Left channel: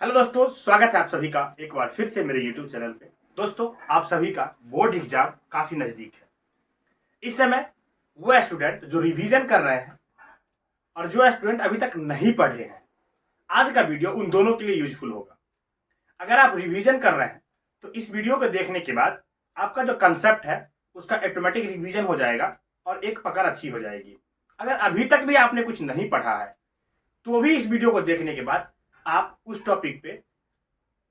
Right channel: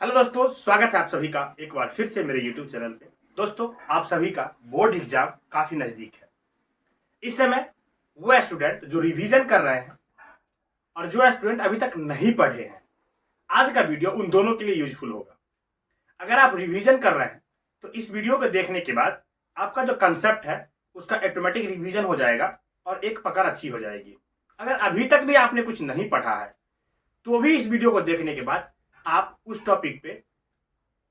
Hello दोस्तों, स्वागत है आप सभी का एक बार फिर से मेरे YouTube चैनल पे। दोस्तों, आप सभी का बोर्ड एग्जाम काफी नजदीक है। इस समय वो स्टूडेंट जो रिवीजन कर रहे हैं और जो स्टूडेंट अभी तक नहीं पढ़े हैं, आज का वीडियो उन दोनों के लिए यूजफुल होगा। अगर आप रिवीजन कर रहे हैं तो इस वीडियो को देखने के बाद आपका जो कंसेप्ट है उसका ऑटोमेटिक रिवीजन हो जाएगा और एक पकड़ अच्छी हो जाएगी। अगर अभी तक भी आपने कुछ नहीं पढ़ा है तो भी इस वीडियो को देखने के बाद आप उस टॉपिक पे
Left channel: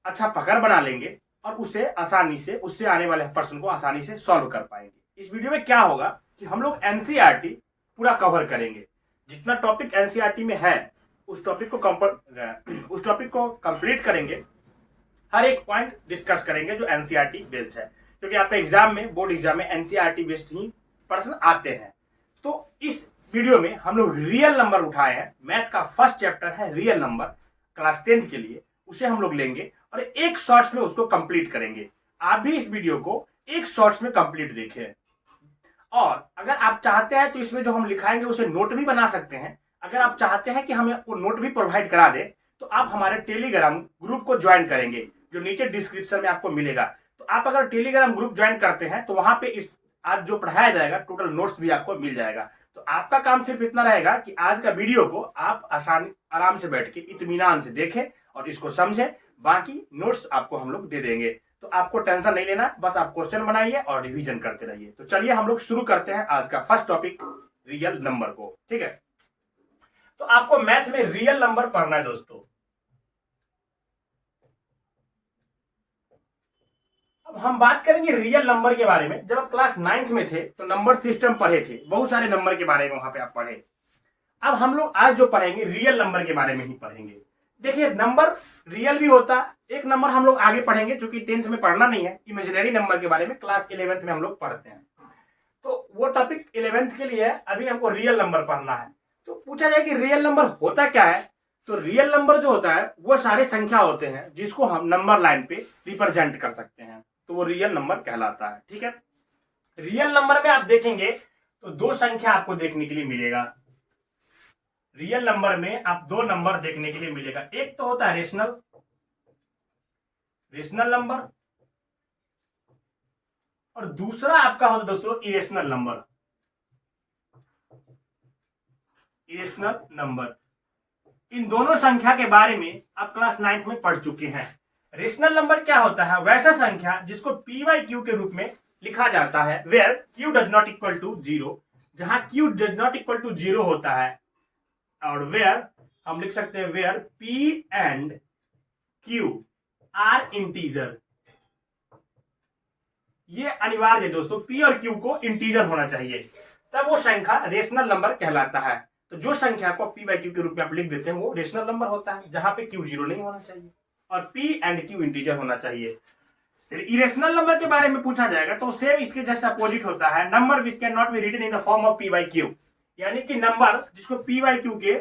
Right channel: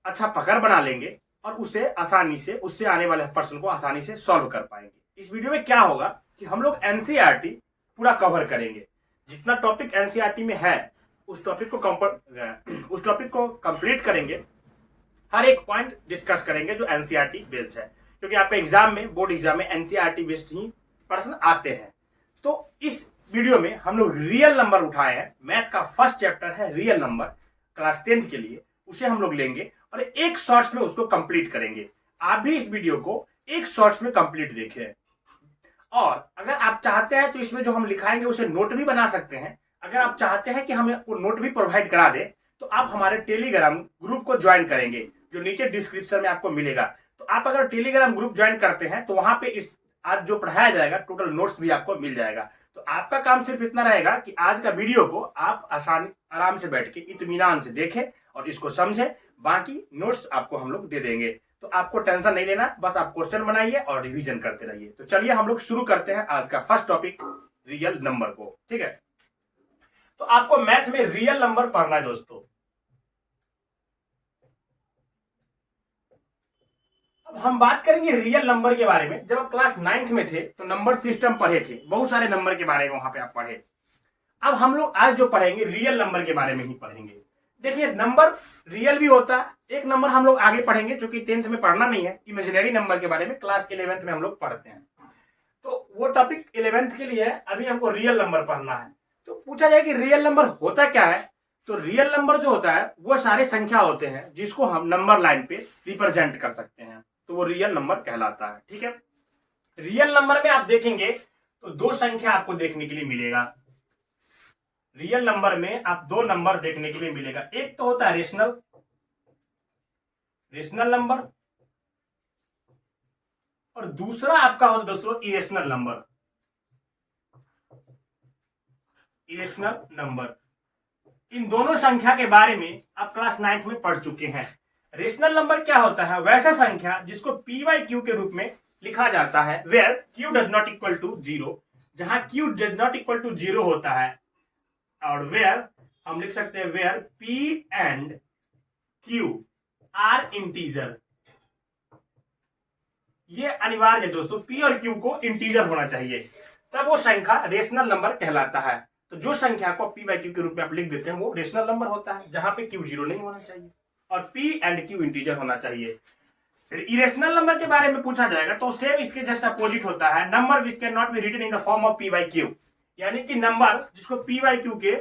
अच्छा पकड़ बना लेंगे और उसे आसानी से उससे आने वाले प्रश्न को आसानी से सॉल्व कर पाएंगे। इस वीडियो में क्या होगा कि हम लोग एनसीईआरटी पूरा कवर करेंगे। जितना टॉपिक एनसीईआरटी में है उस टॉपिक को कंप्लीट करेंगे। हर एक पॉइंट डिस्कस करेंगे जो एनसीईआरटी बेस्ड है, क्योंकि आपका एग्जाम में, बोर्ड एग्जाम में एनसीईआरटी बेस्ड ही प्रश्न आते हैं। तो इस वीडियो में हम लोग रियल नंबर उठाए हैं। मैथ का फर्स्ट चैप्टर है रियल नंबर, क्लास 10th के लिए। उसे हम लोग लेंगे और एक शॉर्ट्स में उसको कंप्लीट करेंगे। आप भी इस वीडियो को एक शॉर्ट्स में कंप्लीट देखें, और अगर आप चाहते हैं तो इसमें जो हम लिखाएंगे उसे नोट भी बना सकते हैं। अगर आप चाहते हैं कि हम आपको नोट भी प्रोवाइड करा दें तो आप हमारे टेलीग्राम ग्रुप को ज्वाइन करेंगे, जो नीचे डिस्क्रिप्शन में आपको मिलेगा। तो आप अगर टेलीग्राम ग्रुप ज्वाइन करते हैं तो वहां पे इस आज जो पढ़ाया जाएगा टोटल नोट्स भी आपको मिल जाएगा। तो आपका काम सिर्फ इतना रहेगा कि आज का वीडियो को आप आराम से बैठ के इत्मीनान से देखें और इसको समझें। बाकी नोट्स आपको हम लोग दे देंगे, तो आपको टेंशन नहीं लेना। बस आप क्वेश्चन बनाइए और रिवीजन करते रहिए। तो चलिए हम लोग शुरू करते हैं आज का फर्स्ट टॉपिक, रियल नंबर को। ठीक है, तो आपको मैथ में रियल नंबर पढ़ना है दोस्तों। अब हम बात करेंगे रियल नंबर के बारे में। जब आप क्लास 9th में थे तो नंबर सिस्टम पढ़े थे, बहुत सारे नंबर के बारे में वहां पे आप पढ़े। अब हम लोग आज जो पढ़ेंगे रियल नंबर के बारे में ही पढ़ेंगे। देखिए, नंबर रियल भी होता है। एक नंबर हम लोग आगे पढ़ेंगे, चूंकि 10th में पढ़ना नहीं है। इमेजिनरी नंबर के बारे में क्लास 11th में हम लोग पढ़ते हैं, तो वो टॉपिक 11th के लिए है। अभी हमको रियल नंबर पढ़ना है। तो पूछा जाए कि रियल नंबर होता क्या है, तो रियल नंबर जो होता है वो सारे संख्या होते हैं जिसको हम नंबर लाइन पे रिप्रेजेंट कर सकते हैं, तो वो रियल नंबर कहलाता है। ठीक है, रियल नंबर में आप देखेंगे तो दो संख्या आपको देखने के लिए मिलेगा। रियल नंबर में आप दो नंबर देखने के लिए मिलेगा। एक तो होता है रेशनल नंबर, और दूसरा आपका होता है दोस्तों इरेशनल नंबर। इन दोनों संख्या के बारे में आप क्लास 9th में पढ़ चुके हैं। रेशनल नंबर क्या होता है? वैसा संख्या जिसको पी वाई क्यू के रूप में लिखा जाता है, where Q does not equal to zero. जहां Q does not equal to zero होता है, और वेयर हम लिख सकते हैं where P and Q are integer. ये अनिवार्य है दोस्तों, पी और क्यू को इंटीजर होना चाहिए, तब वो संख्या रेशनल नंबर कहलाता है। तो जो संख्या को पी बाई क्यू के रूप में आप लिख देते हैं वो रेशनल नंबर होता है, जहां पे क्यू जीरो नहीं होना चाहिए और पी एंड क्यू इंटीजर होना चाहिए। फिर इरेशनल नंबर के बारे में पूछा जाएगा तो सेम इसके जस्ट अपोजिट होता है, number which can not be written in the form of P by Q. यानी कि नंबर जिसको पी वाई क्यू के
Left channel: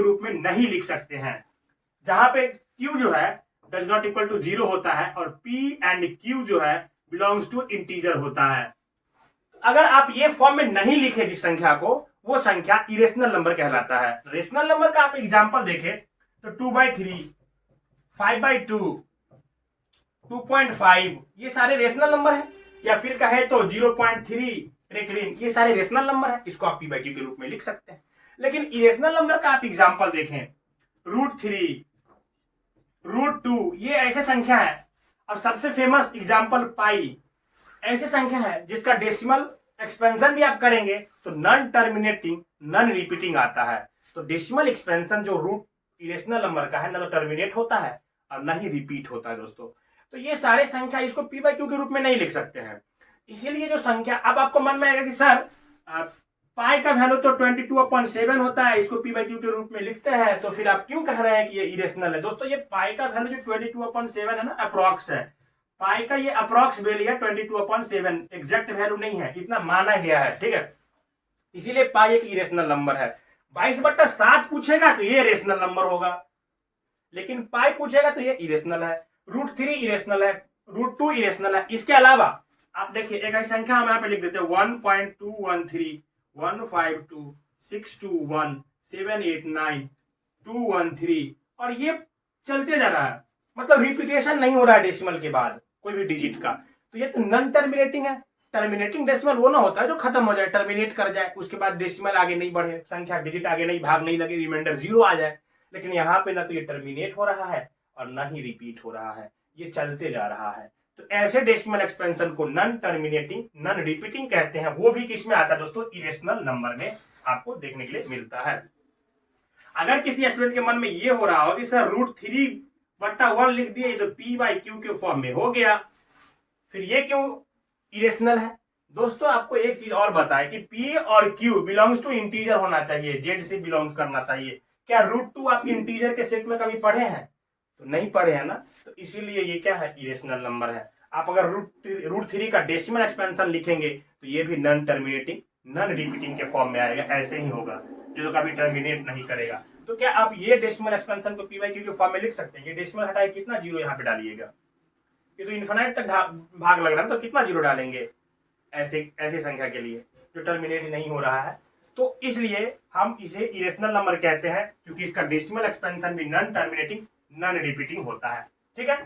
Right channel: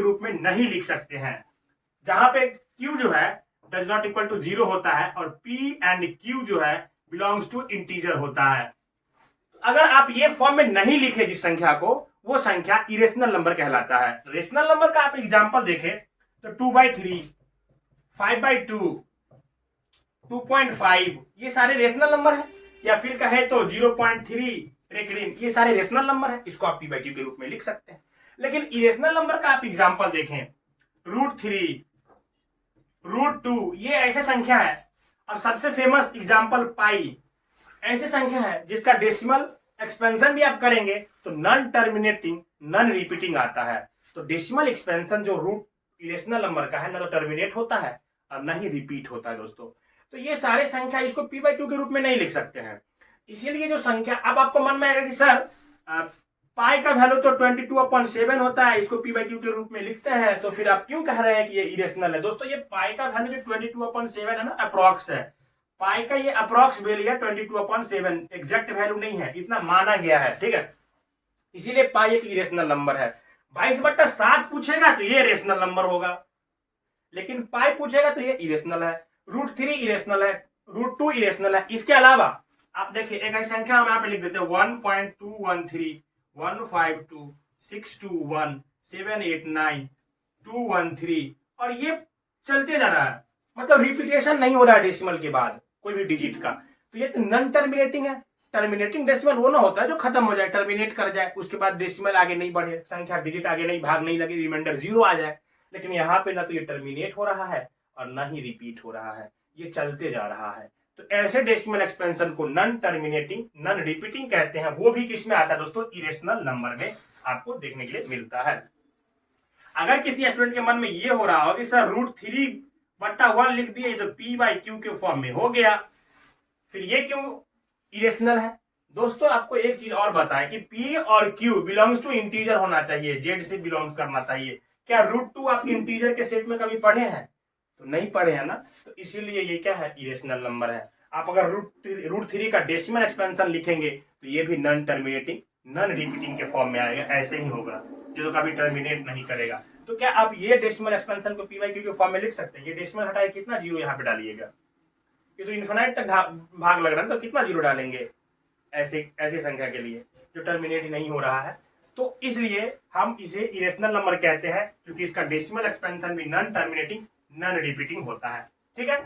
रूप में नहीं लिख सकते हैं, जहां पे क्यू जो है does not equal to zero होता है और पी एंड क्यू जो है बिलोंग्स टू इंटीजर होता है। अगर आप ये फॉर्म में नहीं लिखे जिस संख्या को, वो संख्या इरेशनल नंबर कहलाता है। रेशनल नंबर का आप एग्जांपल देखें तो 2/3, 5/2, 2.5, ये सारे रेशनल नंबर है। या फिर कहे तो 0.3 रेकडिन, ये सारे रेशनल नंबर है। इसको आप पी बाई क्यू के रूप में लिख सकते हैं। लेकिन इरेशनल नंबर का आप एग्जांपल देखें, √3, √2, ये ऐसे संख्या है। और सबसे फेमस एग्जांपल पाई, ऐसे संख्या है जिसका डेसिमल एक्सपेंशन भी आप करेंगे तो नॉन टर्मिनेटिंग, नॉन रिपीटिंग आता है। तो डेसिमल एक्सपेंशन जो रूट इरेशनल नंबर का है, ना तो टर्मिनेट होता है और ना ही रिपीट होता है दोस्तों। तो ये सारे संख्या इसको पी बाई क्यू के रूप में नहीं लिख सकते हैं। इसीलिए जो संख्या, अब आपको मन में आएगा कि सर पाई का वैल्यू तो 22/7 होता है, इसको पी बाई क्यू के रूप में लिखते हैं, तो फिर आप क्यों कह रहे हैं कि ये इरेशनल है? दोस्तों, ये पाई का वैल्यू जो 22/7 है ना, अप्रॉक्स है। पाई का ये अप्रॉक्स वैल्यू है 22/7, एग्जैक्ट वैल्यू नहीं है, इतना माना गया है। ठीक है, इसीलिए पाई एक इरेशनल नंबर है। 22/7 पूछेगा तो ये रेशनल नंबर होगा, लेकिन पाई पूछेगा तो ये इरेशनल है। √3 इरेशनल है, √2 इरेशनल है। इसके अलावा आप देखिए एक ऐसी संख्या हम यहाँ पे लिख देते हैं 1.213, 152, 621, 789, 213, और ये चलते जा रहा है, मतलब रिपीटेशन नहीं हो रहा है डेसिमल के बाद कोई भी डिजिट का, तो ये तो नॉन टर्मिनेटिंग है। टर्मिनेटिंग डेसिमल वो ना होता है जो खत्म हो जाए, टर्मिनेट कर जाए, उसके बाद डेसिमल आगे नहीं बढ़े, संख्या डिजिट आगे नहीं, भाग नहीं लगे, रिमाइंडर 0 आ जाए। लेकिन यहाँ पे ना तो ये टर्मिनेट हो रहा है और ना ही रिपीट हो रहा है, ये चलते जा रहा है। तो ऐसे डेसिमल एक्सपेंशन को नॉन टर्मिनेटिंग नॉन रिपीटिंग कहते हैं। वो भी किसमें आता है दोस्तों, इरेशनल नंबर में आपको देखने के लिए मिलता है। अगर किसी स्टूडेंट के मन में ये हो रहा हो कि सर √3/1 लिख दिए तो p/q के फॉर्म में हो गया, फिर ये क्यों इरेशनल है? दोस्तों आपको एक चीज और बताएं कि p और q बिलोंग्स टू इंटीजर होना चाहिए, z से बिलोंग्स करना चाहिए। क्या √2 आप इंटीजर के सेट में कभी पढ़े हैं? तो नहीं पढ़े हैं ना, तो इसीलिए ये क्या है, इरेशनल नंबर है। आप अगर √3 का डेसिमल एक्सपेंशन लिखेंगे तो ये भी नॉन टर्मिनेटिंग नॉन रिपीटिंग के फॉर्म में आएगा, ऐसे ही होगा, जो कभी टर्मिनेट नहीं करेगा। तो क्या आप ये डेसिमल एक्सपेंशन को p/q के फॉर्म में लिख सकते हैं? ये डेसिमल हटाए कितना जीरो यहाँ पे डालिएगा, ये तो इन्फिनाइट तक भाग लग रहा है, तो कितना जीरो डालेंगे ऐसे संख्या के लिए जो टर्मिनेट नहीं हो रहा है? तो इसलिए हम इसे इरेशनल नंबर कहते हैं, क्योंकि इसका डेसिमल एक्सपेंशन भी नॉन टर्मिनेटिंग नॉन रिपीटिंग होता है। ठीक है,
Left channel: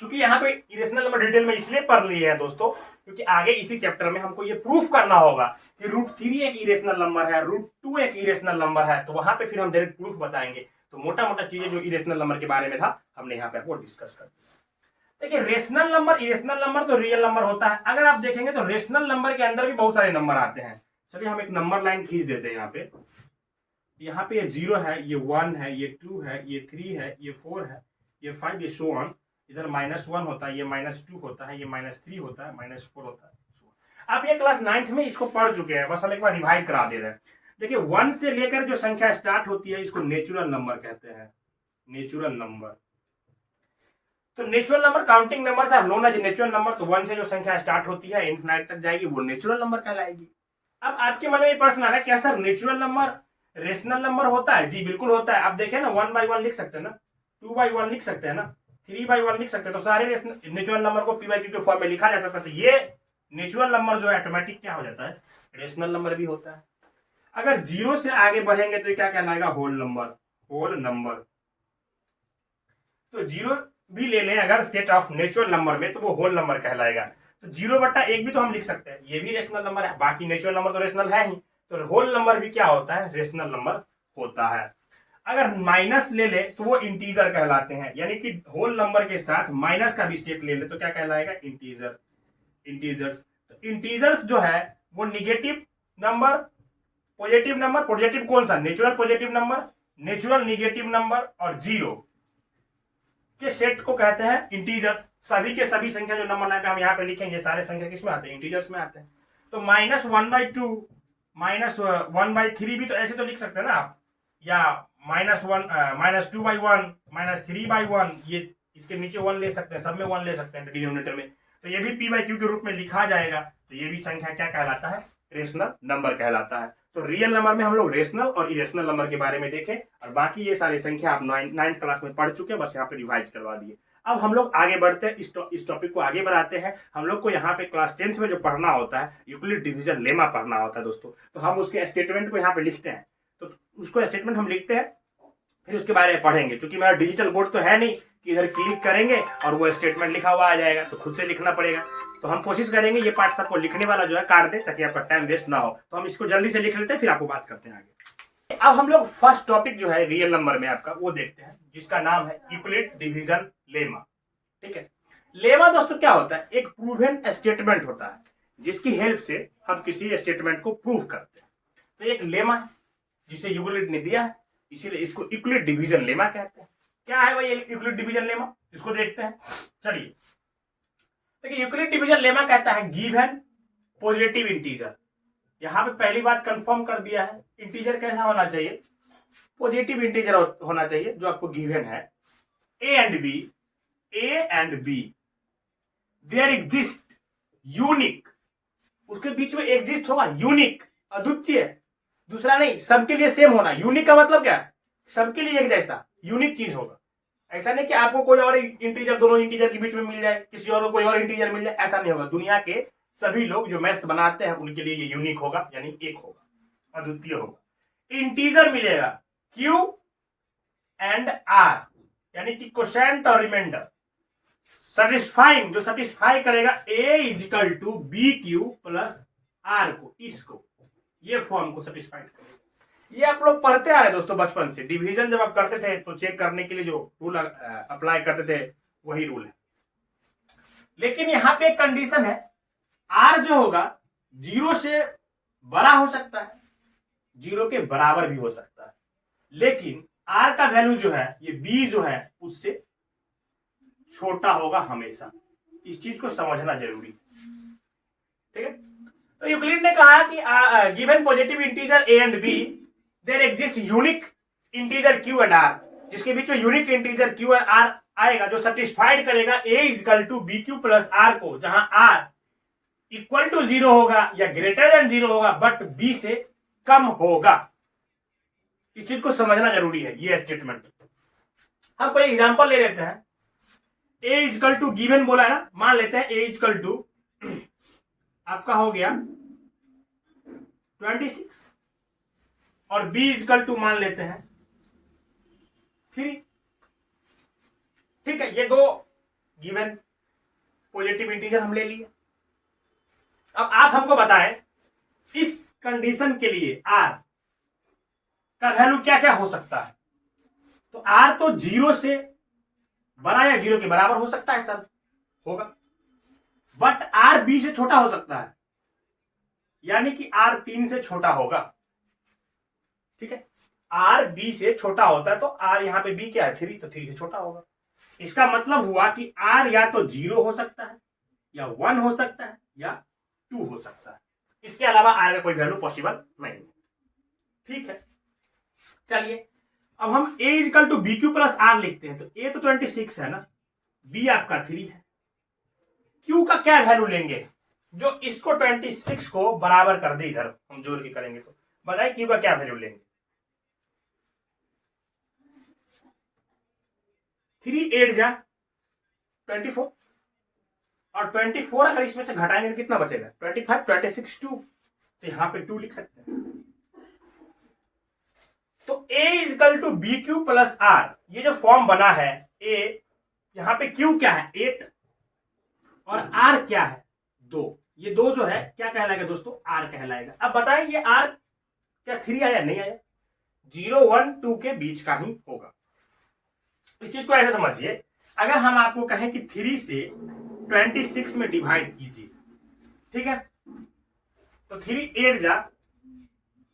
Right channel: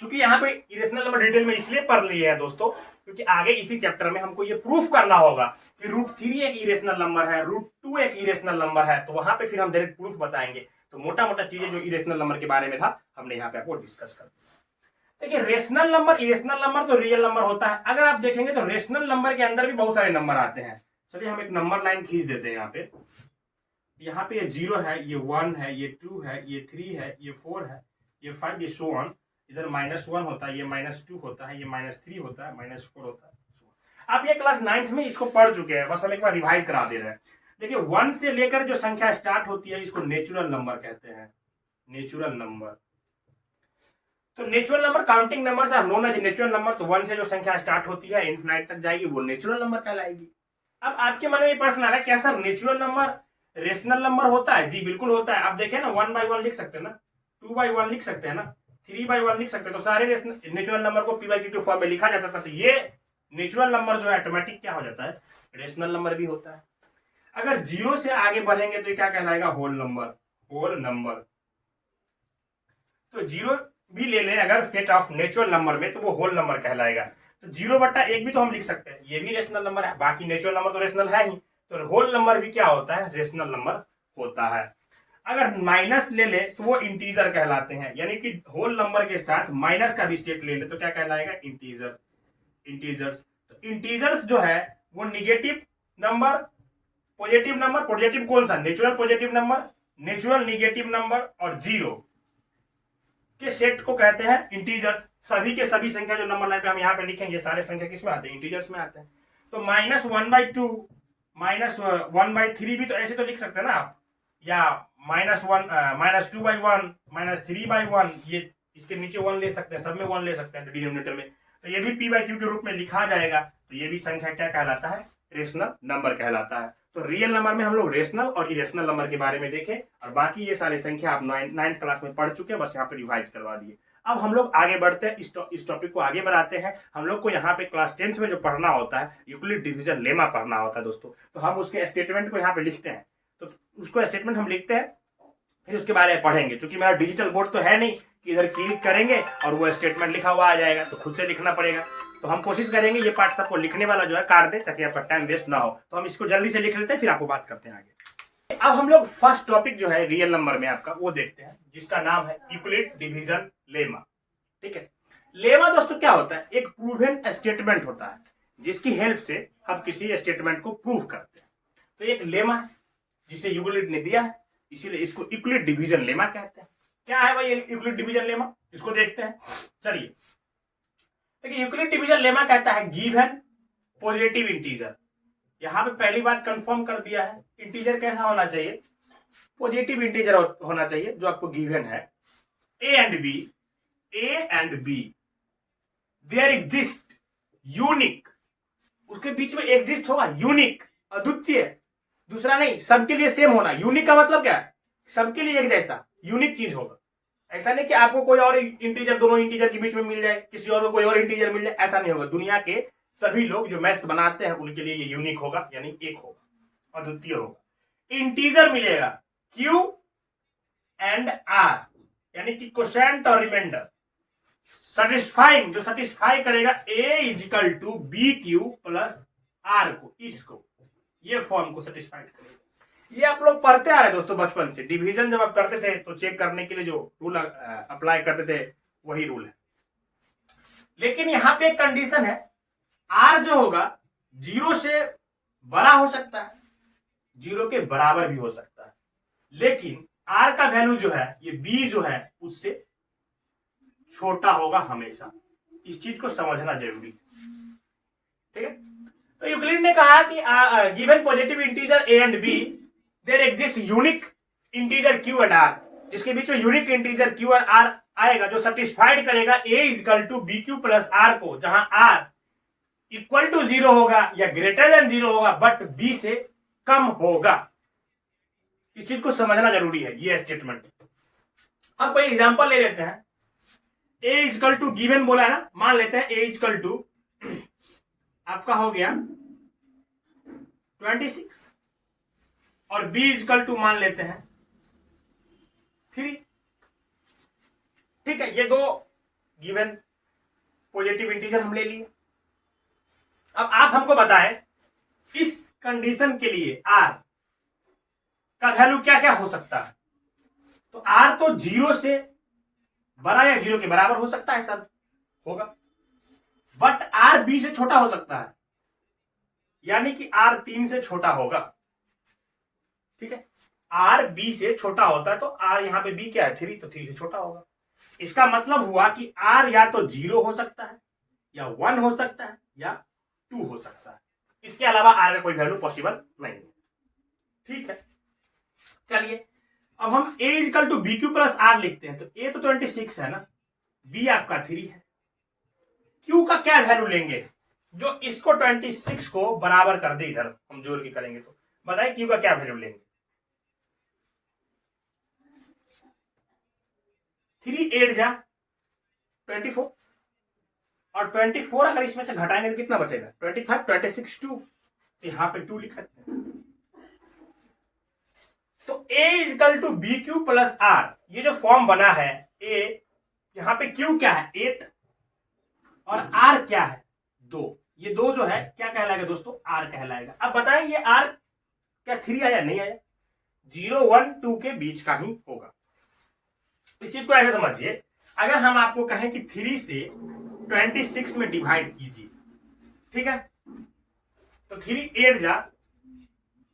क्योंकि यहाँ पे इरेशनल नंबर डिटेल में इसलिए पढ़ लिए हैं दोस्तों, क्योंकि आगे इसी चैप्टर में हमको ये प्रूफ करना होगा कि √3 एक इरेशनल नंबर है, √2 एक इरेशनल नंबर है, तो वहां पे फिर हम डायरेक्ट प्रूफ बताएंगे। तो मोटा मोटा चीजें जो इरेशनल नंबर के बारे में था हमने यहाँ पे आपको डिस्कस कर दिया। देखिए रेशनल नंबर, इरेशनल नंबर तो रियल नंबर होता है। अगर आप देखेंगे तो रेशनल नंबर के अंदर भी बहुत सारे नंबर आते हैं। चलिए हम एक नंबर लाइन खींच देते हैं। यहाँ पे ये 0 है, ये 1 है, ये 2 है, ये 3 है, ये 4 है, ये 5, ये सो ऑन। इधर -1 होता है, ये -2 होता है, ये -3 होता है, -4 होता है। आप ये क्लास 9th में इसको पढ़ चुके हैं, बस हम एक बार रिवाइज करा दे रहे हैं। देखिए 1 से लेकर जो संख्या स्टार्ट होती है इसको नेचुरल नंबर कहते हैं, नेचुरल नंबर। तो natural number counting number are known as natural number. तो 1 से जो संख्या स्टार्ट होती है इन्फिनाइट तक जाएगी वो नेचुरल नंबर कहलाएगी। अब आपके मन में प्रश्न आ रहा है क्या sir natural number rational number होता है? जी बिल्कुल होता है। आप देखें ना 1/1 लिख सकते हैं ना, 2/1 लिख सकते हैं ना, 3/1 लिख सकते हैं। तो सारे नेचुरल नंबर को p/q के फॉर्म में लिखा जा सकता है। तो ये नेचुरल नंबर जो है ऑटोमेटिक क्या हो जाता है, रेशनल नंबर भी होता है। अगर 0 से आगे बढ़ेंगे तो क्या कहलाएगा, होल नंबर, होल नंबर। तो 0 भी ले लें अगर सेट ऑफ नेचुरल नंबर में तो वो होल नंबर कहलाएगा। तो 0/1 भी तो हम लिख सकते हैं, ये भी रेशनल नंबर है। बाकी नेचुरल नंबर तो रेशनल है ही, तो होल नंबर भी क्या होता है, रेशनल नंबर होता है। अगर माइनस ले ले तो वो इंटीजर कहलाते हैं, यानी कि होल नंबर के साथ माइनस का भी सेट ले ले तो क्या कहलाएगा, इंटीजर, इंटीजर्स। तो इंटीजर्स जो है वो negative number, positive number, positive कौन सा, natural positive number, natural negative number और 0 के सेट को कहते हैं इंटीजर्स। सभी के सभी संख्या जो नंबर लाइन पे हम यहाँ पे लिखेंगे सारे संख्या किसमें आते हैं, इंटीजर्स में आते हैं। तो -1/2 -1/3 भी तो ऐसे तो लिख सकते हैं ना आप, या -2/1 -3/1, ये इसके नीचे 1 ले सकते हैं, सब में 1 ले सकते हैं डिनोमिनेटर में। तो ये भी p/q के रूप में लिखा जाएगा। तो ये भी संख्या क्या कहलाता है, रेशनल नंबर कहलाता है। तो रियल नंबर में हम लोग रेशनल और इरेशनल नंबर के बारे में देखें, और बाकी ये सारी संख्या आप 9th क्लास में पढ़ चुके हैं, बस यहाँ पे रिवाइज करवा दिए। अब हम लोग आगे बढ़ते हैं, इस टॉपिक को आगे बढ़ाते हैं। हम लोग को यहाँ पे क्लास 10th में जो पढ़ना होता है यूक्लिड डिवीजन लेमा पढ़ना होता है दोस्तों। तो हम उसके स्टेटमेंट को यहाँ पे लिखते हैं, तो उसको स्टेटमेंट हम लिखते हैं, फिर उसके बारे में पढ़ेंगे। क्योंकि मेरा डिजिटल बोर्ड तो है नहीं कि इधर क्लिक करेंगे और वो स्टेटमेंट लिखा हुआ आ जाएगा, तो खुद से लिखना पड़ेगा। तो हम कोशिश करेंगे ये पार्ट सबको लिखने वाला जो है काट दे, ताकि आपका टाइम वेस्ट ना हो। तो हम इसको जल्दी से लिख लेते हैं, फिर आपको बात करते हैं आगे। अब हम लोग फर्स्ट टॉपिक जो है रियल नंबर में आपका वो देखते हैं, जिसका नाम है यूक्लिड डिवीजन लेमा। ठीक है, लेमा दोस्तों क्या होता है, एक प्रूवन स्टेटमेंट होता है जिसकी हेल्प से हम किसी स्टेटमेंट को प्रूव करते हैं। तो एक लेमा जिसे यूक्लिड ने दिया है, इसीलिए इसको यूक्लिड डिवीजन लेमा कहते हैं। क्या है भाई यूक्लिड डिवीजन लेमा, इसको देखते हैं। चलिए देखिए, यूक्लिड डिवीजन लेमा कहता है गिवन पॉजिटिव इंटीजर। यहां पे पहली बात कंफर्म कर दिया है, इंटीजर कैसा होना चाहिए, पॉजिटिव इंटीजर होना चाहिए जो आपको गिवन है। A and B there exist unique, उसके बीच में एग्जिस्ट होगा यूनिक, अद्वितीय, दूसरा नहीं, सबके लिए सेम होना। यूनिक का मतलब क्या है, सबके लिए एक जैसा यूनिक चीज होगा। ऐसा नहीं कि आपको कोई और इंटीजर दोनों इंटीजर के बीच में मिल जाए, किसी और को कोई और इंटीजर मिल जाए, ऐसा नहीं होगा। दुनिया के सभी लोग जो मैथ्स बनाते हैं उनके लिए ये यूनिक होगा, यानी एक होगा, अद्वितीय होगा। इंटीजर मिलेगा Q एंड R, यानी कि क्वोशेंट और रिमाइंडर सेटिस्फाइंग, जो सेटिस्फाई करेगा a equal to B Q plus R को, इसको ये फॉर्म को सेटिस्फाई करेगा। ये आप लोग पढ़ते आ रहे दोस्तों बचपन से। डिवीजन जब आप करते थे तो चेक करने के लिए जो रूल अप्लाई करते थे वही रूल है। लेकिन यहां पे एक कंडीशन है, आर जो होगा 0 से बड़ा हो सकता है, 0 के बराबर भी हो सकता है, लेकिन आर का वैल्यू जो है ये बी जो है उससे छोटा होगा हमेशा। इस चीज को समझना जरूरी है, ठीक है। तो यूक्लिड ने कहा कि given positive integer A and B there exist unique integer Q and R, जिसके बीच में unique integer Q and R आएगा जो सेटिस्फाइड करेगा A equal to B Q plus R को, जहां आर इक्वल टू 0 होगा या ग्रेटर देन 0 होगा बट बी से कम होगा। इस चीज को समझना जरूरी है ये स्टेटमेंट। हम कोई एग्जांपल ले लेते हैं। ए इक्वल टू गिवन बोला है ना, मान लेते हैं ए इक्वल टू आपका हो गया 26 और बी इक्वल टू मान लेते हैं 3। ठीक है, ये दो गिवन पॉजिटिव इंटीजर हम ले लिए। अब आप हमको बताएं इस कंडीशन के लिए आर का वैल्यू क्या क्या हो सकता है। तो आर तो 0 से बड़ा या 0 के बराबर हो सकता है सर, होगा, बट आर बी से छोटा हो सकता है, यानी कि आर 3 से छोटा होगा। ठीक है, आर बी से छोटा होता है तो आर यहां पे बी क्या है 3, तो 3 से छोटा होगा। इसका मतलब हुआ कि आर या तो 0 हो सकता है या 1 हो सकता है या 2 हो सकता है, इसके अलावा आर का कोई वैल्यू पॉसिबल नहीं है। ठीक है, चलिए अब हम a equal to B Q plus r लिखते हैं। तो a तो 26 है ना, b आपका 3 है, q का क्या वैल्यू लेंगे जो इसको 26 को बराबर कर दे। इधर हम जोड़ के करेंगे तो बताइए q का क्या वैल्यू लेंगे। 3 8 जा 24 और 24 अगर इसमें से घटाएंगे तो कितना बचेगा 25, 26 2, तो यहां पे 2 लिख सकते हैं। तो a equal to B Q plus r, ये जो फॉर्म बना है a, यहां पे q क्या है 8 और r क्या है 2, ये 2 जो है क्या कहलाएगा दोस्तों r कहलाएगा। अब बताएं ये r क्या 3 आया नहीं आया, 0 1 2 के बीच का ही होगा। इस चीज को ऐसे समझिए, अगर हम आपको कहें कि 3 से 26 में डिवाइड कीजिए, ठीक है, तो 3 8 जा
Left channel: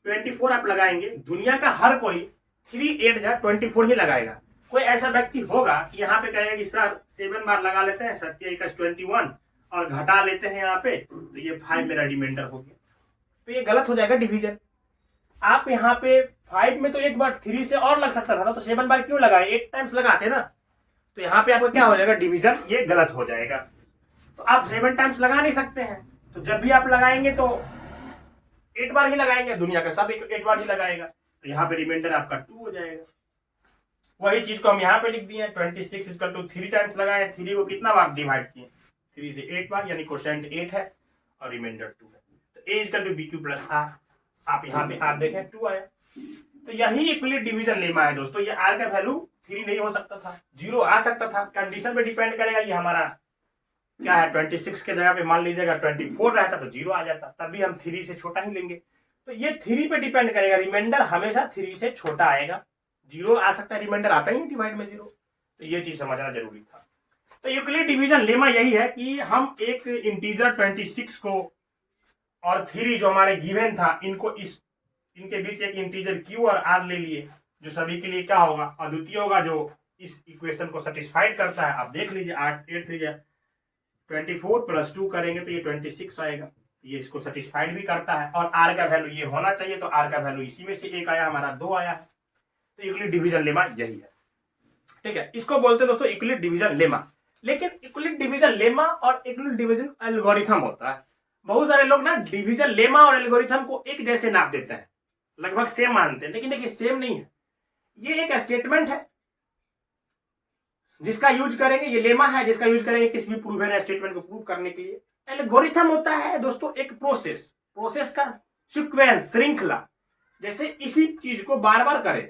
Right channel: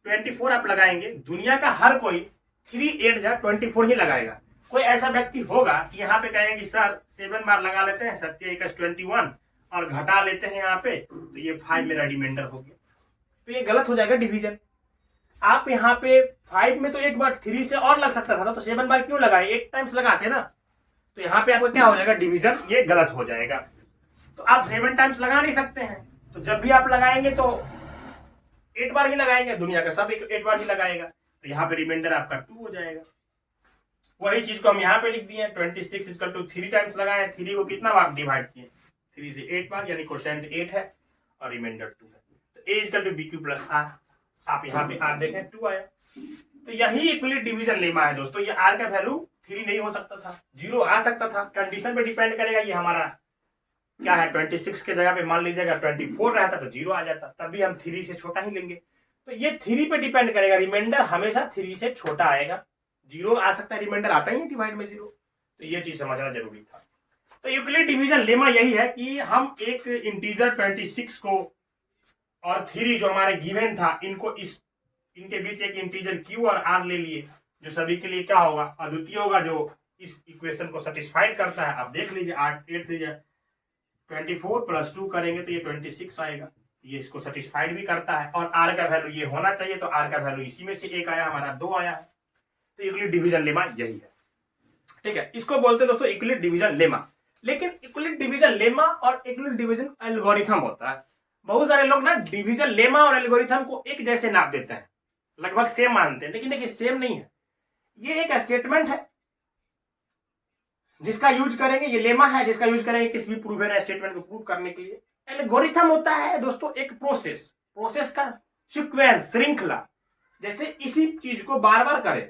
24 आप लगाएंगे, दुनिया का हर कोई 3 8 जा 24 ही लगाएगा। कोई ऐसा व्यक्ति होगा कि यहाँ पे कहेगा कि सर 7 बार लगा लेते हैं, 7 21 और घटा लेते हैं यहाँ पे, तो ये 5 मेरा रिमाइंडर हो गया, तो ये गलत हो जाएगा डिवीजन। आप यहाँ पे 5 में तो एक बार 3 से और लग सकता था ना, तो 7 बार क्यों लगाए, 8 टाइम्स लगाते ना, तो यहाँ पे आपका क्या हो जाएगा डिवीजन, ये गलत हो जाएगा। तो आप 7 टाइम्स लगा नहीं सकते हैं, तो जब भी आप लगाएंगे तो 8 बार ही लगाएंगे, दुनिया का सब 8 बार ही लगाएगा, तो यहाँ पे रिमाइंडर आपका 2 हो जाएगा। वही चीज को हम यहाँ पे लिख दिए 26 इक्वल टू 3 टाइम्स लगाए, 3 को कितना बार डिवाइड किए 3 से 8 बार, यानी क्वोशेंट 8 है और रिमाइंडर 2 है। तो a equal to B Q plus r, आप यहाँ पे आर देखें 2 आया, तो यही इक्विलिब्रियम डिवीजन लेमा है दोस्तों। ये आर का वैल्यू 3 नहीं हो सकता था, 0 आ सकता था, कंडीशन पे डिपेंड करेगा। ये हमारा क्या है 26 के जगह पे मान लीजिएगा 24 रहता तो 0 आ जाता, तब भी हम 3 से छोटा ही लेंगे। तो ये 3 पे डिपेंड करेगा, रिमाइंडर हमेशा 3 से छोटा आएगा, 0 आ सकता है, रिमाइंडर आता ही है डिवाइड में 0, तो ये चीज समझना जरूरी था। तो यूक्लिड डिवीजन लेमा यही है कि हम एक इंटीजर 26 को और 3 जो हमारे गिवन था, इनको इनके बीच एक इंटीजर क्यू और आर ले लिए, जो सभी के लिए क्या होगा अद्वितीय होगा, जो इस इक्वेशन को सेटिस्फाइड करता है। आप देख लीजिए 8 से 24 प्लस 2 करेंगे तो ये 26 आएगा, ये इसको सेटिस्फाइड भी करता है, और आर का वैल्यू ये होना चाहिए, तो आर का वैल्यू इसी में से एक आया, हमारा 2 आया। तो यूक्लिड डिवीजन लेमा यही है, ठीक है, इसको बोलते हैं दोस्तों यूक्लिड डिवीजन लेमा। लेकिन यूक्लिड डिवीजन लेमा और यूक्लिड डिवीजन एल्गोरिथम होता है। बहुत सारे लोग ना डिवीजन लेमा और एल्गोरिथम को एक जैसे नाप देते हैं, लगभग सेम मानते हैं, लेकिन देखिए सेम नहीं है। ये एक स्टेटमेंट है जिसका यूज करेंगे, ये लेमा है जिसका यूज करेंगे किसी भी प्रूवन स्टेटमेंट को प्रूव करने के लिए। एल्गोरिथम होता है दोस्तों एक प्रोसेस का सीक्वेंस, श्रृंखला, जैसे इसी चीज को बार बार करें,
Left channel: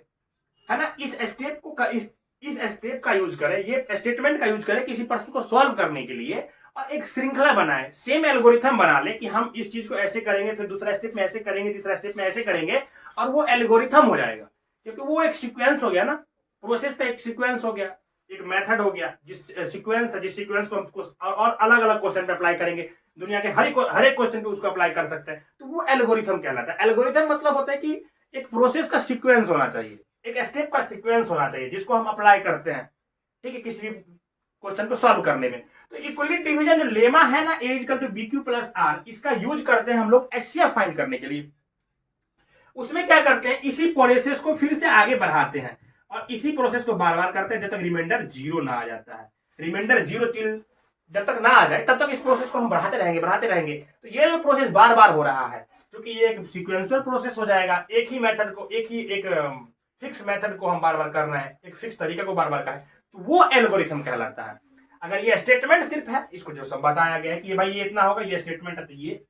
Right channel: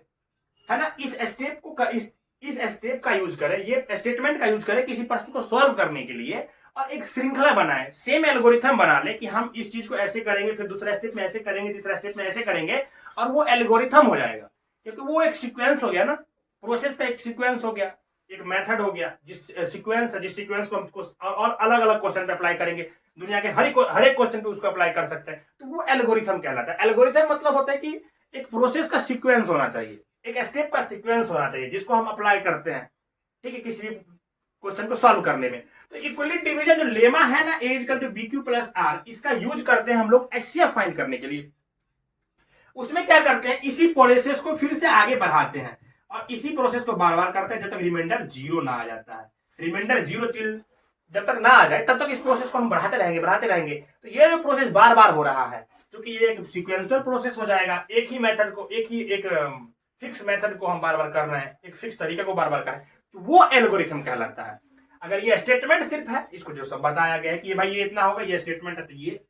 है ना, इस स्टेप को इस इस स्टेप का यूज करें, ये स्टेटमेंट का यूज करें किसी प्रश्न को सॉल्व करने के लिए, और एक श्रृंखला बनाए, सेम एल्गोरिथम बना ले कि हम इस चीज को ऐसे करेंगे, फिर दूसरा स्टेप में ऐसे करेंगे, तीसरा स्टेप में ऐसे करेंगे, और वो एल्गोरिथम हो जाएगा। क्योंकि वो एक सीक्वेंस हो गया ना, प्रोसेस का एक सीक्वेंस हो गया, एक मेथड हो गया, जिस सीक्वेंस को हम और अलग अलग क्वेश्चन पे अप्लाई करेंगे, दुनिया के हर एक क्वेश्चन पे उसको अप्लाई कर सकते हैं, तो वो एल्गोरिथम कहलाता है। एल्गोरिथम मतलब होता है कि एक प्रोसेस का सीक्वेंस होना चाहिए, एक स्टेप का सीक्वेंस होना चाहिए जिसको हम अप्लाई करते हैं, ठीक है, किसी क्वेश्चन को सॉल्व करने में। तो इक्वलिटी डिवीजन जो लेमा है ना, A equal to B Q plus R, इसका यूज करते हैं हम लोग एचसीएफ फाइंड करने के लिए। उसमें क्या करते हैं, इसी प्रोसेस को फिर से आगे बढ़ाते हैं और इसी प्रोसेस को बार बार करते हैं जब तक रिमाइंडर 0 ना आ जाता है। रिमाइंडर 0 टिल जब तक ना आ जाए तब तक इस प्रोसेस को हम बढ़ाते रहेंगे। तो ये जो प्रोसेस बार बार हो रहा है, क्योंकि ये एक सीक्वेंशियल प्रोसेस हो जाएगा, एक ही मेथड को, एक फिक्स मेथड को हम बार बार करना है, एक फिक्स तरीके को बार बार करना है, तो वो एल्गोरिथम कहलाता है। अगर ये स्टेटमेंट सिर्फ है, इसको जो सब बताया गया है कि भाई ये इतना होगा, ये स्टेटमेंट है, तो ये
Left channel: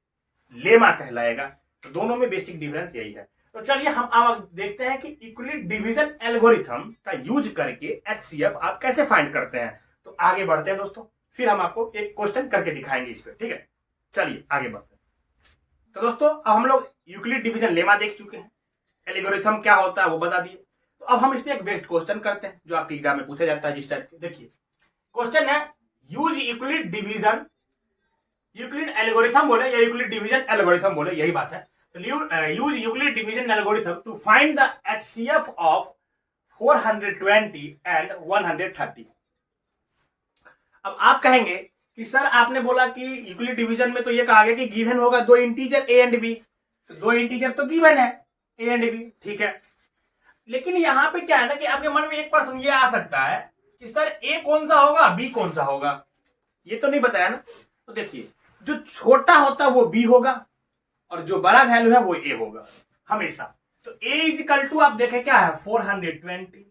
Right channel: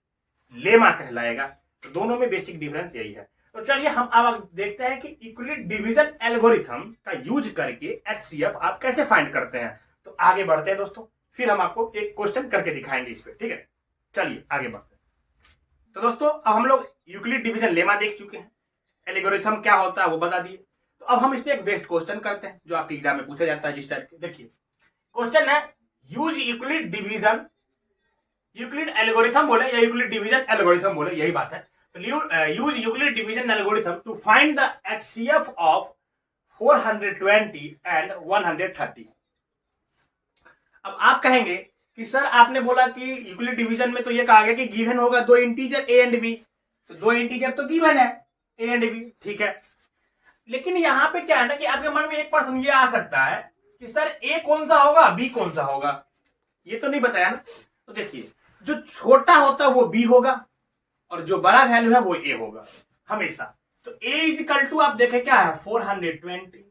लेमा कहलाएगा। तो दोनों में बेसिक डिफरेंस यही है। तो चलिए हम अब देखते हैं कि इक्वलिटी डिवीजन एल्गोरिथम का यूज करके एचसीएफ आप कैसे फाइंड करते हैं। तो आगे बढ़ते हैं दोस्तों, फिर हम आपको एक क्वेश्चन करके दिखाएंगे इस पे, ठीक है। चलिए आगे बढ़ते हैं। तो दोस्तों अब हम लोग यूक्लिड डिवीजन लेमा देख चुके हैं, एल्गोरिथम क्या होता है वो बता दिए। तो अब हम इसमें एक बेस्ट क्वेश्चन करते हैं जो आपके एग्जाम में पूछा जाता है जिस टाइप के। देखिए क्वेश्चन है, use Euclid division, Euclid algorithm बोले या यूक्लिड डिवीजन एल्गोरिथम बोले, यही बात है। तो use Euclid division algorithm to find the HCF of 420 and 130। अब आप कहेंगे कि सर आपने बोला कि यूक्लिड डिवीजन में तो ये कहा गया कि गिवन होगा दो इंटीजर ए एंड बी, तो दो इंटीजर तो गिवन है ए एंड बी, ठीक है। लेकिन यहां पे क्या है ना कि आपके मन में एक प्रश्न ये आ सकता है कि सर ए कौन सा होगा, बी कौन सा होगा, ये तो नहीं बताया ना। तो देखिए जो छोटा होता है वो बी होगा और जो बड़ा वैल्यू है वो ए होगा हमेशा। तो ए इज इक्वल टू आप देखें क्या है 420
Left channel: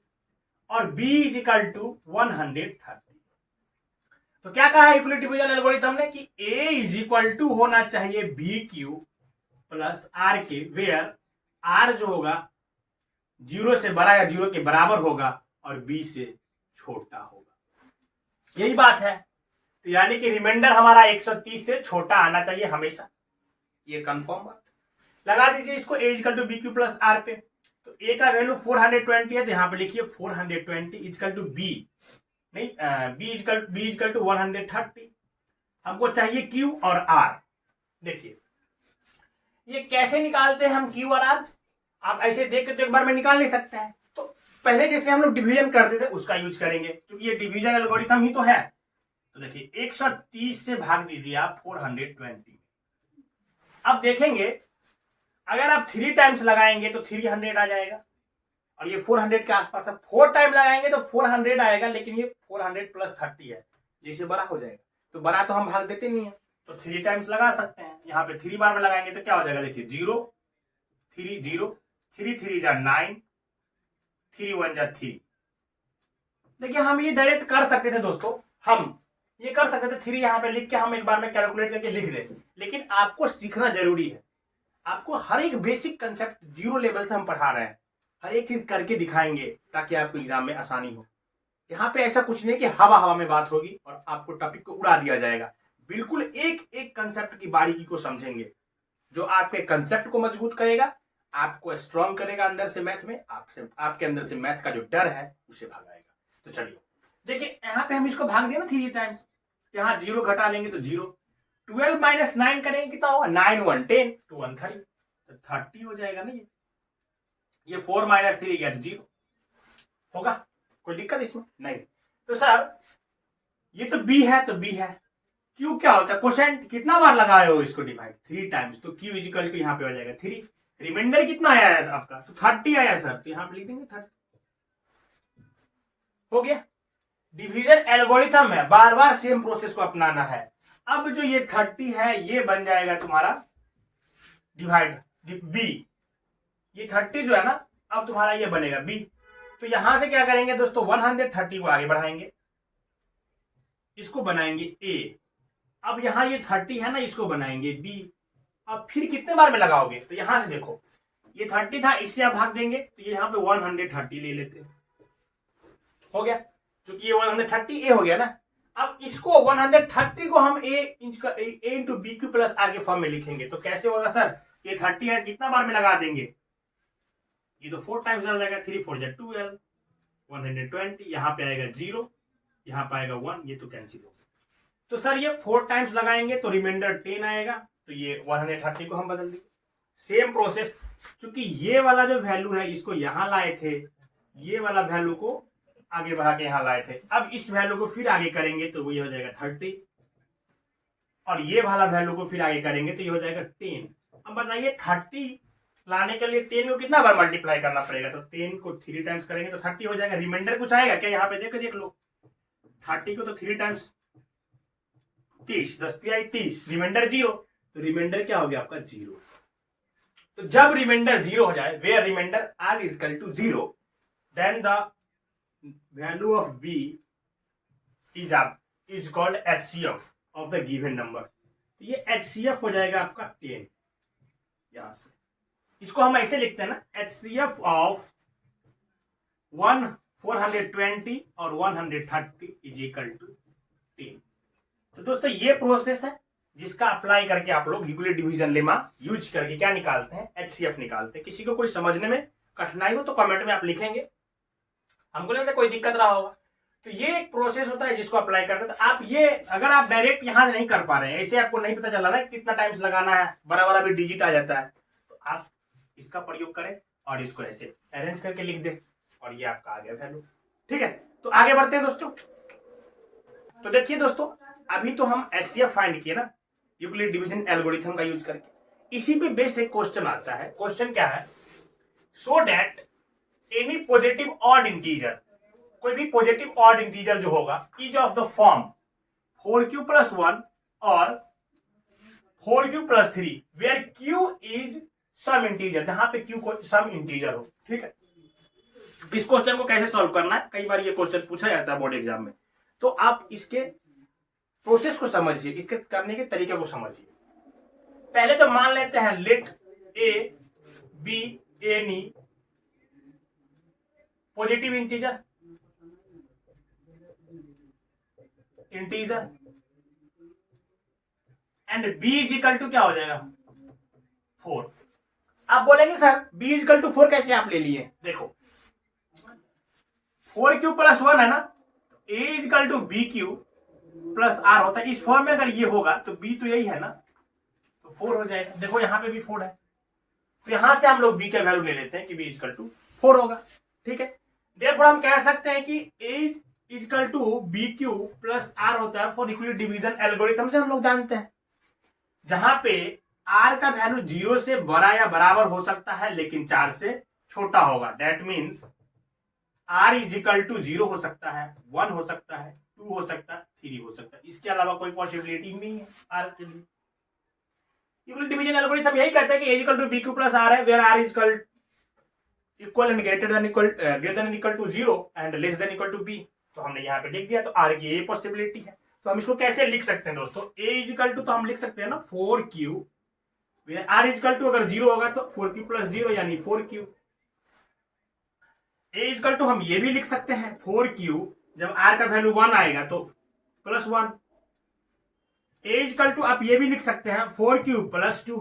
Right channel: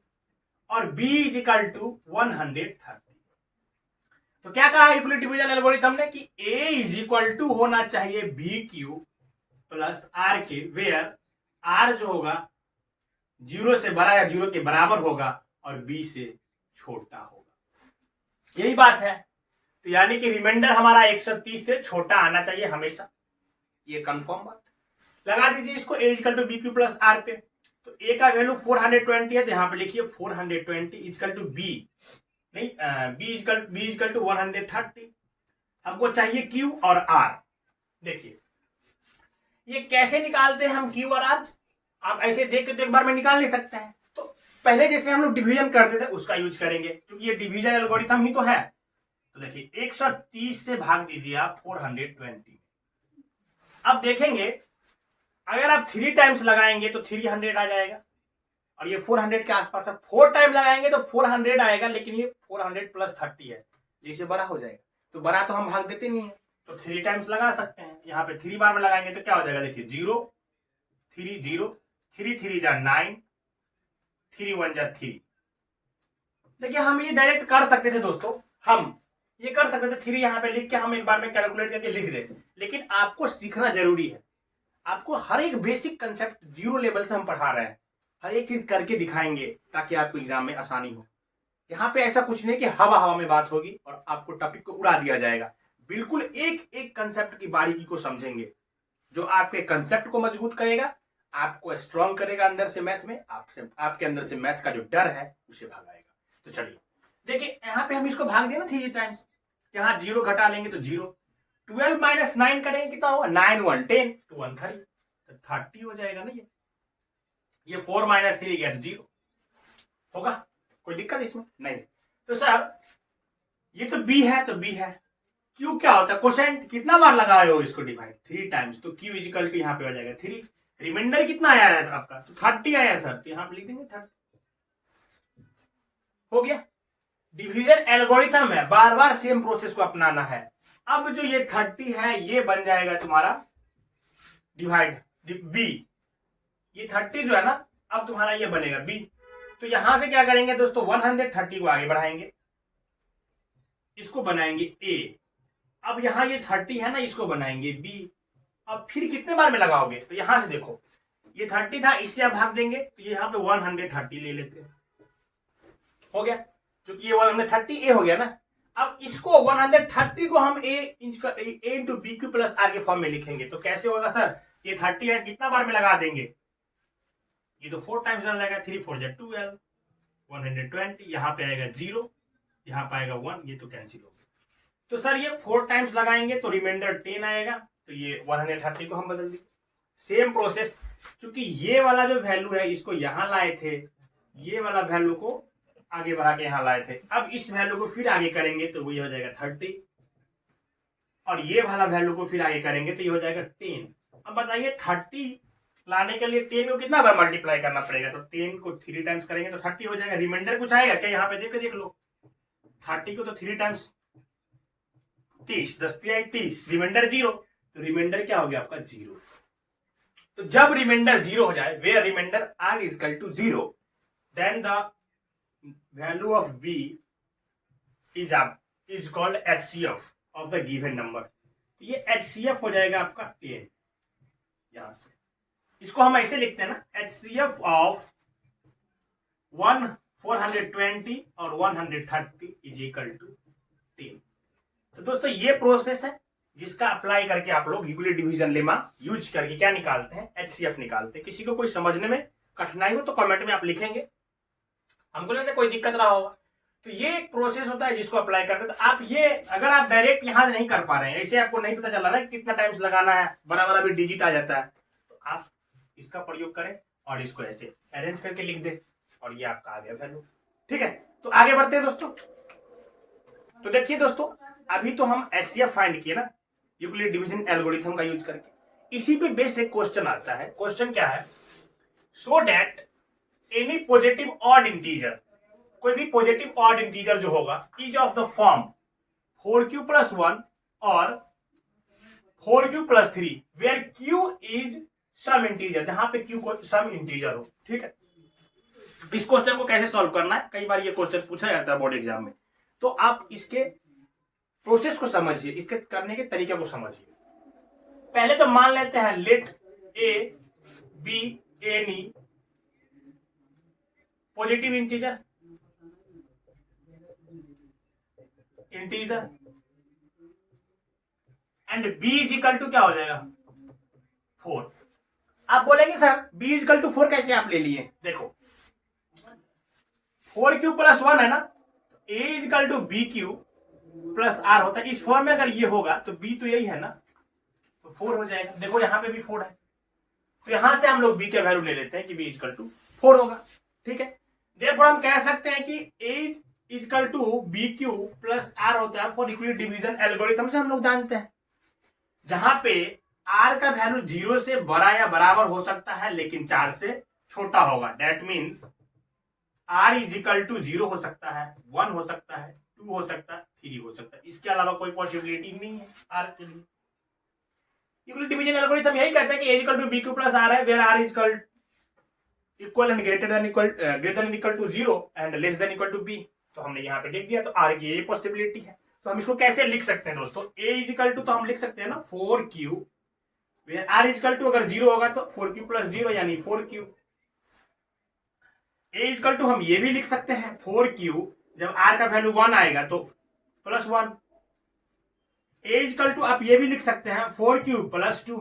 और बी इज इक्वल टू 130। तो क्या कहा यूक्लिड डिवीजन एल्गोरिथम ने कि ए इज इक्वल टू होना चाहिए बी क्यू प्लस आर के, वेयर आर जो होगा 0 से बड़ा या 0 के बराबर होगा और बी से छोटा होगा। यही बात है। तो यानी कि रिमाइंडर हमारा 130 से छोटा आना चाहिए हमेशा, ये कंफर्म बात। लगा दीजिए इसको A equal to B Q plus R पे। तो ए का वैल्यू 420 है, तो यहां पे लिखिए 420 इक्वल टू बी, नहीं बी इक्वल टू 130। हमको चाहिए क्यू और आर। देखिए ये कैसे निकालते हैं हम क्यू और आर, आप ऐसे देख के तो एक बार में निकाल नहीं सकते हैं। तो पहले जैसे हम लोग डिवीजन करते थे उसका यूज करेंगे, क्योंकि ये डिवीजन एल्गोरिथम ही तो है। तो देखिए 130 से भाग दीजिए आप 420। अब देखेंगे अगर आप 3 टाइम्स लगाएंगे तो 300 आ जाएगा और ये 400 के आसपास है। 4 टाइम लगाएंगे तो 400 आएगा, लेकिन ये 400 प्लस 30 है, जैसे बड़ा हो जाएगा। तो बड़ा तो हम भाग देते नहीं है, तो 3 टाइम्स लगा सकते हैं। यहाँ पे 3 बार में लगाएंगे तो क्या हो जाएगा, देखिए 0 3 0 3 3 जा 9 3 1 जा 3। देखिए हम ये डायरेक्ट कर सकते थे दोस्तों, हम ये कर सकते थे 3 यहाँ पे लिख के हम एक बार में कैलकुलेट करके लिख दें, लेकिन आपको सीखना जरूरी है। आपको हर एक बेसिक कंसेप्ट 0 लेवल से हम पढ़ा रहे हैं, हर एक चीज करके दिखाएंगे ताकि आपको एग्जाम में आसानी हो। यहाँ पे ऐसा कुछ नहीं कि हवा हवा में बात होगी और आपको टॉपिक को उड़ा दिया जाएगा। बिल्कुल एक एक कंसेप्ट की बारीकी को समझेंगे, जो आपके कंसेप्ट को मजबूत करेगा, आपको स्ट्रॉन्ग करेगा अंदर से मैथ में, आपके अंदर से मैथ का जो डर है उसे भगाएगा। तो चलिए देखिए यहाँ पे हम इसको भाग दें ना 3 टाइम्स, यहाँ 0 घटा लेंगे तो 0, 12 माइनस 9 करेंगे कितना होगा, 9 1 10 2 1 30, तो 30 हो जाएगा ना। ये 4 माइनस 3 गया तो 0 होगा, कोई दिक्कत इसमें नहीं। तो सर ये तो b है तो b है, q क्या होता है, कोसेंट कितना बार लगाए हो इसको डिवाइड 3 टाइम्स, तो q इक्वल टू यहाँ पे हो जाएगा 3। रिमाइंडर कितना आया है आपका, तो 30 आया सर, तो यहाँ पे लिख देंगे 30। हो गया, डिवीजन एल्गोरिथम है, बार बार सेम प्रोसेस को अपनाना है। अब जो ये 30 है ये बन जाएगा तुम्हारा डिवाइड b, ये 30 जो है ना अब तुम्हारा ये बनेगा b। तो यहां से क्या करेंगे दोस्तों, 130 को आगे बढ़ाएंगे, इसको बनाएंगे a। अब यहां ये 30 है ना, इसको बनाएंगे b। अब फिर कितने बार में लगाओगे, तो यहां से देखो ये 30 था, इससे आप भाग देंगे तो ये यहाँ पे 130 ले लेते हैं। हो गया, क्योंकि ये 130 ए हो गया ना। अब इसको 130 को हम A into B Q plus R के फॉर्म में लिखेंगे तो कैसे होगा सर, ये 30 है कितना बार में लगा देंगे, ये तो 4 टाइम्स चल जाएगा, 3 4 जा 12 120, यहाँ पे आएगा 0, यहाँ पे आएगा 1, ये तो कैंसिल हो गया। तो सर ये 4 टाइम्स लगाएंगे तो रिमाइंडर 10 आएगा, तो ये 130 को हम बदल देंगे। सेम प्रोसेस, क्योंकि ये वाला जो वैल्यू है इसको यहाँ लाए थे, ये वाला वैल्यू को आगे बढ़ा के यहाँ लाए थे, अब इस वैल्यू को फिर आगे करेंगे तो वो ये हो जाएगा 30, और ये वाला वैल्यू को फिर आगे करेंगे तो ये हो जाएगा 10। अब बताइए 30 लाने के लिए 10 को कितना बार मल्टीप्लाई करना पड़ेगा, तो 10 को 3 टाइम्स करेंगे तो 30 हो जाएगा। रिमाइंडर कुछ आएगा क्या, यहाँ पे देख लो 30 को तो 3 टाइम्स 30, 10 आई 30, रिमाइंडर 0, तो रिमाइंडर क्या हो गया आपका 0। तो जब रिमाइंडर 0 हो जाए, where remainder r is equal to 0, then the value of b is called HCF of the given number. ये एचसीएफ हो जाएगा आपका 10। यहां से इसको हम ऐसे लिखते हैं ना, एचसीएफ ऑफ 420 और 130 इज इक्वल टू 10। तो दोस्तों ये प्रोसेस है जिसका अप्लाई करके आप लोग यूक्लिड डिवीजन लेमा यूज करके क्या निकालते हैं, एचसीएफ निकालते हैं। किसी को कोई समझने में कठिनाई हो तो कमेंट में आप लिखेंगे, हमको लगता है कोई दिक्कत रहा होगा। तो ये एक प्रोसेस होता है जिसको अप्लाई करते हैं। तो आप ये अगर आप डायरेक्ट यहां नहीं कर पा रहे हैं, ऐसे आपको नहीं पता चला ना कितना टाइम्स लगाना है, बड़ा बड़ा भी डिजिट आ जाता है, तो आप इसका प्रयोग करें और इसको ऐसे अरेंज करके लिख दें और ये आपका आ गया वैल्यू। ठीक है, तो आगे बढ़ते हैं दोस्तों। तो देखिए दोस्तों, अभी तो हम एचसीएफ फाइंड किए ना यूक्लिड डिवीजन एल्गोरिथम का यूज करके। इसी पे बेस्ड एक क्वेश्चन आता है। क्वेश्चन क्या है, so that any positive odd integer, कोई भी पॉजिटिव ऑड इंटीजर जो होगा, is of the form 4q + 1 और 4q + 3 where q is some integer, जहां पे q को सम इंटीजर हो। ठीक है, इस क्वेश्चन को कैसे सॉल्व करना है, कई बार ये क्वेश्चन पूछा जाता है बोर्ड एग्जाम में, तो आप इसके प्रोसेस को समझिए, इसके करने के तरीके को समझिए। पहले तो मान लेते हैं let a be any positive integer and b is equal to क्या हो जाएगा 4। आप बोलेंगे sir b is equal to 4 कैसे आप ले लिए, देखो 4q + 1 है ना, a is equal to bq + r होता है। इस फॉर्म में अगर ये होगा तो b तो यही है ना, तो 4 हो जाएगा। देखो यहाँ पे भी 4 है, तो यहां से हम लोग b के वैल्यू ले लेते हैं कि b इज इक्वल टू 4 होगा। ठीक है, देयरफॉर हम कह सकते हैं कि a is equal to bq + r होता है फॉर यूक्लिड डिवीजन एल्गोरिथम से हम लोग जानते हैं, जहां पे r का वैल्यू 0 से बड़ा या बराबर हो सकता है लेकिन 4 से छोटा होगा। That means r is equal to 0 हो सकता है, 1 हो सकता है, 2 हो सकता है, 3 हो सकता है, इसके अलावा कोई पॉसिबिलिटी नहीं है r के लिए। यूक्लिड डिवीजन एल्गोरिथम यही कहता है कि a equal to bq + r है, where r is equal and greater than equal to 0 and less than equal to b। तो हमने यहाँ पे लिख दिया, तो r की ये पॉसिबिलिटी है। तो हम इसको कैसे लिख सकते हैं दोस्तों, a इज इक्वल टू, तो हम लिख सकते हैं ना 4q, where r is equal to अगर 0 होगा तो 4q + 0 यानी 4q। a is equal to हम ये भी लिख सकते हैं 4q, जब r का वैल्यू 1 आएगा तो +1। a इज इक्वल टू आप ये भी लिख सकते हैं 4q + 2।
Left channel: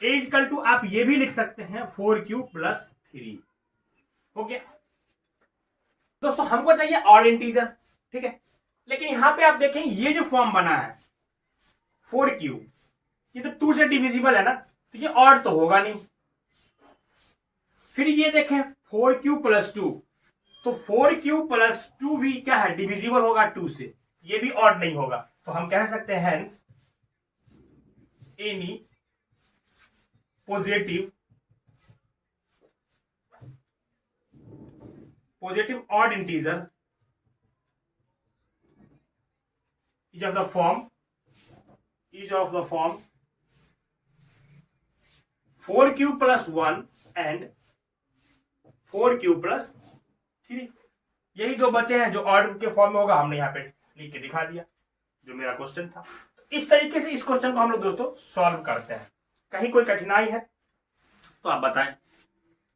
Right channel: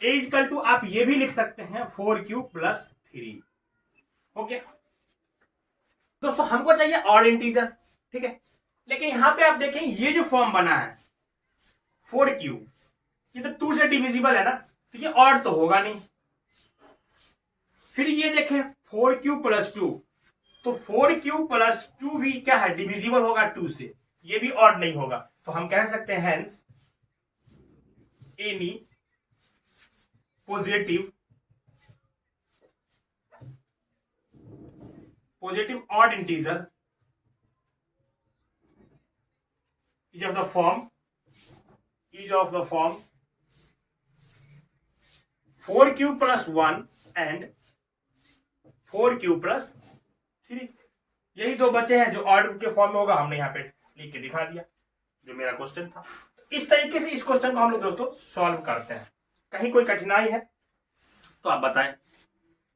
a is equal to आप ये भी लिख सकते हैं 4q + 3। ओके दोस्तों, हमको चाहिए ऑड इंटीजर। ठीक है, लेकिन यहां पे आप देखें ये जो फॉर्म बना है 4q, ये तो 2 से डिविजिबल है ना, तो ये ऑड तो होगा नहीं। फिर ये देखें 4q + 2, तो 4q + 2 भी क्या है, डिविजिबल होगा 2 से, ये भी ऑड नहीं होगा। तो हम कह सकते हैं hence any positive odd integer is of the form 4q + 1 and 4q + 3। यही दो बचे हैं जो ऑड के फॉर्म में होगा, हमने यहाँ पे लिख के दिखा दिया जो मेरा क्वेश्चन था। इस तरीके से इस क्वेश्चन को हम लोग दोस्तों सॉल्व करते हैं। कहीं कोई कठिनाई है तो आप बताएं।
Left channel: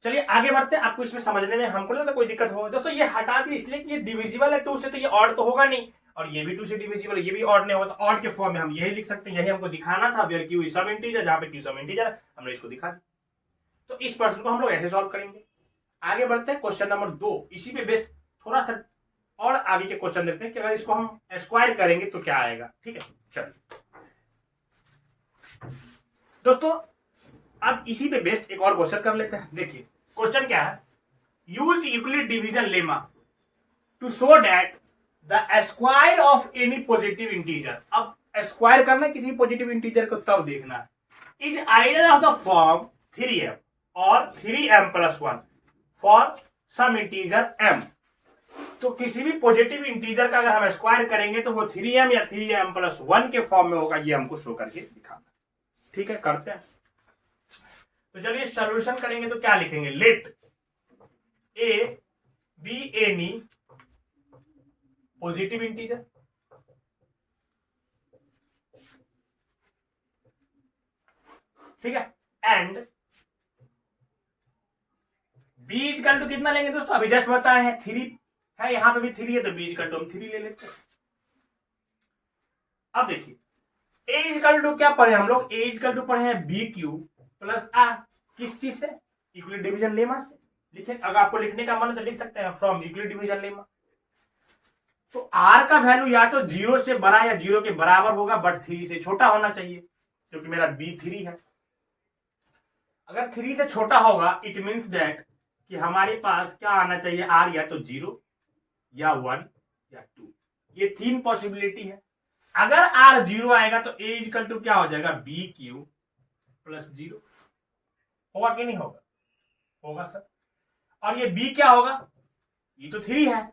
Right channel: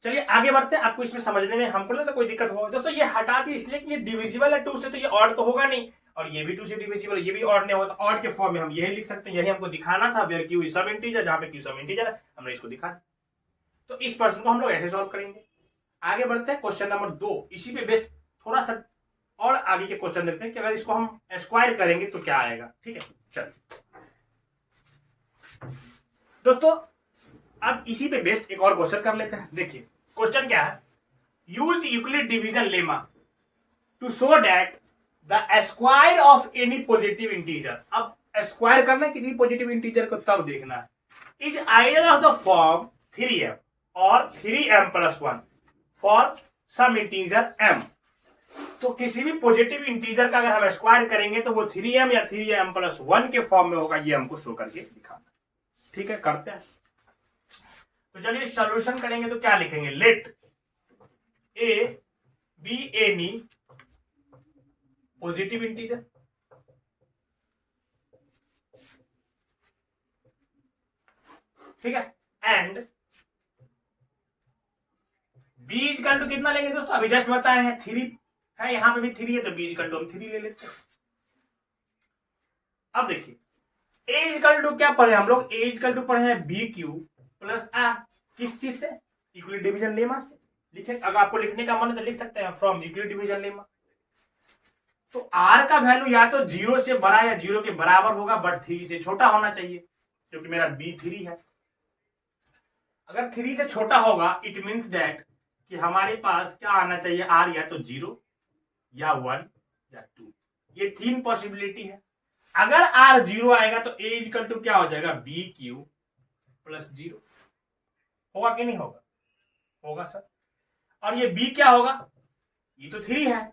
चलिए आगे बढ़ते हैं, आपको इसमें समझने में हमको लगता कोई दिक्कत होगा। दोस्तों ये हटा दी इसलिए कि ये डिविजिबल है 2 से, तो ये ऑड तो होगा नहीं, और ये भी 2 से डिविजिबल, ये भी ऑड नहीं होगा, तो ऑड के फॉर्म में हम यही लिख सकते हैं। यही हमको दिखाना था, where q is some integer, जहां पे क्यू सम इंटीजर है, हमने इसको दिखा दिया। तो इस प्रश्न को हम लोग ऐसे सॉल्व करेंगे। आगे बढ़ते हैं क्वेश्चन नंबर 2। इसी पे बेस्ड थोड़ा सा और आगे के क्वेश्चन देखते हैं कि अगर इसको हम स्क्वायर करेंगे तो क्या आएगा। ठीक है, चलिए दोस्तों अब इसी पे बेस्ड एक और क्वेश्चन कर लेते हैं। देखिए क्वेश्चन क्या है, use Euclid division lemma to show that the square of any positive integer. अब स्क्वायर करना है किसी पॉजिटिव इंटीजर को तब देखना है, is either of the form 3m और 3m+1 for some integer m। तो किसी भी पॉजिटिव इंटीजर का अगर हम स्क्वायर करेंगे तो वो 3m या 3m+1 के फॉर्म में होगा, ये हमको शो करके दिखाना। ठीक है, करते हैं। तो चलिए सॉल्यूशन करेंगे तो क्या लिखेंगे, let a be any positive integer, ठीक है, एंड बी इक्वल टू कितना लेंगे दोस्तों, अभी जस्ट बताए हैं 3 है, यहां पे भी 3 है, तो बी इक्वल टू हम 3 ले लेते हैं। अब देखिए ए इक्वल टू क्या पढ़े हम लोग, ए इक्वल टू पढ़े हैं बी क्यू प्लस आर, किस चीज से, यूक्लिड डिवीजन लेमा से। लिखे, अगर आपको लिखने का मन है तो लिख सकते हैं फ्रॉम यूक्लिड डिवीजन लेमा। तो आर का वैल्यू या तो 0 से बड़ा या 0 के बराबर होगा, बट 3 से छोटा होना चाहिए, क्योंकि मेरा बी 3 है। अगर 3 से छोटा होगा इट मीन्स दैट कि हमारे पास क्या आना चाहिए, आर या तो 0 या 1 या 2, ये 3 पॉसिबिलिटी है। अगर आर 0 आएगा तो ए इक्वल टू क्या हो जाएगा, बी क्यू प्लस 0 होगा कि नहीं होगा, होगा सर। और ये बी क्या होगा, ये तो 3 है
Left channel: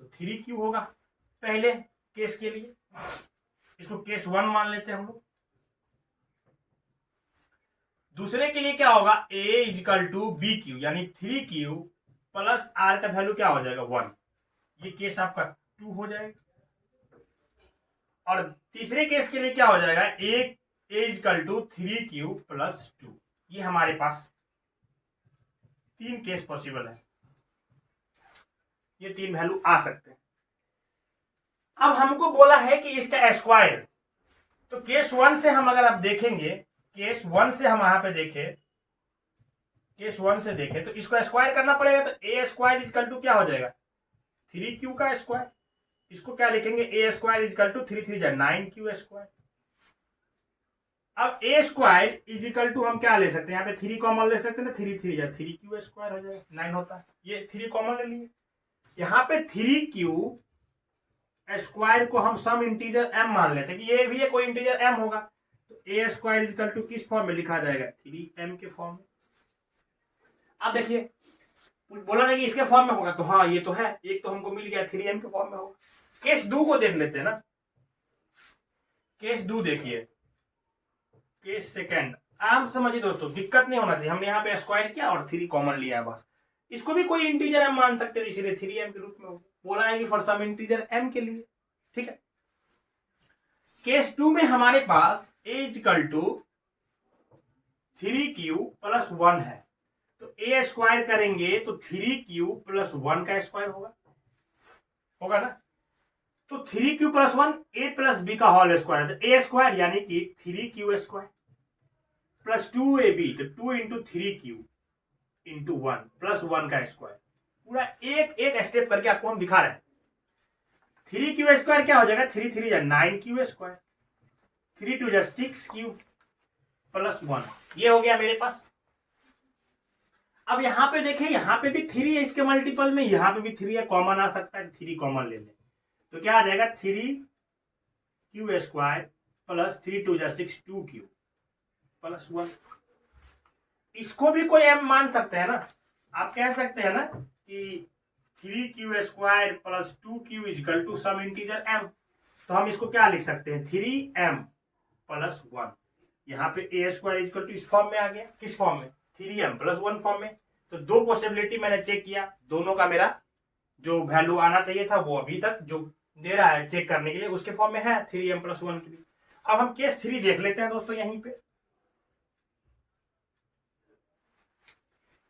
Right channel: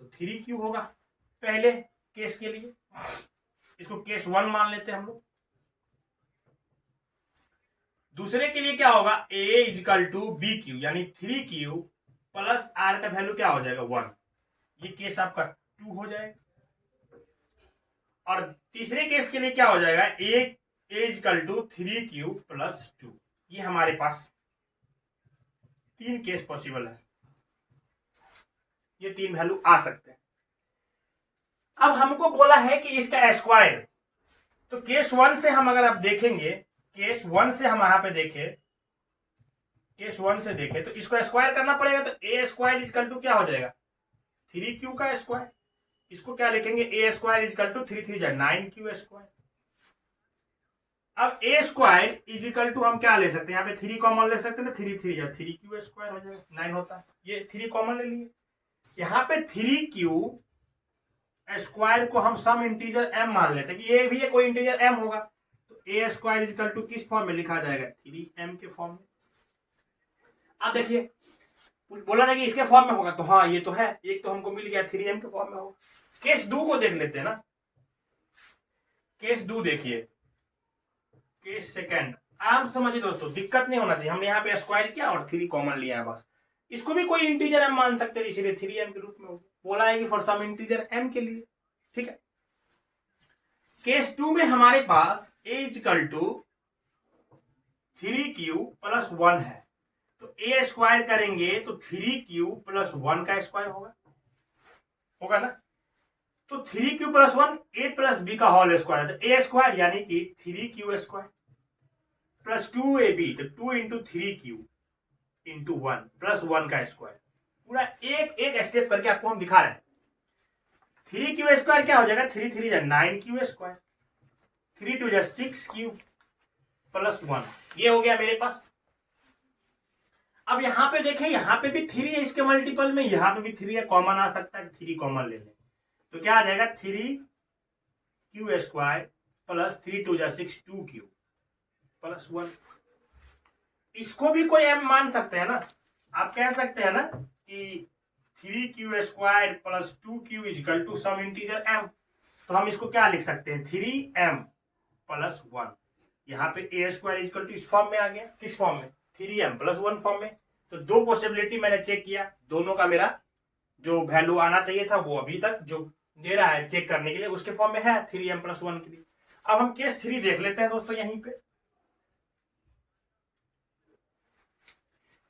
तो 3 क्यू होगा पहले केस के लिए, इसको केस 1 मान लेते हैं हम लोग। दूसरे के लिए क्या होगा, ए इक्वल टू बी क्यू यानी 3 क्यू प्लस आर का वैल्यू क्या हो जाएगा 1, ये केस आपका 2 हो जाएगा। और तीसरे केस के लिए क्या हो जाएगा, ए इक्वल टू 3 क्यू प्लस 2, ये हमारे पास 3 केस पॉसिबल है, ये 3 वैल्यू आ सकते हैं। अब हमको बोला है कि इसका स्क्वायर, तो केस 1 से हम अगर आप देखेंगे, केस 1 से हम यहां पे देखें, केस 1 से देखें तो इसको स्क्वायर करना पड़ेगा, तो ए स्क्वायर इक्वल टू क्या हो जाएगा, 3 क्यू का स्क्वायर। इसको क्या लिखेंगे, A square equal to 3 3 9 Q square. अब A square is equal to हम क्या ले सकते हैं, यहाँ पे 3 कॉमन ले सकते हैं, 3 3 3 क्यू स्क्वायर हो जाएगा, 9 होता है, ये 3 कॉमन ले लिए। यहाँ पे 3 क्यू स्क्वायर को हम सम इंटीजर m मान लेते हैं कि ये भी है कोई इंटीजर m होगा, तो ए स्क्वायर इज इक्वल टू किस फॉर्म में लिखा जाएगा, 3m के फॉर्म में। अब देखिए बोला ना कि इसके फॉर्म में होगा, तो हाँ ये तो है, एक तो हमको मिल गया 3m के फॉर्म में होगा। केस 2 को देख लेते हैं ना, केस 2 देखिए, केस सेकंड। आप समझिए दोस्तों, दिक्कत नहीं होना चाहिए, हमने यहाँ पे स्क्वायर किया और 3 कॉमन लिया है बस। इसको भी कोई इंटीजर m मान सकते हैं, इसीलिए 3m के रूप में होगा, बोला है कि फॉर सम इंटीजर m के लिए। ठीक है, केस 2 में हमारे पास a equal to 3q plus 1 है, तो a स्क्वायर करेंगे तो 3q प्लस 1 का स्क्वायर होगा, होगा ना। तो 3q plus 1 a plus b का होल स्क्वायर, तो a स्क्वायर यानी कि 3q स्क्वायर प्लस 2ab, तो 2 इंटू 3q इंटू 1 प्लस 1 का स्क्वायर। पूरा एक एक स्टेप करके आपको हम दिखा रहे हैं। 3q स्क्वायर क्या हो जाएगा, 3 3 या 9q स्क्वायर, 3 2 या 6q प्लस 1, ये हो गया मेरे पास। अब यहां पे देखें, यहां पे भी 3 है इसके मल्टीपल में, यहां पे भी 3 है, कॉमन आ सकता है, 3 कॉमन ले लें तो क्या आ जाएगा, 3q स्क्वायर प्लस 3 2 या 6 2q प्लस 1। इसको भी कोई m मान सकते हैं ना, आप कह सकते हैं ना कि 3q square plus 2q equal to some integer m, तो हम इसको क्या लिख सकते हैं, 3m प्लस 1। यहाँ पे a स्क्वायर इक्वल टू इस फॉर्म में आ गया, किस फॉर्म में, 3m प्लस 1 फॉर्म में। तो 2 पॉसिबिलिटी मैंने चेक किया, दोनों का मेरा जो वैल्यू आना चाहिए था वो अभी तक जो दे रहा है चेक करने के लिए उसके फॉर्म में है, 3m प्लस 1 के लिए। अब हम केस 3 देख लेते हैं दोस्तों। यहीं पे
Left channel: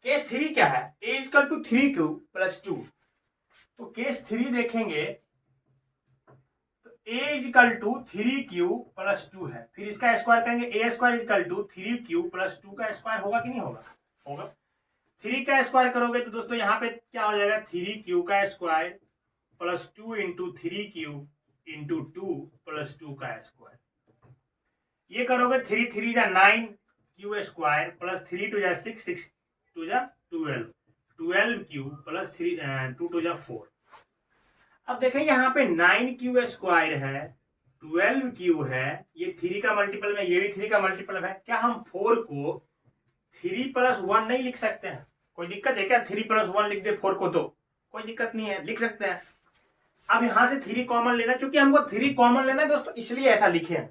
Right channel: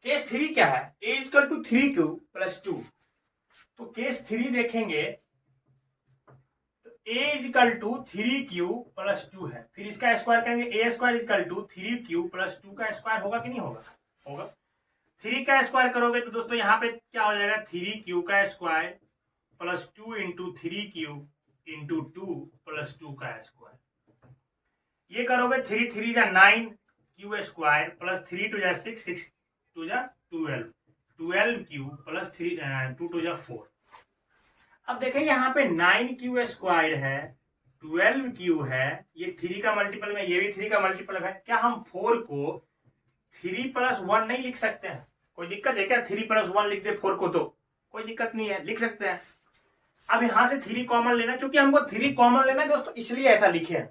केस 3 क्या है, a equal to 3q plus 2। तो केस 3 देखेंगे तो a equal to 3q plus 2 है, फिर इसका स्क्वायर करेंगे, a square equal to 3q plus 2 का स्क्वायर होगा कि नहीं होगा, होगा। 3 का स्क्वायर करोगे तो दोस्तों यहाँ पे क्या हो जाएगा, 3q का square plus 2 into 3q into 2 plus 2 का स्क्वायर। ये करोगे 3 3 जा 9 क्यू स्क्वायर प्लस 3 2 जा 6 6 2 जा 12 क्यू प्लस 3 2 2 जा 4। अब देखें यहाँ पे 9 क्यू स्क्वायर है, 12 क्यू है, ये 3 का मल्टीपल में, ये भी 3 का मल्टीपल है। क्या हम 4 को 3 प्लस 1 नहीं लिख सकते हैं? कोई दिक्कत है क्या 3 प्लस 1 लिख दे 4 को? तो कोई दिक्कत नहीं है, लिख सकते हैं। अब यहां से 3 कॉमन लेना, चूंकि हमको 3 कॉमन लेना है दोस्तों, इसलिए ऐसा लिखे हैं।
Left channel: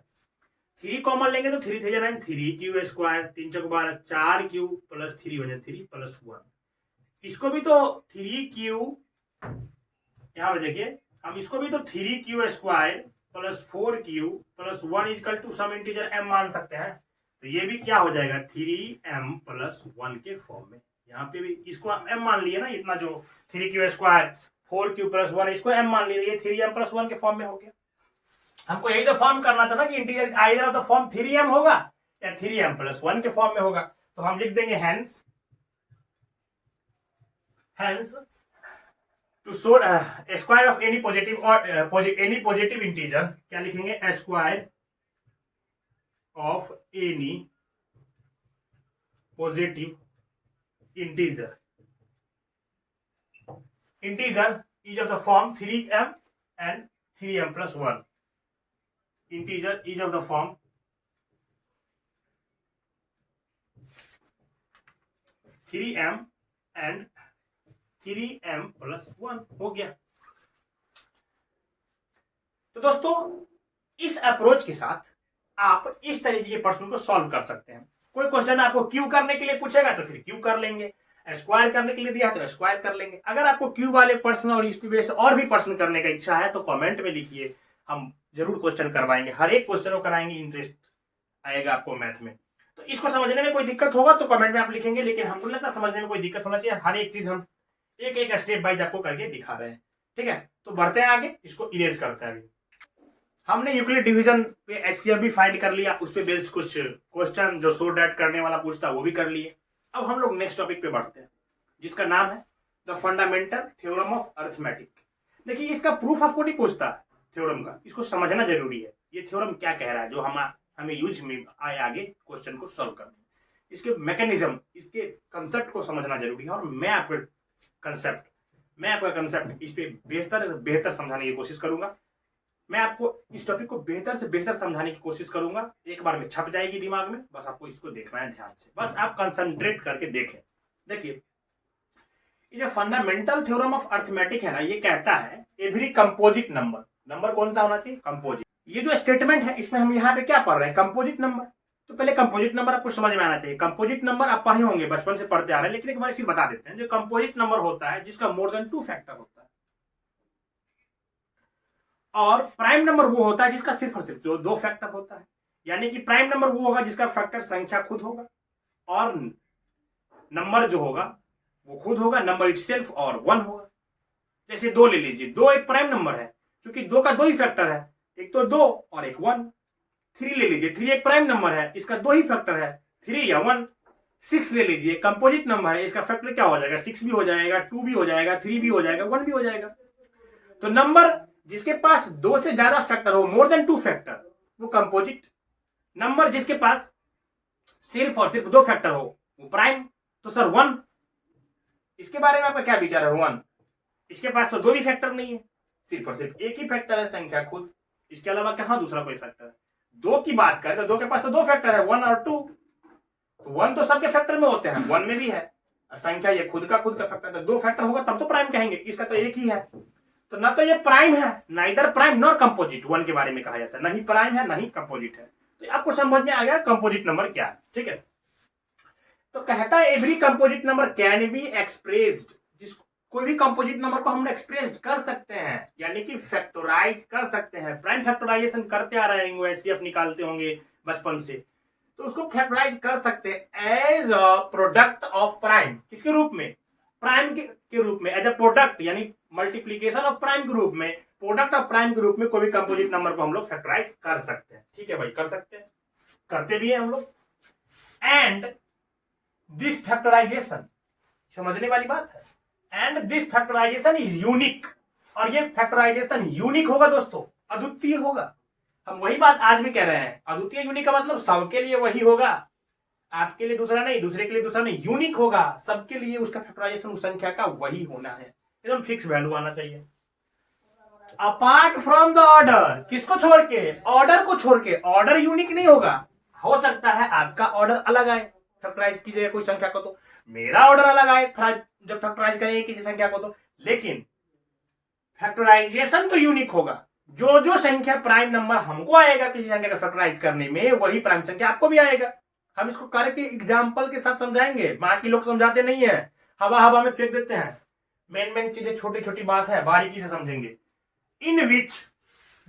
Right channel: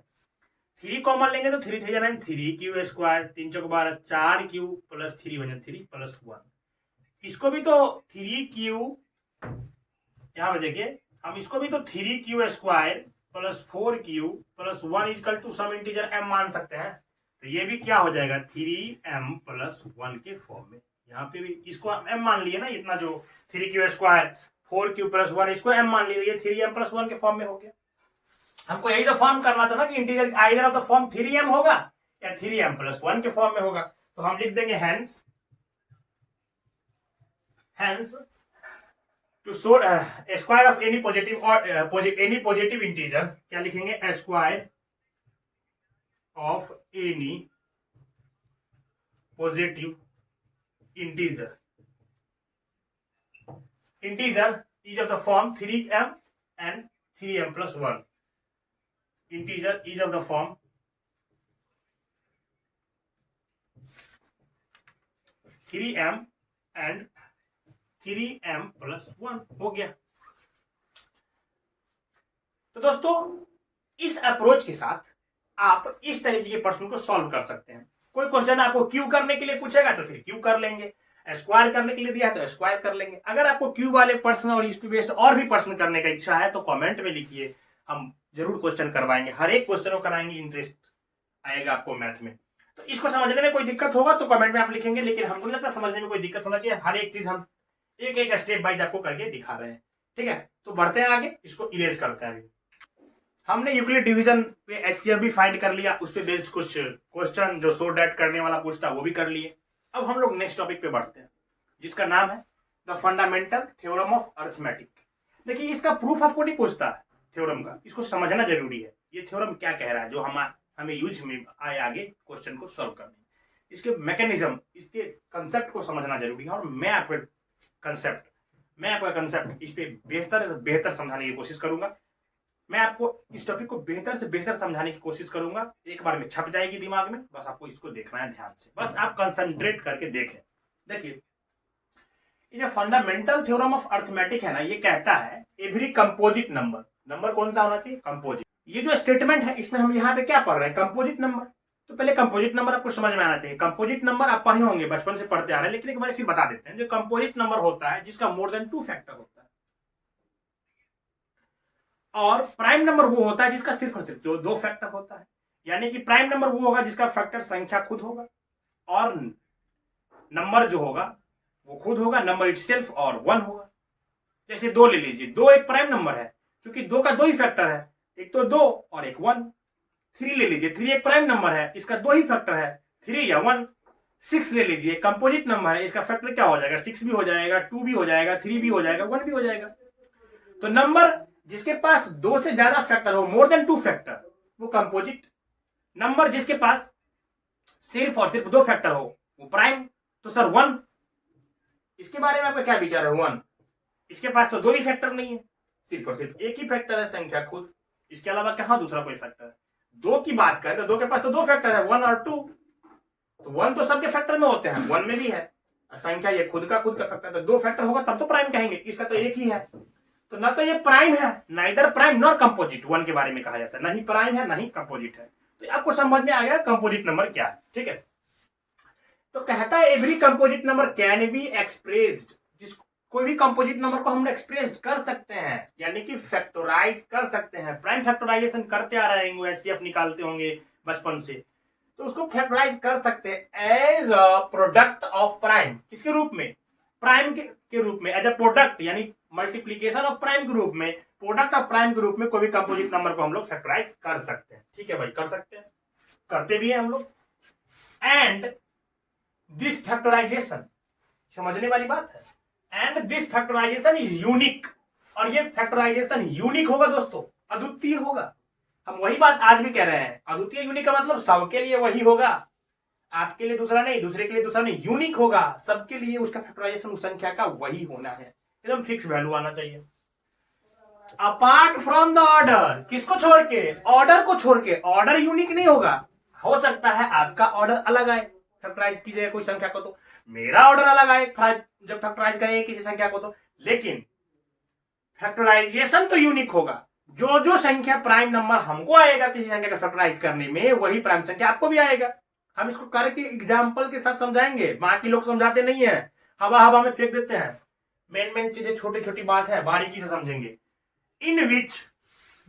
3 कॉमन लेंगे तो 3 3 जा 9, 3 क्यू स्क्वायर 3 चौक 12, 4 क्यू प्लस 3 बने 3 प्लस 1। इसको भी तो 3 क्यू, यहां पर देखिए, हम इसको भी तो 3 q square plus 4 q plus 1 equal to some integer m मान सकते हैं। तो ये भी क्या हो जाएगा, 3m प्लस 1 के फॉर्म में। यहाँ पे भी इसको m मान लिया ना, इतना जो 3 क्यू स्क्वायर 4 क्यू प्लस 1, इसको m मान लिया, ये 3m प्लस 1 के फॉर्म में हो गया। हमको यही तो फॉर्म करना था ना कि integer either of the form 3m होगा या 3m प्लस 1 के फॉर्म में होगा। तो हम लिख देंगे hence to show square of any positive और एनी पॉजिटिव इंटीजर, क्या लिखेंगे, square of any positive integer is of the form 3m and 3m plus 1। Integer is of the form 3m and 3m plus 1 हो गया। तो दोस्तों इस approach के साथ आप इस तरीके के प्रश्न को सॉल्व कर सकते हैं। कोई क्वेश्चन आपको क्यू करने के लिए पूछेगा तो फिर क्यू कर लेंगे, स्क्वायर करने के लिए दिया है तो स्क्वायर कर लेंगे। अगर आपको क्यू वाले प्रश्न और इस पे बेस्ड और भी प्रश्न करने का इच्छा है तो कमेंट में लिखिए, हम जरूर क्वेश्चन करवाएंगे, हर एक क्वेश्चन को कराएंगे, इंटरेस्ट आएगा आपको मैथ में। तो इसको समझने में कोई दिक्कत होगा तो कमेंट में आप लिखेंगे, लेकिन हमको लगता है समझने में कोई दिक्कत होना चाहिए। हर एक चीज हम एक एक स्टेप बाइज आपको करके दिखा रहे हैं, ठीक है। तो बढ़ते हैं आगे, इसको इरेज करते हैं। अभी हमने यूक्लिड डिवीजन पे एचसीएफ भी फाइंड कर लिया, उस पे बेस्ड कुछ क्वेश्चन जो सो डैट करने वाला पूछता वो भी कर लिए। अब हम लोग नेक्स्ट टॉपिक पे बढ़ते हैं, जिसका नाम है the fundamental theorem of arithmetic. देखिए इसका प्रूफ आपको नहीं पूछता थ्योरम का, इसको समझना जरूरी है। ये थ्योरम क्या कह रहा है जो हमें यूज में आए आगे क्वेश्चन को सॉल्व करने, इसके मैकेनिज्म, इसके कंसेप्ट को समझना जरूरी है। और मैं आपका कंसेप्ट इस पे बेहतर समझाने की कोशिश करूंगा। मैं आपको इस टॉपिक को बेहतर से बेहतर समझाने की कोशिश करूंगा। एक बार में छप जाएगी दिमाग में, बस आपको इसको देखना है ध्यान से, बस आप कंसंट्रेट करके देखें। देखिए ये जो फंडामेंटल थ्योरम ऑफ अरिथमेटिक है ना, ये कहता है एवरी कंपोजिट नंबर कौन सा होना चाहिए, कंपोजिट। ये जो स्टेटमेंट है इसमें हम यहाँ पे क्या पढ़ रहे हैं, कंपोजिट नंबर। तो पहले कंपोजिट नंबर आपको समझ में आना चाहिए। कंपोजिट नंबर आप पढ़े होंगे, बचपन से पढ़ते आ रहे हैं, लेकिन एक बार फिर बता देते हैं। जो कंपोजिट नंबर होता है जिसका मोर देन 2 फैक्टर होता है, और प्राइम नंबर वो होता है जिसका सिर्फ और सिर्फ जो 2 फैक्टर होता है। यानी कि प्राइम नंबर वो होगा जिसका फैक्टर संख्या खुद होगा, और नंबर जो होगा वो खुद होगा, नंबर इटसेल्फ और 1 होगा। जैसे 2 ले लीजिए, 2 एक प्राइम नंबर है क्योंकि 2 का 2 ही फैक्टर है, एक तो 2 और एक 1। 3 ले लीजिए, 3 एक प्राइम नंबर है, इसका 2 ही फैक्टर है, 3 या 1। 6 ले लीजिए, कंपोजिट नंबर है, इसका फैक्टर क्या हो जाएगा, 6 भी हो जाएगा, 2 भी हो जाएगा, 3 भी हो जाएगा, 1 भी हो जाएगा। तो नंबर जिसके पास 2 से ज्यादा फैक्टर हो, मोर देन 2 फैक्टर, वो कंपोजिट। नंबर जिसके पास सिर्फ और सिर्फ 2 फैक्टर हो वो प्राइम। तो सर 1, इसके बारे में आपका क्या विचार है? 1 इसके पास तो 2 ही फैक्टर नहीं है, सिर्फ और सिर्फ एक ही फैक्टर है, संख्या खुद। इसके अलावा कहां दूसरा कोई फैक्टर है? 2 की बात करें तो 2 के पास तो 2 फैक्टर है, 1 और 2। तो 1 तो सबके फैक्टर में होते हैं, 1 में भी है, और संख्या ये खुद का फैक्टर। तो 2 फैक्टर होगा तब तो प्राइम कहेंगे, इसका तो एक ही है। तो ना तो ये प्राइम है, ना इधर प्राइम नॉर कंपोजिट 1 के बारे में कहा जाता है, ना ही प्राइम है ना ही कंपोजिट है। तो आपको समझ में आ गया कंपोजिट नंबर क्या है, ठीक है। तो कहता है every composite number can be expressed, कोई भी कंपोजिट नंबर को हम एक्सप्रेस कर सकते हैं, यानी कि फैक्टराइज कर सकते हैं। प्राइम फैक्टराइजेशन करते आ रहे हैं, एचसीएफ निकालते होंगे बचपन से, तो उसको फैक्टराइज कर सकते हैं as a product of prime. किसके रूप में? प्राइम के रूप में, एज अ प्रोडक्ट, यानी मल्टीप्लीकेशन ऑफ प्राइम के रूप में, प्रोडक्ट ऑफ प्राइम के रूप में कोई भी कंपोजिट नंबर को हम लोग फैक्टराइज कर सकते हैं। ठीक है भाई, कर सकते हैं, करते भी हैं हम लोग। एंड दिस फैक्टराइजेशन, समझने वाली बात है, and this factorisation is unique, और ये फैक्टराइजेशन यूनिक होगा दोस्तों, अद्वितीय होगा। हम वही बात आज भी कह रहे हैं, अद्वितीय यूनिक का मतलब सबके लिए वही होगा, आपके लिए दूसरा नहीं, दूसरे के लिए दूसरा नहीं, यूनिक होगा सबके लिए। उसका फैक्टराइजेशन उस संख्या का वही होना है, एकदम फिक्स वैल्यू आना चाहिए। अपार्ट फ्रॉम द ऑर्डर, किसको छोड़ के? ऑर्डर को छोड़ के। ऑर्डर यूनिक नहीं होगा, हो सकता है आपका ऑर्डर अलग आए फैक्टराइज कीजिएगा कोई संख्या को, तो मेरा ऑर्डर अलग आए जब फैक्टराइज करेंगे किसी संख्या को, तो लेकिन फैक्टराइजेशन तो यूनिक होगा। जो जो संख्या प्राइम नंबर हमको आएगा किसी संख्या का फैक्टराइज करने में, वही प्राइम संख्या आपको भी आएगा। हम इसको करके एग्जाम्पल के साथ समझाएंगे, बाकी लोग समझाते नहीं है, हवा हवा में फेंक देते हैं। मेन चीजें, छोटी छोटी बात है, बारीकी से समझेंगे। In which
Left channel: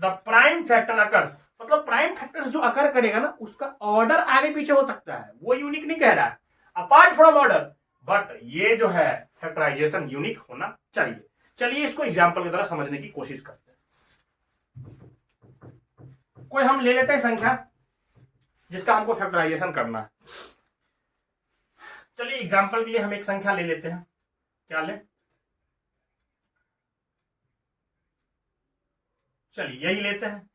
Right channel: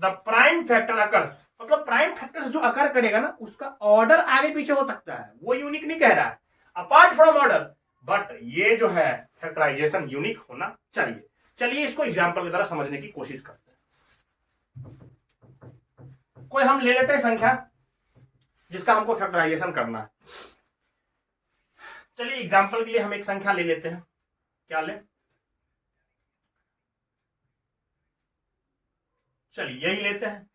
the prime factor occurs, मतलब प्राइम फैक्टर जो अकर करेगा ना, उसका ऑर्डर आगे पीछे हो सकता है, वो यूनिक नहीं कह रहा है, अपार्ट फ्रॉम ऑर्डर, बट ये जो है फैक्टराइजेशन यूनिक होना चाहिए। चलिए इसको एग्जाम्पल की तरह समझने की कोशिश करते हैं। कोई हम ले लेते हैं संख्या जिसका हमको फैक्टराइजेशन करना है। चलिए एग्जाम्पल के लिए हम एक संख्या ले लेते हैं, क्या ले? चलिए यही लेते हैं,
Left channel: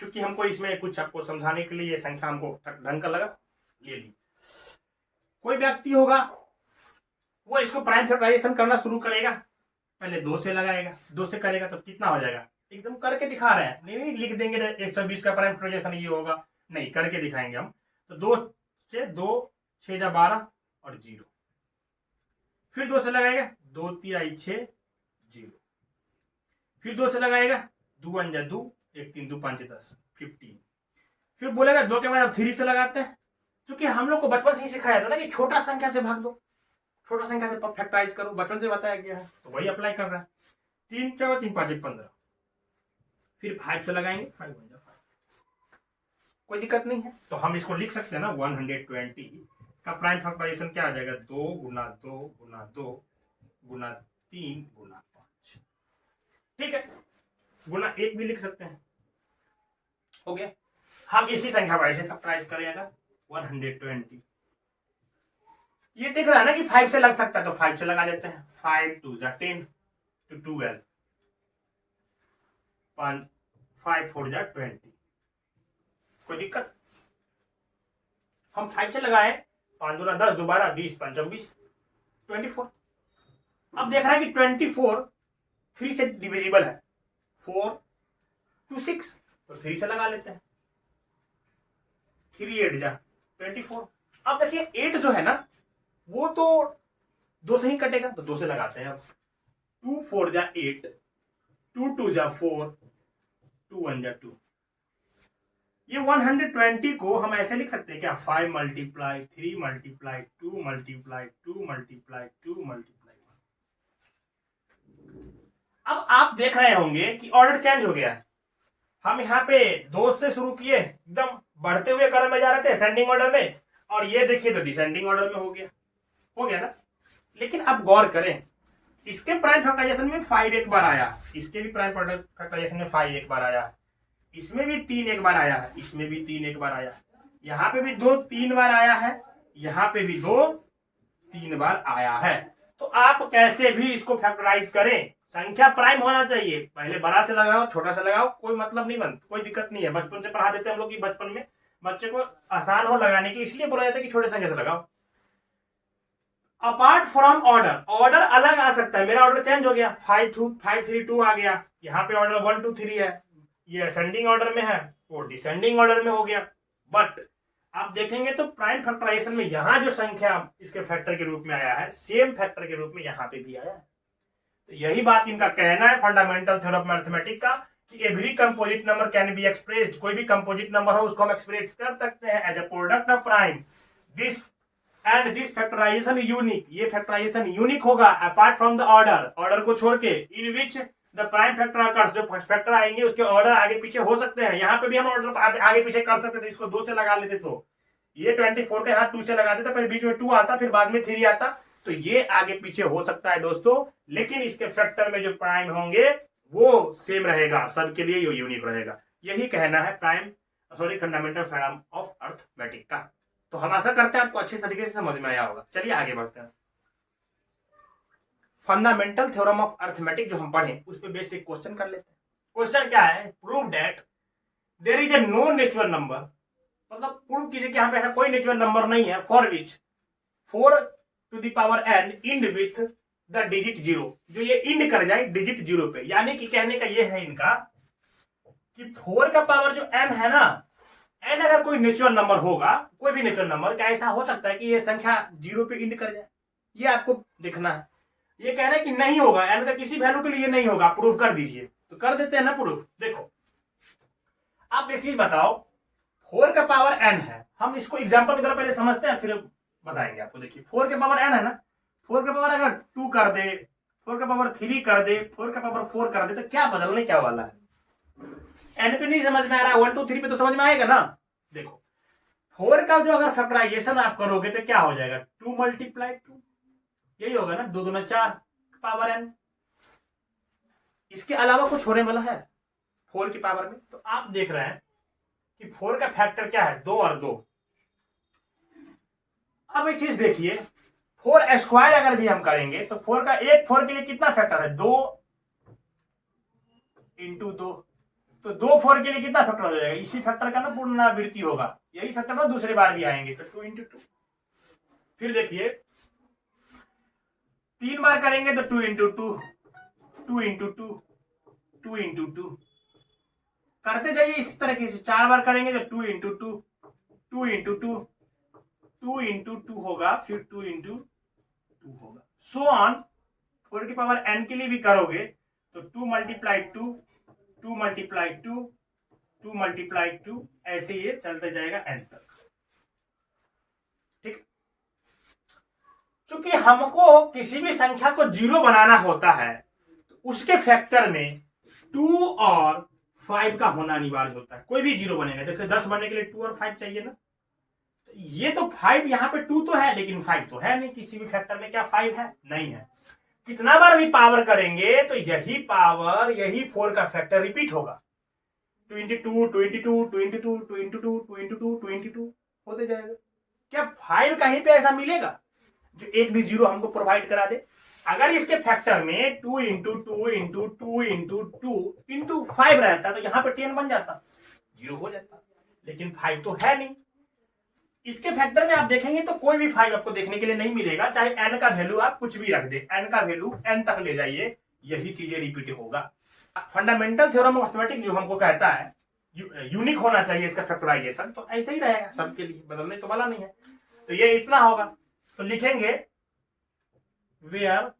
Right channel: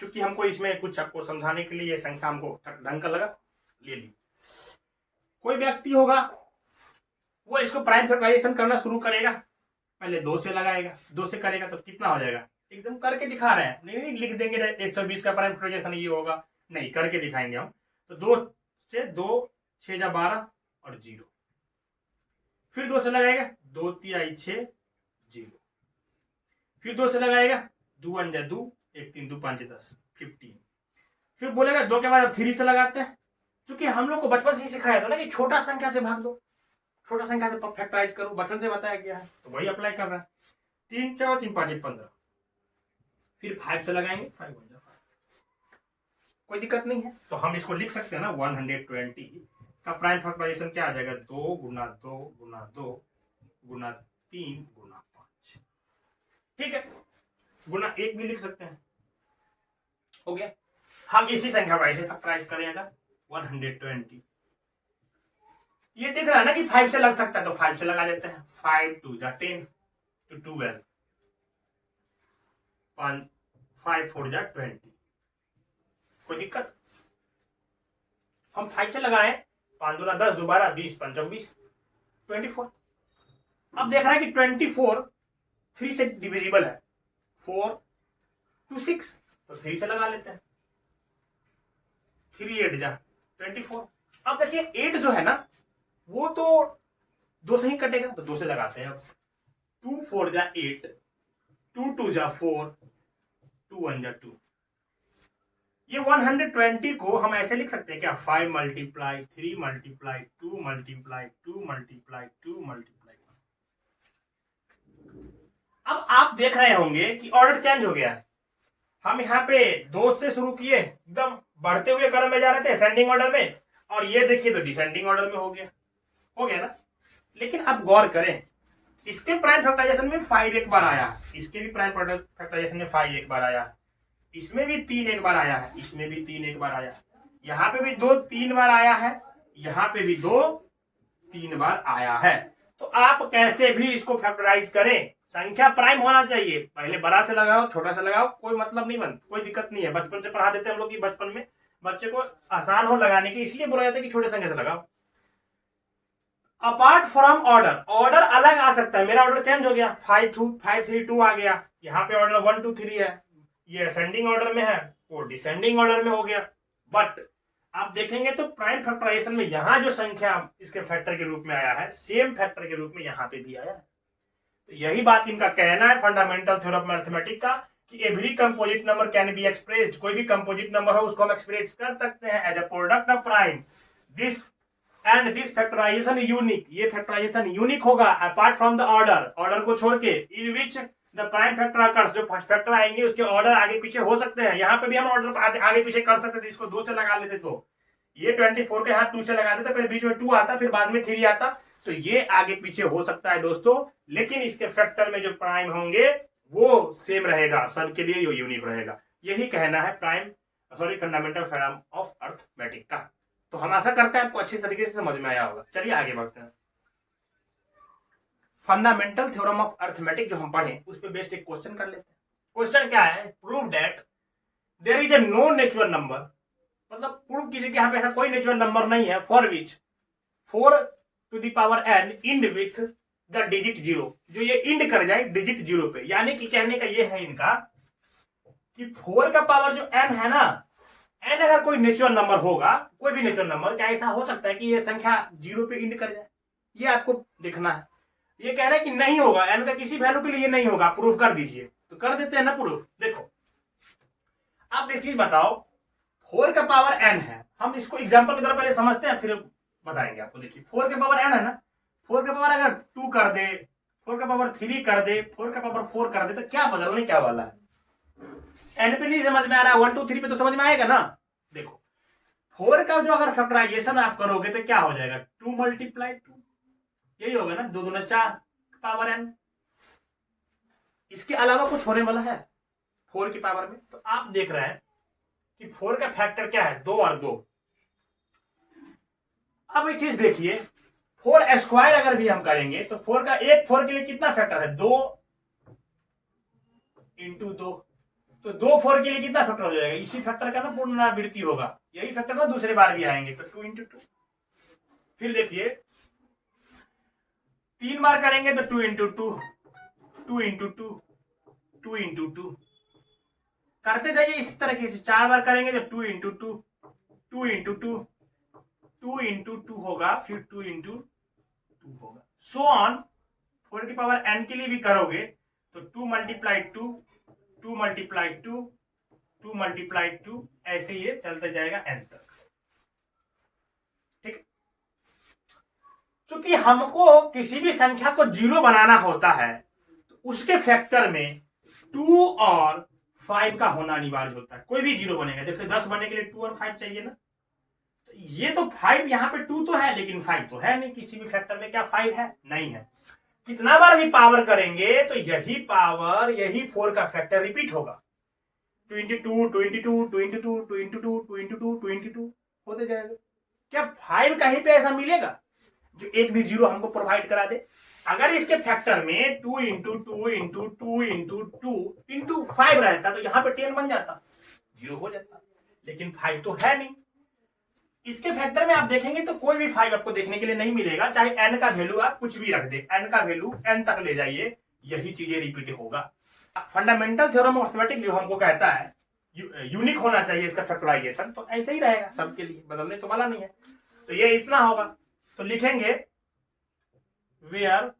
क्योंकि हमको इसमें कुछ आपको समझाने के लिए ये संख्या हमको ढंग का लगा, ले ली। कोई व्यक्ति होगा, वो इसको प्राइम फैक्टराइजेशन करना शुरू करेगा, पहले 2 से लगाएगा, 2 से करेगा तो कितना हो जाएगा, एकदम करके दिखा रहे हैं, नहीं लिख देंगे 120 का प्राइम फैक्टराइजेशन ये होगा, नहीं, करके दिखाएंगे हम। तो 2 से 2 6 जा 12 और 0, फिर 2 से लगाएगा, 2 3 6 0, फिर 2 से लगाएगा, 2 1 जा 2, 1 3 2 5 10 15, फिर बोलेगा 2 के बाद अब 3 से लगाते हैं, क्योंकि हम लोग को बचपन से ही सिखाया था ना कि छोटा संख्या से भाग दो, छोटा संख्या से फैक्टराइज करो, बचपन से बताया गया है, तो वही अप्लाई कर रहा है। 3 4 3 5 1 15, फिर 5 से लगाएंगे, 5 1 जा 5, कोई दिक्कत नहीं है। तो हम इसको लिख सकते हैं ना, 120 का प्राइम फैक्टराइजेशन क्या आ जाएगा, 2 गुना 2 गुना 2 गुना 3 गुना 5, ठीक है, गुना 1 भी लिख सकते हैं, हो गया। हम इसी संख्या वाइज से फैक्टराइज करेंगे 120। ये दिख रहा है ना कि 5 से लग सकता है, तो 5 से लगा देते हैं, 5 2 जा 10 to 12, 5 4 जा 20, कोई दिक्कत? हम 5 से लगाए, 5 दूना 10, 2 12 20 5 24 24। अब देख रहे हैं कि 24 3 से डिविजिबल है, 4 2 6, तो 3 से लगा लेते हैं, 3 8 जा 24। अब देखिए 8 जो है ना, वो तो 2 से ही कटेगा, तो 2 से लगाते हैं। अब 2 4 जा 8, 2 2 जा 4, 2 1 जा 2। ये 120 को हम ऐसे लिख सकते हैं क्या, 5 multiply 3 multiply 2 multiply 2 multiply 2 multiply 1। अब आप देख रहे होंगे कि ऑर्डर चेंज हो गया है। हम यहाँ पे 2 से शुरू किए, एकदम बढ़ते हुए क्रम में जा रहे थे असेंडिंग ऑर्डर में, और ये देखिए तो डिसेंडिंग ऑर्डर में हो गया ना। लेकिन अब गौर करें, इसके प्राइम फैक्टराइजेशन में 5 एक बार आया, इसके भी प्राइम फैक्टराइजेशन में 5 एक बार आया, इसमें भी 3 एक बार आया है, इसमें भी 3 एक बार आया, यहाँ पे भी 2 3 बार आया है, यहाँ पे भी 2 3 बार आया है। तो आप कैसे भी इसको फैक्टराइज करें, संख्या प्राइम होना चाहिए, पहले बड़ा से लगाओ छोटा से लगाओ, कोई मतलब नहीं बनता, कोई दिक्कत नहीं है। बचपन से पढ़ा देते हैं हम लोग कि बचपन में बच्चे को आसान हो लगाने के, इसलिए बोला जाता है कि छोटे संख्या से लगाओ। अपार्ट फ्रॉम ऑर्डर, ऑर्डर अलग आ सकता है, मेरा ऑर्डर चेंज हो गया, 5 3 2 आ गया, यहाँ पे ऑर्डर 1 2 3 है, ये असेंडिंग ऑर्डर में है, वो डिसेंडिंग ऑर्डर में हो गया। बट आप देखेंगे तो प्राइम फैक्टराइजेशन में यहाँ जो संख्या इसके फैक्टर के रूप में आया है, सेम फैक्टर के रूप में यहाँ पे भी आया है। तो यही बात इनका कहना है फंडामेंटल थ्योरम ऑफ मैथमेटिक्स का, कि every composite number can be expressed, कोई भी कंपोजिट नंबर हो उसको हम एक्सप्रेस कर सकते हैं as a product of prime, this and this factorisation unique, ये फैक्टराइजेशन यूनिक होगा apart from the order, order को छोड़ के, in which the prime factor occurs, जो फैक्टर आएंगे उसके ऑर्डर आगे पीछे हो सकते हैं। यहाँ पे भी हम ऑर्डर आगे पीछे कर सकते थे, इसको 2 से लगा लेते तो ये 24 के यहाँ 2 से लगा देता, फिर बीच में 2 आता, फिर बाद में 3 आता, तो ये आगे पीछे हो सकता है दोस्तों, लेकिन इसके फैक्टर में जो प्राइम होंगे वो सेम रहेगा, सबके लिए ये यूनिक रहेगा। यही कहना है फंडामेंटल थ्योरम ऑफ अर्थमेटिक का। तो हम आशा करते हैं आपको अच्छी तरीके से समझ में आया होगा। चलिए आगे बढ़ते हैं। फंडामेंटल थ्योरम ऑफ अर्थमेटिक जो हम पढ़े उस पर बेस्ड एक क्वेश्चन कर लेते हैं। क्वेश्चन क्या है? Prove that there is a no natural number, मतलब प्रूव कीजिए कि यहाँ पे ऐसा कोई नेचुरल नंबर नहीं है for which 4 to the power n end with the digit 0, जो ये इंड कर जाए डिजिट 0 पे। यानी कि कहने का ये है इनका कि 4 का पावर जो n है ना, n अगर कोई नेचुरल नंबर होगा, कोई भी नेचुरल नंबर, क्या ऐसा हो सकता है कि ये संख्या 0 पे इंड कर जाए? ये आपको देखना है। ये कह रहा है कि नहीं होगा, n का किसी वैल्यू के लिए नहीं होगा, प्रूफ कर दीजिए। तो कर देते हैं ना प्रूफ। देखो आप एक चीज बताओ, 4 का पावर n है, हम इसको एग्जांपल की तरह पहले समझते हैं फिर बताएंगे आपको। देखिए 4 का पावर n है ना, 4 का पावर अगर 2 कर दे, 4 का पावर 3 कर दे, 4 का पावर 4 कर दे, तो क्या बदलने क्या वाला है? n पे नहीं समझ में आ रहा, 1 2 3 पे तो समझ में आएगा ना। देखो 4 का जो अगर फैक्टराइजेशन आप करोगे तो क्या हो जाएगा? 2 मल्टीप्लाई 2, यही होगा ना, 2 दूना 4 पावर n। इसके अलावा कुछ होने वाला है 4 की पावर में? तो आप देख रहे हैं कि 4 का फैक्टर क्या है? 2 और 2। अब एक चीज देखिए, 4 स्क्वायर अगर भी हम करेंगे तो 4 का एक 4 के लिए कितना फैक्टर है? 2 इंटू 2। तो 2 4 के लिए कितना फैक्टर हो जाएगा? इसी फैक्टर का ना पुनरावृत्ति होगा, यही फैक्टर ना दूसरी बार भी आएंगे, तो 2 इंटू 2। फिर देखिए 3 बार करेंगे तो 2 इंटू 2, 2 इंटू 2, 2 इंटू 2 करते जाइए इस तरीके से। 4 बार करेंगे तो 2 इंटू 2, 2 इंटू 2, 2 इंटू 2 होगा, फिर 2 इंटू 2 होगा, सो ऑन। 4 की पावर n के लिए भी करोगे तो 2 मल्टीप्लाई 2, 2 मल्टीप्लाई 2, 2 मल्टीप्लाई 2, ऐसे ये चलते जाएगा n तक। ठीक, चूंकि हमको किसी भी संख्या को 0 बनाना होता है तो उसके फैक्टर में 2 और 5 का होना अनिवार्य होता है। कोई भी 0 बनेगा, देखो 10 बनने के लिए 2 और 5 चाहिए ना। तो ये तो 5 यहाँ पे 2 तो है, लेकिन 5 तो है नहीं किसी भी फैक्टर में। क्या 5 है? नहीं है। कितना बार भी पावर करेंगे तो यही पावर, यही 4 का फैक्टर रिपीट होगा। 2 into 2, 2 into 2, 2 into 2, 2 into 2, 2 into 2, 2 into 2 होते जाएगा। क्या 5 कहीं पे ऐसा मिलेगा जो एक भी 0 हमको प्रोवाइड करा दे? अगर इसके फैक्टर में 2 इंटू 2 इंटू 2 इंटू 2 इंटू 5 रहता तो यहाँ पे 10 बन जाता, 0 हो जाता, लेकिन 5 तो है नहीं। इसके फैक्टर में आप देखेंगे तो कोई भी 5 आपको देखने के लिए नहीं मिलेगा, चाहे n का वैल्यू आप कुछ भी रख दे, n का वैल्यू n तक ले जाइए, यही चीजें रिपीट होगा। फंडामेंटल थ्योरम ऑफ अर्थमेटिक जो हमको कहता है यूनिक होना चाहिए इसका फैक्टराइजेशन, तो ऐसे ही रहेगा सबके लिए, बदलने तो वाला नहीं है। तो ये इतना होगा, तो लिखेंगे where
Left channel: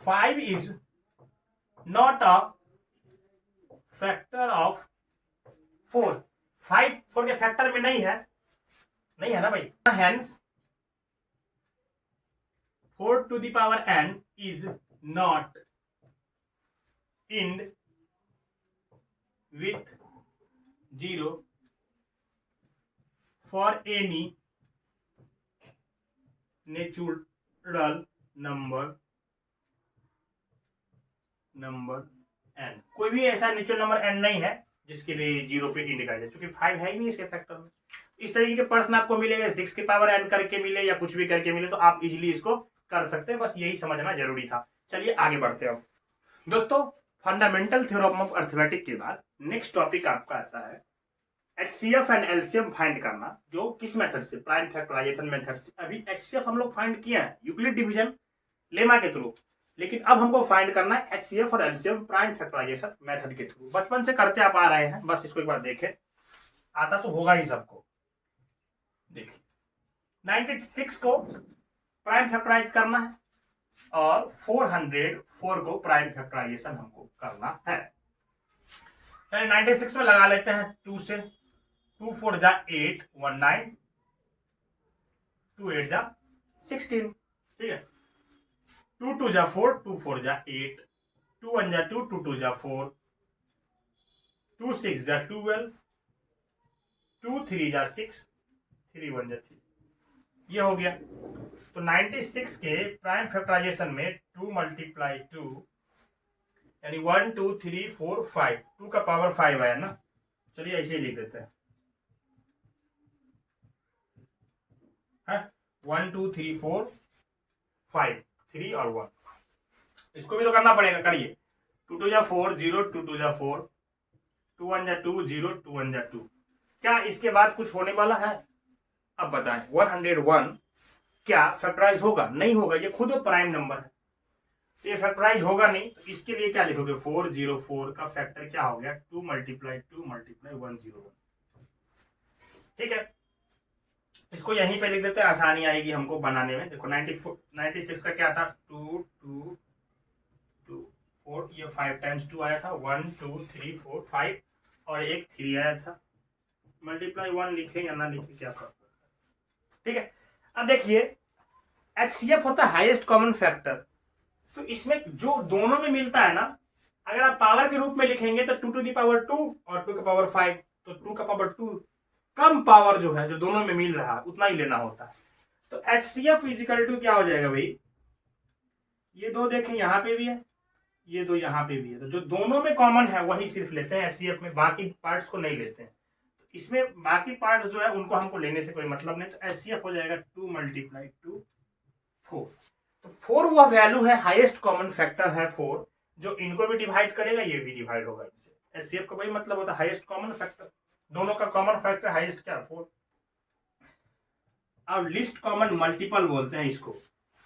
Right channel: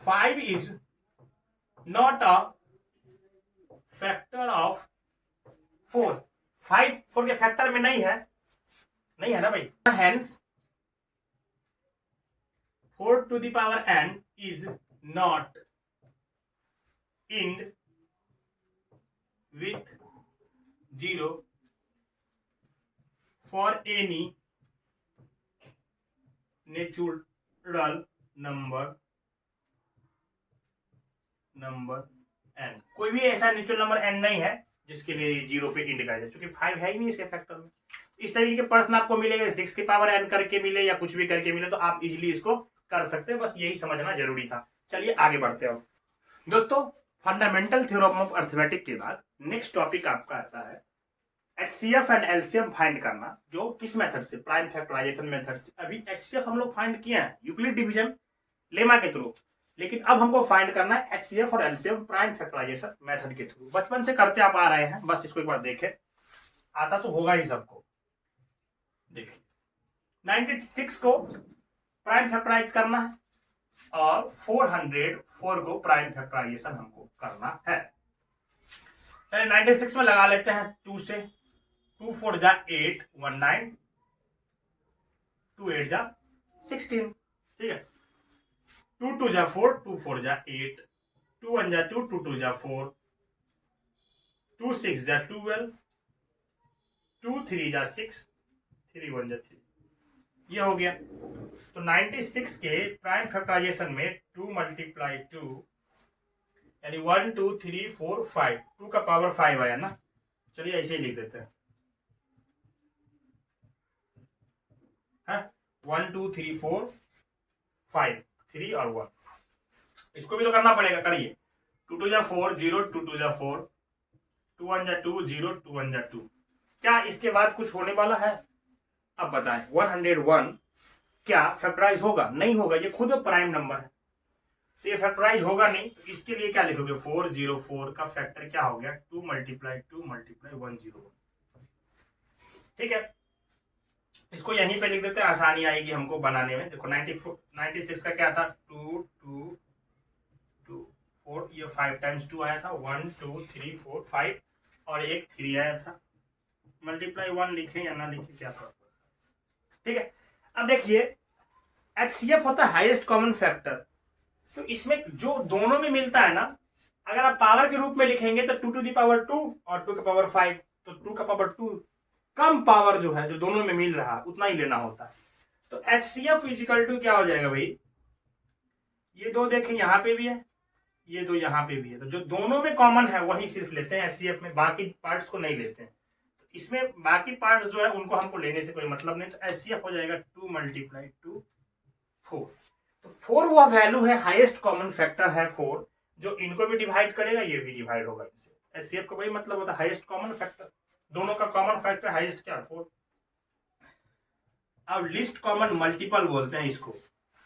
5 is not a factor of 4। 5 4 के फैक्टर में नहीं है, नहीं है ना भाई। Hence 4 to the power n is not end with 0 for any natural number n। कोई भी ऐसा नेचुरल नंबर n नहीं है जिसके लिए 0 पे इंड करा जाए, क्योंकि 5 है ही नहीं इसके फैक्टर में। इस तरीके के प्रश्न आपको मिलेगा, 6 की पावर n करके मिले या कुछ भी करके मिले, तो आप इजीली इसको कर सकते हैं। बस यही समझना जरूरी था। चलिए आगे बढ़ते हैं। दोस्तों फंडामेंटल थ्योरम ऑफ अर्थमेटिक के बाद नेक्स्ट टॉपिक आपका आता है एचसीएफ एंड एलसीएम फाइंड करना, जो किस मेथड से? प्राइम फैक्टराइजेशन मेथड से। अभी एचसीएफ हम लोग फाइंड किए हैं यूक्लिड डिवीजन लेमा के थ्रू, लेकिन अब हमको फाइंड करना है एचसीएफ और एलसीएम प्राइम फैक्टराइजेशन मेथड के थ्रू। बचपन से करते आप आ रहे हैं, बस इसको एक बार देखें, आता तो होगा ही सबको। देखिए 96 को प्राइम फैक्टराइज करना है और 404 को प्राइम फैक्टराइजेशन हमको करना है। 96 में लगा लेते हैं 2 से, 2 4 जा 8, 19, 2 8 जा 16, ठीक है। 2 2 जा 4, 2 4 जा 8, 2 1 जा 2, 2 2 जा 4, 2 6 जा 12, 2 3 जा 6, 3 1 जा 3, ये हो गया। तो 96 के प्राइम फैक्टराइजेशन में 2 मल्टीप्लाई 2 यानी 1 2 3 4 5, 2 का पावर 5 आया ना। चलिए ऐसे ही लिख देते हैं, 1 2 3 4 5, 3 और 1। इसको भी तो करना पड़ेगा, करिए। 2 2 जा 4 0, 2 2 जा 4, 2 1 जा 2 0, 2 1 जा 2। क्या इसके बाद कुछ होने वाला है? अब बताएं, 101 क्या फैक्टराइज होगा? नहीं होगा, ये खुद प्राइम नंबर है, तो ये फैक्टराइज होगा नहीं। तो इसके लिए क्या लिखोगे? 404 का फैक्टर क्या हो गया? 2 मल्टीप्लाई 101। ठीक है, इसको यहीं पे लिख देते हैं, आसानी आएगी हमको बनाने में। देखो 96 का क्या था? 2 2 2 4, ये 5 टाइम्स 2 आया था, 1 2 3 4 5 और एक 3 आया था। मल्टीप्लाई 1 लिखे या ना लिखे क्या फर्क? ठीक है, अब देखिए HCF होता है हाईएस्ट कॉमन फैक्टर। तो इसमें जो दोनों में मिलता है ना, अगर आप पावर के रूप में लिखेंगे तो 2 टू दी पावर 2 और 2 का पावर 5, तो 2 का पावर 2 कम पावर जो है जो दोनों में मिल रहा है उतना ही लेना होता है। तो HCF इजिकल टू क्या हो जाएगा भाई? ये दो देखें यहाँ पे भी है, ये दो यहाँ पे भी है, तो जो दोनों में कॉमन है वही सिर्फ लेते हैं HCF में, बाकी पार्ट्स को नहीं लेते हैं। तो इसमें बाकी पार्ट्स जो है उनको हमको लेने से कोई मतलब नहीं। तो HCF हो जाएगा 2 मल्टीप्लाई 2 4। तो 4 वह वैल्यू है, हाईएस्ट कॉमन फैक्टर है 4, जो इनको भी डिवाइड करेगा, ये भी डिवाइड होगा इससे। HCF का वही मतलब होता है हाईएस्ट कॉमन फैक्टर, दोनों का कॉमन फैक्टर हाईएस्ट क्या? 4। अब लिस्ट कॉमन मल्टीपल बोलते हैं इसको,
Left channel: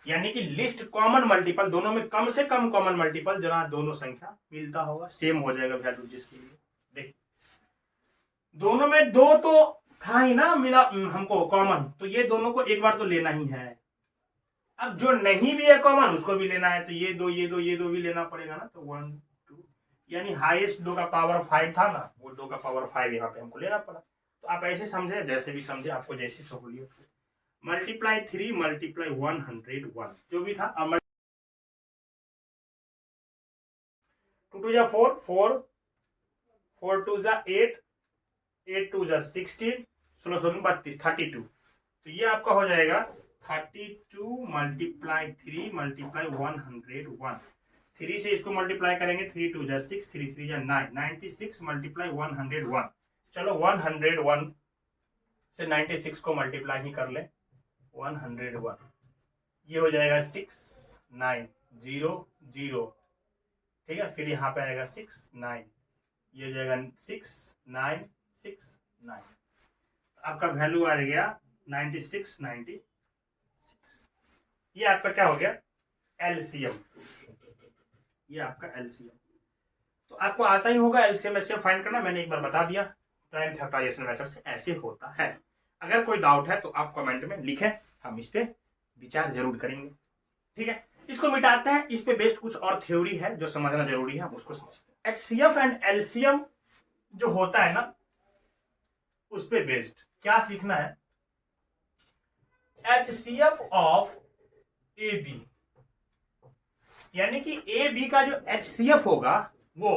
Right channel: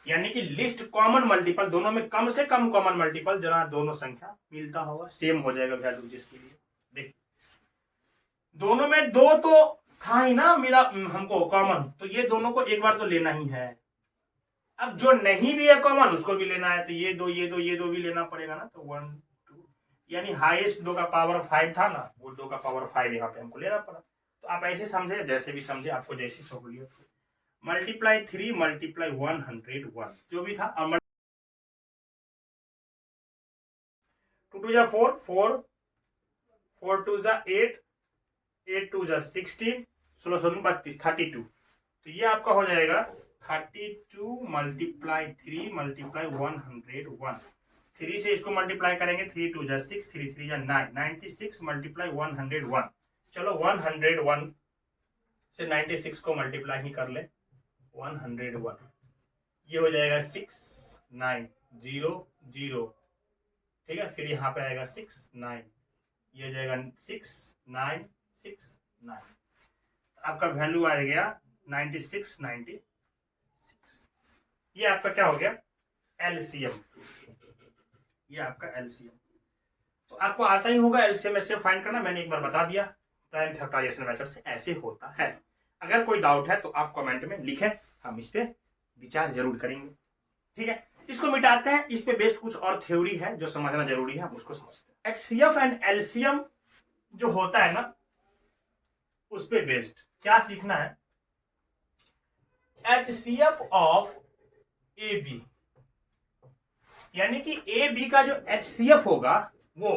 यानी कि लिस्ट कॉमन मल्टीपल, दोनों में कम से कम कॉमन मल्टीपल जरा दोनों संख्या मिलता होगा, सेम हो जाएगा वैल्यू जिसके लिए। देख दोनों में 2 तो था ही ना मिला हमको कॉमन, तो ये दोनों को एक बार तो लेना ही है। अब जो नहीं भी है कॉमन उसको भी लेना है, तो ये दो भी लेना पड़ेगा ना। तो 1 2 यानी हाईएस्ट 2 का पावर 5 था ना, वो 2 का पावर 5 यहाँ पे हमको लेना पड़ा। तो आप ऐसे समझे, जैसे भी समझे, आपको जैसी सहूलियत हो। मल्टीप्लाई 3 मल्टीप्लाई 101 जो भी था। 2 2 जा 4 4, 4 2 जा 8, 8 2 जा 16, 16 16 32, 32। तो ये आपका हो जाएगा 32 मल्टीप्लाई 3 मल्टीप्लाई 101। 3 से इसको मल्टीप्लाई करेंगे, 3 2 जा 6, 3 3 जा 9, 96 मल्टीप्लाई 101। चलो 101 से 96 को मल्टीप्लाई ही कर ले, 101 ये हो जाएगा 6 9 0 0। ठीक है, फिर यहाँ पे आएगा 6 9, ये हो जाएगा 6 9 6 9। आपका वैल्यू आ गया 96 96। ये आपका क्या हो गया? एलसीएम। ये आपका एलसीएम। तो आपको आता ही होगा एलसीएम ऐसे फाइंड करना, मैंने एक बार बता दिया प्राइम फैक्टराइजेशन मेथड से ऐसे होता है। अगर कोई डाउट है तो आप कमेंट में लिखें, हम इस पे विचार जरूर करेंगे। ठीक है, इसको मिटाते हैं। इस पे बेस्ड कुछ और थ्योरी है जो समझना जरूरी है, हम उसको समझते हैं। एचसीएफ एंड एलसीएम जो होता है ना, उस पे बेस्ड क्या सीखना है? एचसीएफ ऑफ ए बी, यानी कि ए बी का जो एचसीएफ होगा वो,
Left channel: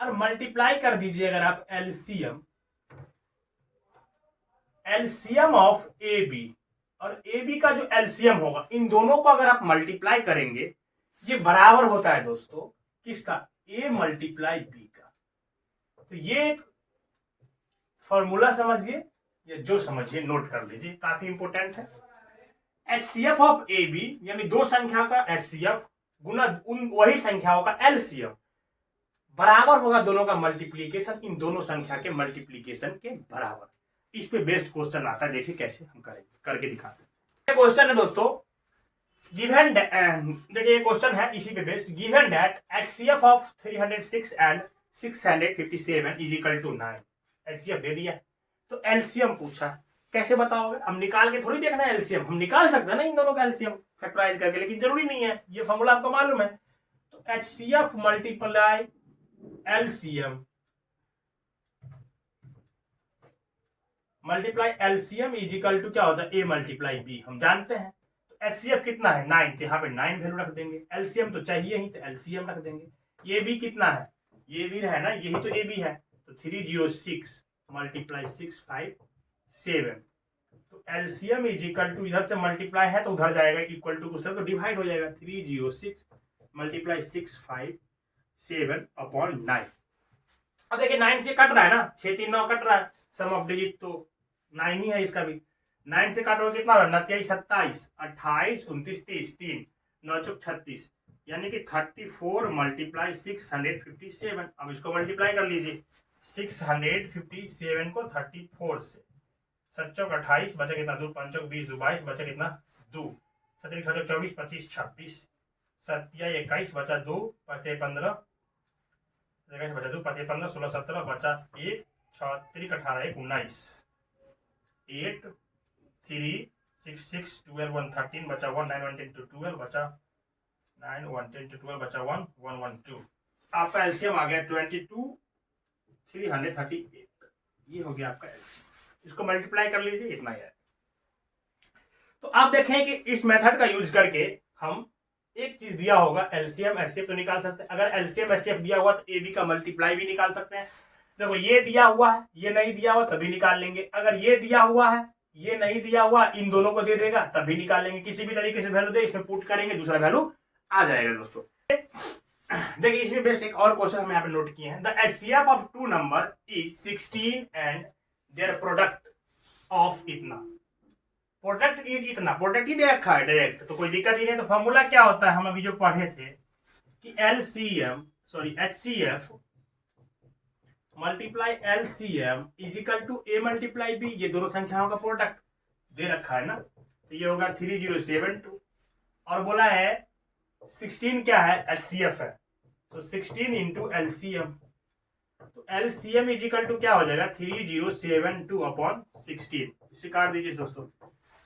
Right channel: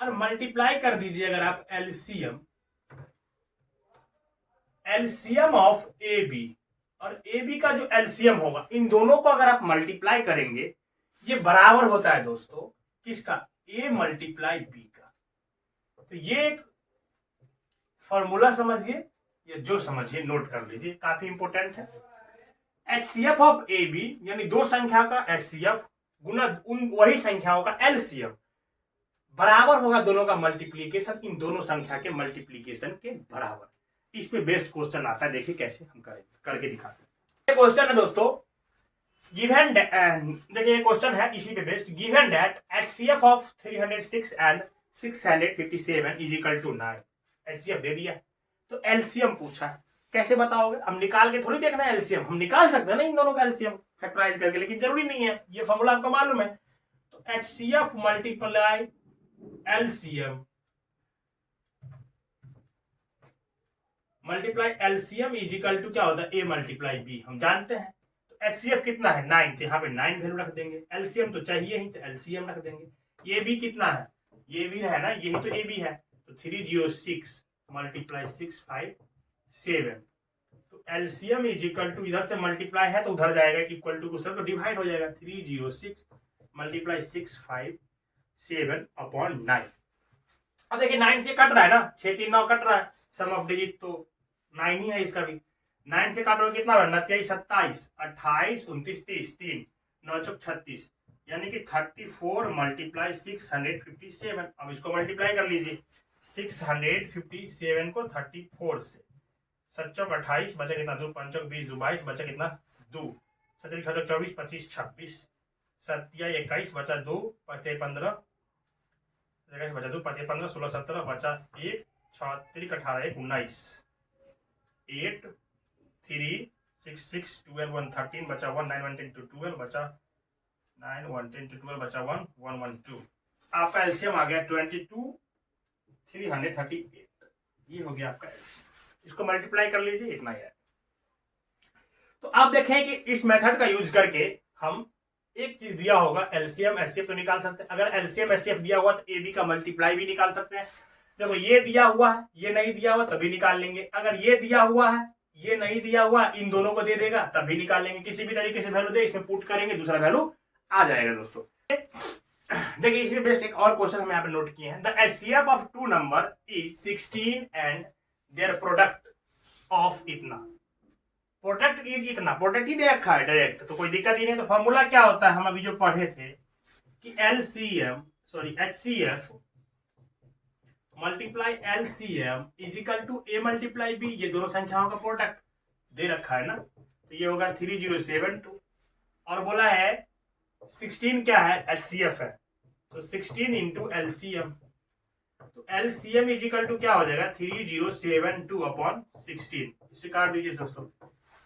और मल्टीप्लाई कर दीजिए अगर आप LCM, LCM of a b और ए बी का जो एलसीएम होगा, इन दोनों को अगर आप मल्टीप्लाई करेंगे, ये बराबर होता है दोस्तों किसका? ए मल्टीप्लाई बी का। तो ये एक फॉर्मूला समझिए, या जो समझिए नोट कर लीजिए, काफी इंपोर्टेंट है। एचसीएफ ऑफ ए बी यानी दो संख्या का एचसीएफ गुना उन वही संख्याओं का एलसीएम बराबर होगा दोनों का मल्टीप्लीकेशन, इन दोनों संख्या के मल्टीप्लीकेशन के बराबर। इस पे बेस्ड क्वेश्चन आता है, देखिए कैसे हम करेंगे, करके दिखाते हैं। क्वेश्चन है दोस्तों, गिवन देखिए क्वेश्चन है इसी पे based. Given that HCF of 306 and 657 is equal to 9। HCF दे दिया, तो एलसीएम पूछा है, कैसे बताओगे? हम निकाल के थोड़ी देखना है एलसीएम, हम निकाल सकते हैं ना इन दोनों का एलसीएम फैक्टराइज करके, लेकिन जरूरी नहीं है, ये फॉर्मूला आपको मालूम है। तो HCF multiply LCM multiply LCM is equal to क्या होता है? ए मल्टीप्लाई बी, हम जानते हैं। तो एचसीएफ कितना है? 9, तो यहाँ पे 9 वैल्यू रख देंगे। एलसीएम तो चाहिए ही, तो एलसीएम रख देंगे। ये बी कितना है? ये भी है ना, यही तो ए बी है, तो 306 multiply 657 LCM is equal to, इधर से मल्टीप्लाई है तो उधर जाएगा, इक्वल टू कुछ तो डिवाइड हो जाएगा, 306 मल्टीप्लाई 657 अपॉन 9। अब देखिए 9 से कट रहा है ना, 6 3 9 कट रहा है, सम ऑफ डिजिट तो 9 ही है इसका भी। 9 से काट रहा कितना रहा, 29 27 28 29 30 3 9 चौक 36, यानी कि 34 मल्टीप्लाई 657। अब इसको मल्टीप्लाई कर लीजिए, 657 को 34 से, 7 चौक 28 बचा कितना 2, 5 चौक 20 2 22 बचा कितना 2, 7 6 चौक 24 25 26 7 21 बचा 2 5 15 21 बचा 2 5 15 16 17 बचा 1 6 3 18 1 19 8 3 6 6 12 1 13 बचा 1 9 1 10 2 12 बचा 9 1 10 2 12 बचा 1 1 1 2। आपका एलसीएम आ गया 22 338, ये हो गया आपका एलसीएम। इसको मल्टीप्लाई कर लीजिए, इतना ही है। तो आप देखें कि इस मेथड का यूज करके हम एक चीज दिया होगा एलसीएम एचसीएफ तो निकाल सकते हैं। अगर एलसीएम एचसीएफ दिया हुआ तो एबी का मल्टीप्लाई भी निकाल सकते हैं। देखो ये दिया हुआ है, ये नहीं दिया हुआ तभी निकाल लेंगे। अगर ये दिया हुआ है, ये नहीं दिया हुआ, इन दोनों को दे देगा तभी निकाल लेंगे। किसी भी तरीके से वैल्यू दे, इसमें पुट करेंगे, दूसरा वैल्यू आ जाएगा दोस्तों। देखिए इसमें बेस्ट एक और क्वेश्चन हम यहाँ पे नोट किए हैं। The HCF of two number is 16 and their product of इतना। प्रोडक्ट इज इतना, प्रोडक्ट ही दे रखा है डायरेक्ट, तो कोई दिक्कत ही नहीं। तो फॉर्मूला क्या होता है, हम अभी जो पढ़े थे कि HCF multiply LCM is equal to a multiply b. ये दोनों संख्याओं का प्रोडक्ट दे रखा है ना, तो ये होगा 3072। और बोला है 16 क्या है, एचसीएफ है, तो 16 इंटू एलसीएम। तो एलसीएम इज इक्वल टू क्या हो जाएगा 3072 अपॉन 16। इसे काट दीजिए दोस्तों,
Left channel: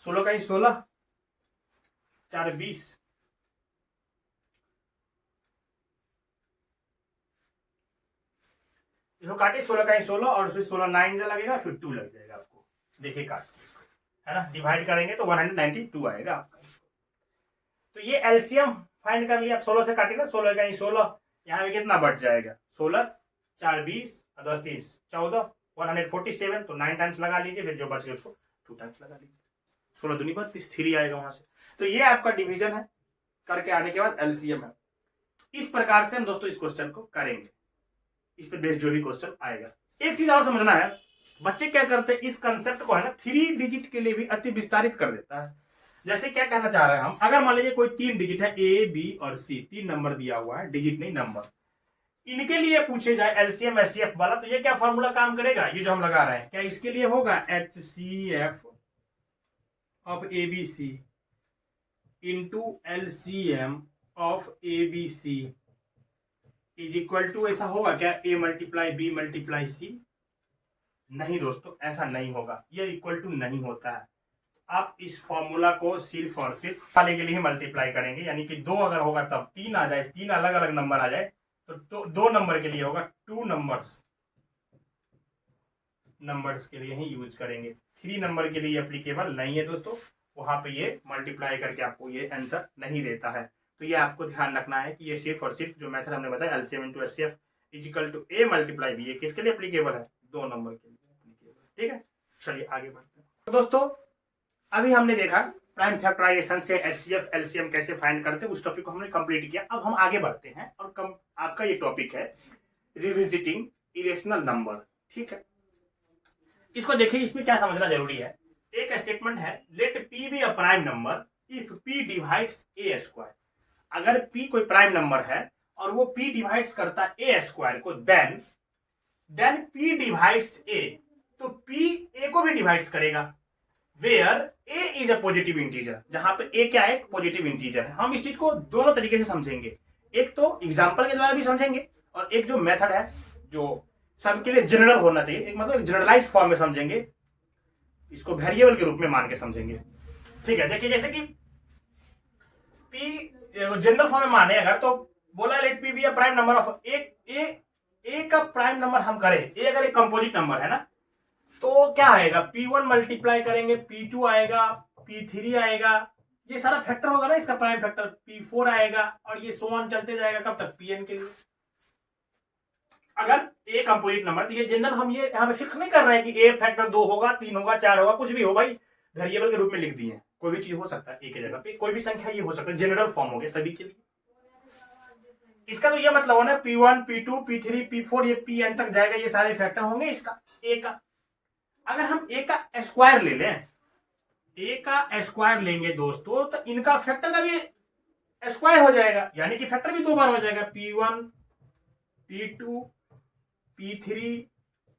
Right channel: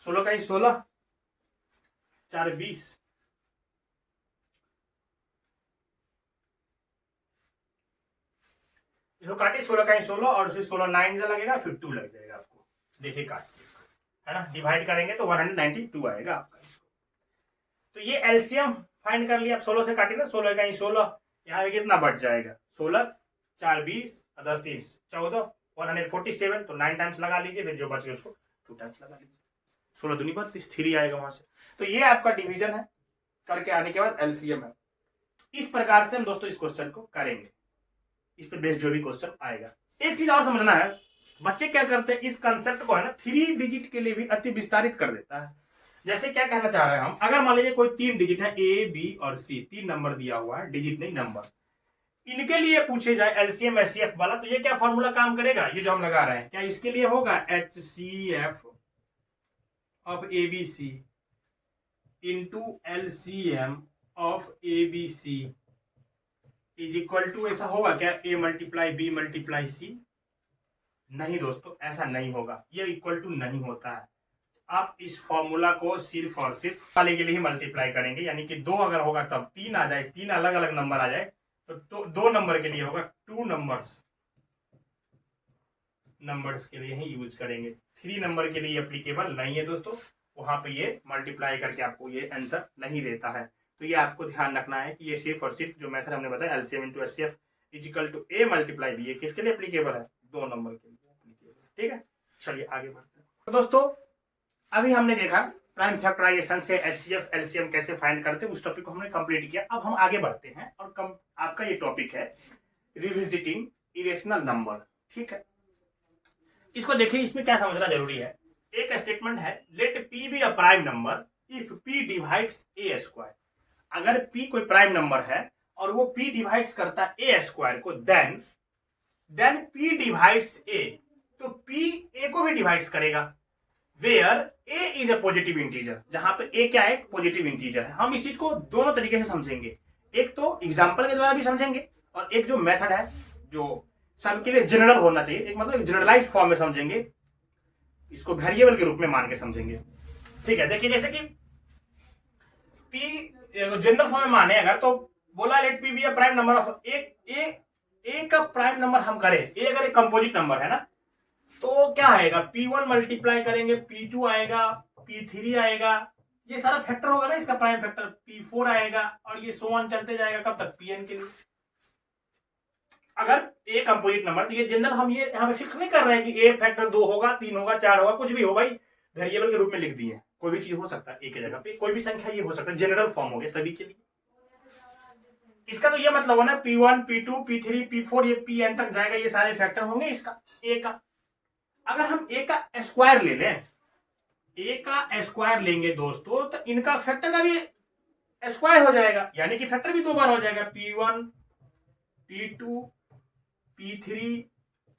16 का 16 4 20, इसको काटिए 16 का 16 और उसमें 16 9 जा लगेगा, फिर 2 लग जाएगा आपको। देखिए काट है ना, डिवाइड करेंगे तो 192 आएगा आपका। तो ये एलसीएम फाइंड कर लिया। आप 16 से काटिए ना, 16 का 16, यहाँ पे कितना बच जाएगा 16 4 20 10 3 14 147, तो 9 टाइम्स लगा लीजिए, फिर जो बच गया उसको 2 टाइम्स लगा लीजिए, 16 दूनी 32 3 आएगा वहां से। तो ये आपका डिवीजन है, करके आने के बाद एलसीएम है। इस प्रकार से हम दोस्तों इस क्वेश्चन को करेंगे, इस पे बेस्ड जो भी क्वेश्चन आएगा। एक चीज और समझना है, बच्चे क्या करते हैं, इस कंसेप्ट को है ना 3 डिजिट के लिए भी अति विस्तारित कर देता है। जैसे क्या कहना चाह रहे हैं हम, अगर मान लीजिए कोई 3 डिजिट है, ए बी और सी, 3 नंबर दिया हुआ है, डिजिट नहीं नंबर, इनके लिए पूछे जाए एलसीएम एचसीएफ वाला, तो ये क्या फॉर्मूला काम करेगा, ये जो हम लगा रहे हैं, क्या इसके लिए होगा HCF of ABC into LCM of ABC is equal to, ऐसा होगा क्या a multiply b multiply c? नहीं दोस्तों, ऐसा नहीं होगा, ये इक्वल टू नहीं होता है। आप इस फॉर्मूला को सिर्फ और सिर्फ वाले के लिए ही मल्टीप्लाई करेंगे, यानी कि 2 अगर होगा तब 3 आ जाए, 3 अलग अलग नंबर आ जाए तो 2 नंबर के लिए होगा, 2 नंबर्स के लिए ही यूज करेंगे। 3 नंबर के लिए एप्लीकेबल नहीं है दोस्तों, वहां पे ये मल्टीप्लाई करके आपको ये आंसर नहीं देता है। तो ये आपको ध्यान रखना है कि ये सिर्फ और सिर्फ जो मेथड हमने बताया LCM into HCF is equal to a multiply b, ये किसके लिए एप्लीकेबल है, 2 नंबर के लिए एप्लीकेबल। ठीक है, चलिए आगे बढ़ते हैं। तो दोस्तों अभी हमने देखा प्राइम फैक्टराइजेशन से एचसीएफ एलसीएम कैसे फाइंड करते हैं, उस टॉपिक को हमने कंप्लीट किया। अब हम आगे बढ़ते हैं और आपका ये टॉपिक है रिविजिटिंग इरेशनल नंबर। ठीक है, इसको देखिए, इसमें क्या समझना जरूरी है। एक स्टेटमेंट है, let p be a prime number if p divides a square. अगर पी कोई प्राइम नंबर है और वो पी डिवाइड्स करता है ए स्क्वायर को, देन पी डिवाइड्स ए, तो पी ए को भी डिवाइड्स करेगा, where a is a positive integer, जहां पे ए क्या है, पॉजिटिव इंटीजर है। हम इस चीज को दोनों तरीके से समझेंगे, एक तो एग्जाम्पल के द्वारा भी समझेंगे और एक जो मेथड है जो सबके लिए जनरल होना चाहिए, एक मतलब जनरलाइज फॉर्म में समझेंगे, इसको वेरिएबल के रूप में मान के समझेंगे। ठीक है, देखिए जैसे कि पी जनरल फॉर्म में माने अगर, तो बोला let p be a prime number of a का प्राइम नंबर हम करें, ए अगर एक कंपोजिट नंबर है ना, तो क्या आएगा, P1 मल्टीप्लाई करेंगे P2 आएगा, P3 आएगा, ये सारा फैक्टर होगा ना इसका प्राइम फैक्टर, P4 आएगा और ये सो ऑन चलते जाएगा कब तक, Pn के लिए। अगर ए कंपोजिट नंबर, तो ये जनरल हम ये यहाँ पे फिक्स नहीं कर रहे हैं कि ए फैक्टर 2 होगा 3 होगा 4 होगा, कुछ भी हो भाई, वेरिएबल के रूप में लिख दिए हैं। कोई भी चीज हो सकता है एक जगह पे, कोई भी संख्या ये हो सकता है, जनरल फॉर्म हो गया सभी के लिए। इसका तो ये मतलब हो ना P1 P2 P3 P4 ये Pn तक जाएगा, ये सारे फैक्टर होंगे इसका ए का। अगर हम ए का स्क्वायर ले लें, ए का स्क्वायर लेंगे दोस्तों, तो इनका फैक्टर का भी स्क्वायर हो जाएगा, यानी कि फैक्टर भी 2 बार हो जाएगा, P1 P2 P3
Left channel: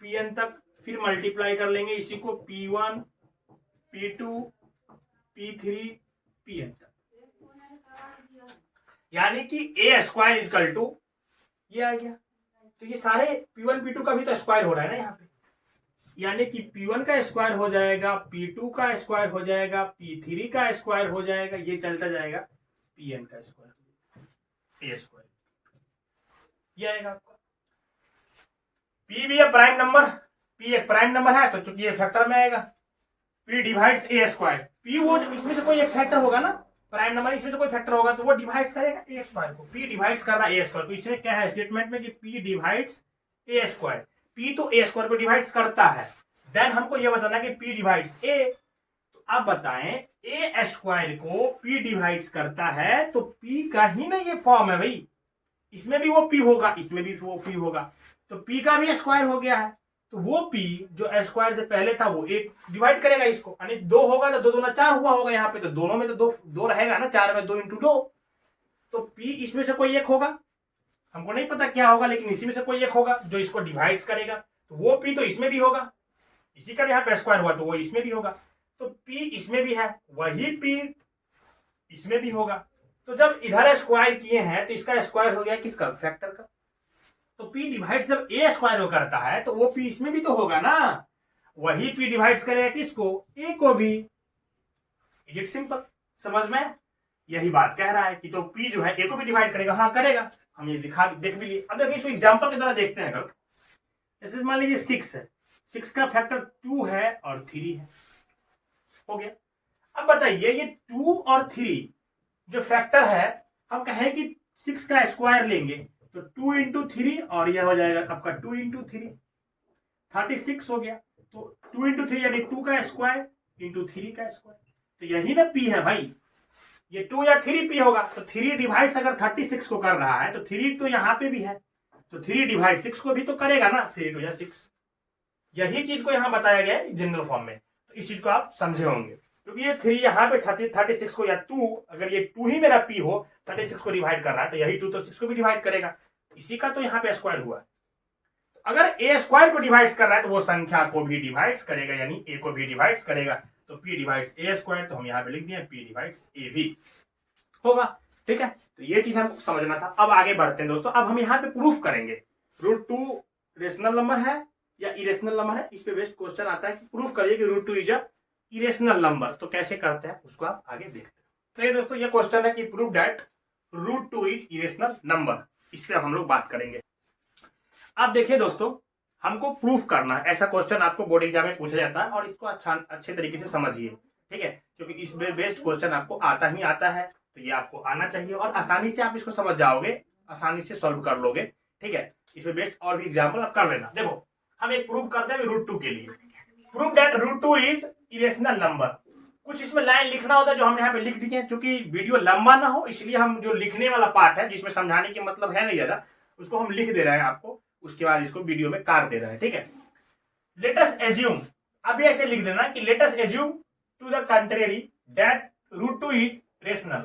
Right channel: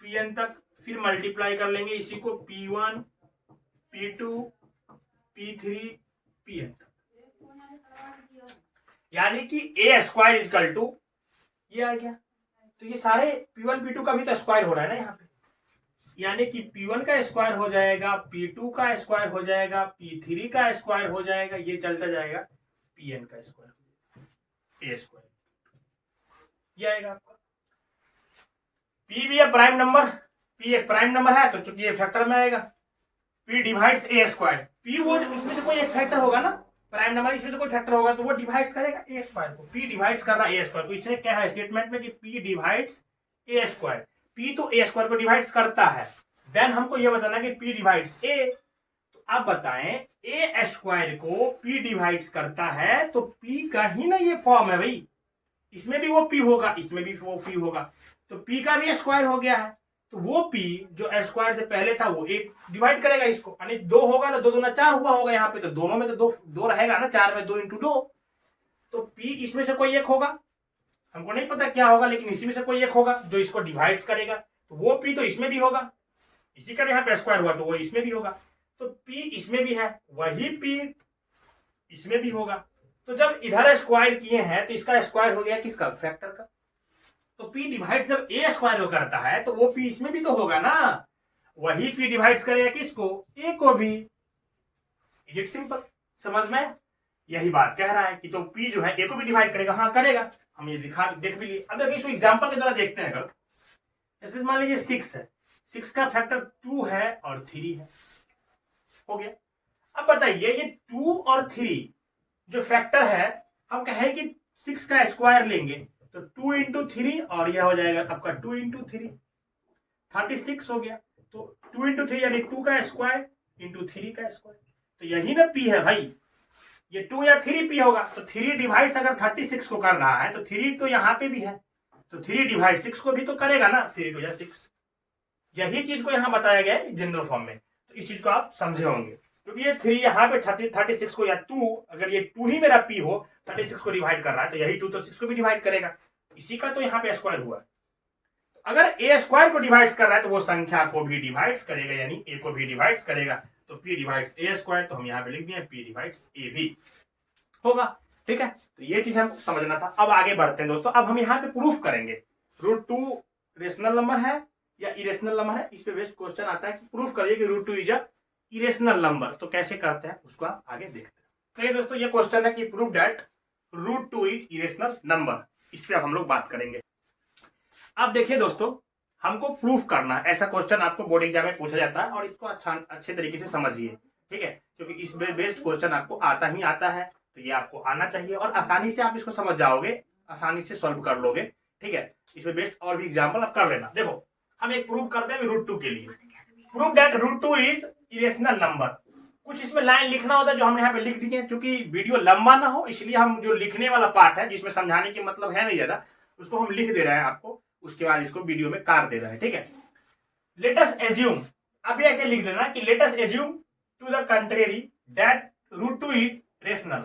Pn तक। फिर मल्टीप्लाई कर लेंगे इसी को P1 P2 P3 Pn तक, यानी कि ए स्क्वायर इजकल टू ये आ गया। तो ये सारे P1 P2 का भी तो स्क्वायर हो रहा है ना यहाँ पे, यानी कि P1 का स्क्वायर हो जाएगा, P2 का स्क्वायर हो जाएगा, P3 का स्क्वायर हो जाएगा, ये चलता जाएगा, Pn का स्क्वायर, ए स्क्वायर ये आएगा आपका। P भी है प्राइम नंबर, P एक प्राइम नंबर है, तो चूंकि ये फैक्टर में आएगा, P divides a square. P वो इसमें से कोई एक फैक्टर होगा ना, प्राइम नंबर इसमें से कोई फैक्टर होगा, तो वो डिवाइड्स करेगा ए स्क्वायर को। P डिवाइड्स कर रहा है ए स्क्वायर को, इसमें क्या है स्टेटमेंट में कि P divides a square. P तो ए स्क्वायर को डिवाइड्स करता है, देन हमको ये बताना है कि P डिवाइड्स ए। तो आप बताएं ए स्क्वायर को P डिवाइड्स करता है, तो P का ही ना ये फॉर्म है भाई, इसमें भी वो P होगा, इसमें भी वो P होगा, तो P का भी स्क्वायर हो गया है। तो वो P जो स्क्वायर से पहले था वो एक डिवाइड करेगा इसको, यानी 2 होगा तो 2 दूना 4 हुआ होगा यहाँ पे, तो दोनों में तो 2 रहेगा ना, 4 में 2 × 2, तो P इसमें से कोई एक होगा, हमको नहीं पता क्या होगा, लेकिन इसी में से कोई एक होगा जो इसको डिवाइड्स करेगा, तो वो P तो इसमें भी होगा, इसी का यहाँ पे स्क्वायर हुआ तो वो इसमें भी होगा, तो P इसमें भी है, वही P इसमें भी होगा। तो जब इधर स्क्वायर किए हैं तो इसका स्क्वायर हो गया किसका, फैक्टर का। तो P डिवाइड्स जब ए स्क्वायर को करता है तो वो P इसमें भी तो होगा ना, वही P डिवाइड्स करेगा किसको, ए को भी। इज इट सिंपल, समझ में? यही बात कह रहा है कि तो P जो है ए को भी डिवाइड करेगा, हाँ करेगा, हम ये देख भी लिए। अब देखिए इसको एग्जांपल के द्वारा देखते हैं। अगर जैसे मान लीजिए 6 है, 6 का फैक्टर 2 है और 3 है, हो गया। अब बताइए ये 2 और 3 जो फैक्टर है, हम कहें कि 6 का स्क्वायर लेंगे तो 2 × 3 और यह हो जाएगा आपका 2 × 3, 36 हो गया। तो 2 × 3 यानी 2 का स्क्वायर × 3 का स्क्वायर, तो यही ना P है भाई, ये 2 या 3 P होगा। तो 3 डिवाइड्स अगर 36 को कर रहा है तो 3 तो यहाँ पे भी है, तो 3 डिवाइड 6 को भी तो करेगा ना, 3 × 2 = 6। यही चीज को यहाँ बताया गया है जनरल फॉर्म में, तो इस चीज को आप समझे होंगे, क्योंकि ये 3 यहाँ पे 36 को, या 2 अगर ये 2 ही मेरा P हो, 36 को डिवाइड कर रहा है, तो यही 2 तो 6 को भी डिवाइड करेगा, इसी का तो यहाँ पे स्क्वायर हुआ। अगर ए स्क्वायर को डिवाइड्स कर रहा है तो वो संख्या को भी डिवाइड्स करेगा, यानी ए को भी डिवाइड्स करेगा, तो P डिवाइड्स ए स्क्वायर, तो हम यहाँ पे लिख दिए P डिवाइड्स ए भी होगा। ठीक है, तो ये चीज हमको समझना था। अब आगे बढ़ते हैं दोस्तों, अब हम यहाँ पे प्रूफ करेंगे √2 रेशनल नंबर है या इरेशनल नंबर है। इस पे बेस्ट क्वेश्चन आता है कि प्रूफ करिए कि √2 इज अ इरेशनल नंबर, तो कैसे करते हैं उसको आप आगे देखते हैं। तो ये दोस्तों ये क्वेश्चन है कि proof that √2 is irrational number, इस पे अब हम लोग बात करेंगे। अब देखिए दोस्तों, हमको प्रूफ करना है, ऐसा क्वेश्चन आपको बोर्ड एग्जाम में पूछा जाता है, और इसको अच्छे तरीके से समझिए, ठीक है, क्योंकि इस बेस्ड क्वेश्चन आपको आता ही आता है, तो ये आपको आना चाहिए और आसानी से आप इसको समझ जाओगे, आसानी से सॉल्व कर लोगे। ठीक है, इसमें बेस्ट और भी एग्जाम्पल आप कर लेना। देखो हम एक प्रूफ करते हैं √2 के लिए, proof that √2 is irrational number. कुछ इसमें लाइन लिखना होता है जो हम यहाँ पे लिख दिए हैं, चूंकि वीडियो लंबा ना हो इसलिए हम जो लिखने वाला पार्ट है जिसमें समझाने की मतलब है नहीं ज्यादा, उसको हम लिख दे रहे हैं आपको, उसके बाद इसको वीडियो में काट दे रहे हैं। ठीक है, लेट अस एज्यूम, अभी ऐसे लिख लेना कि let us assume to the contrary that √2 is rational.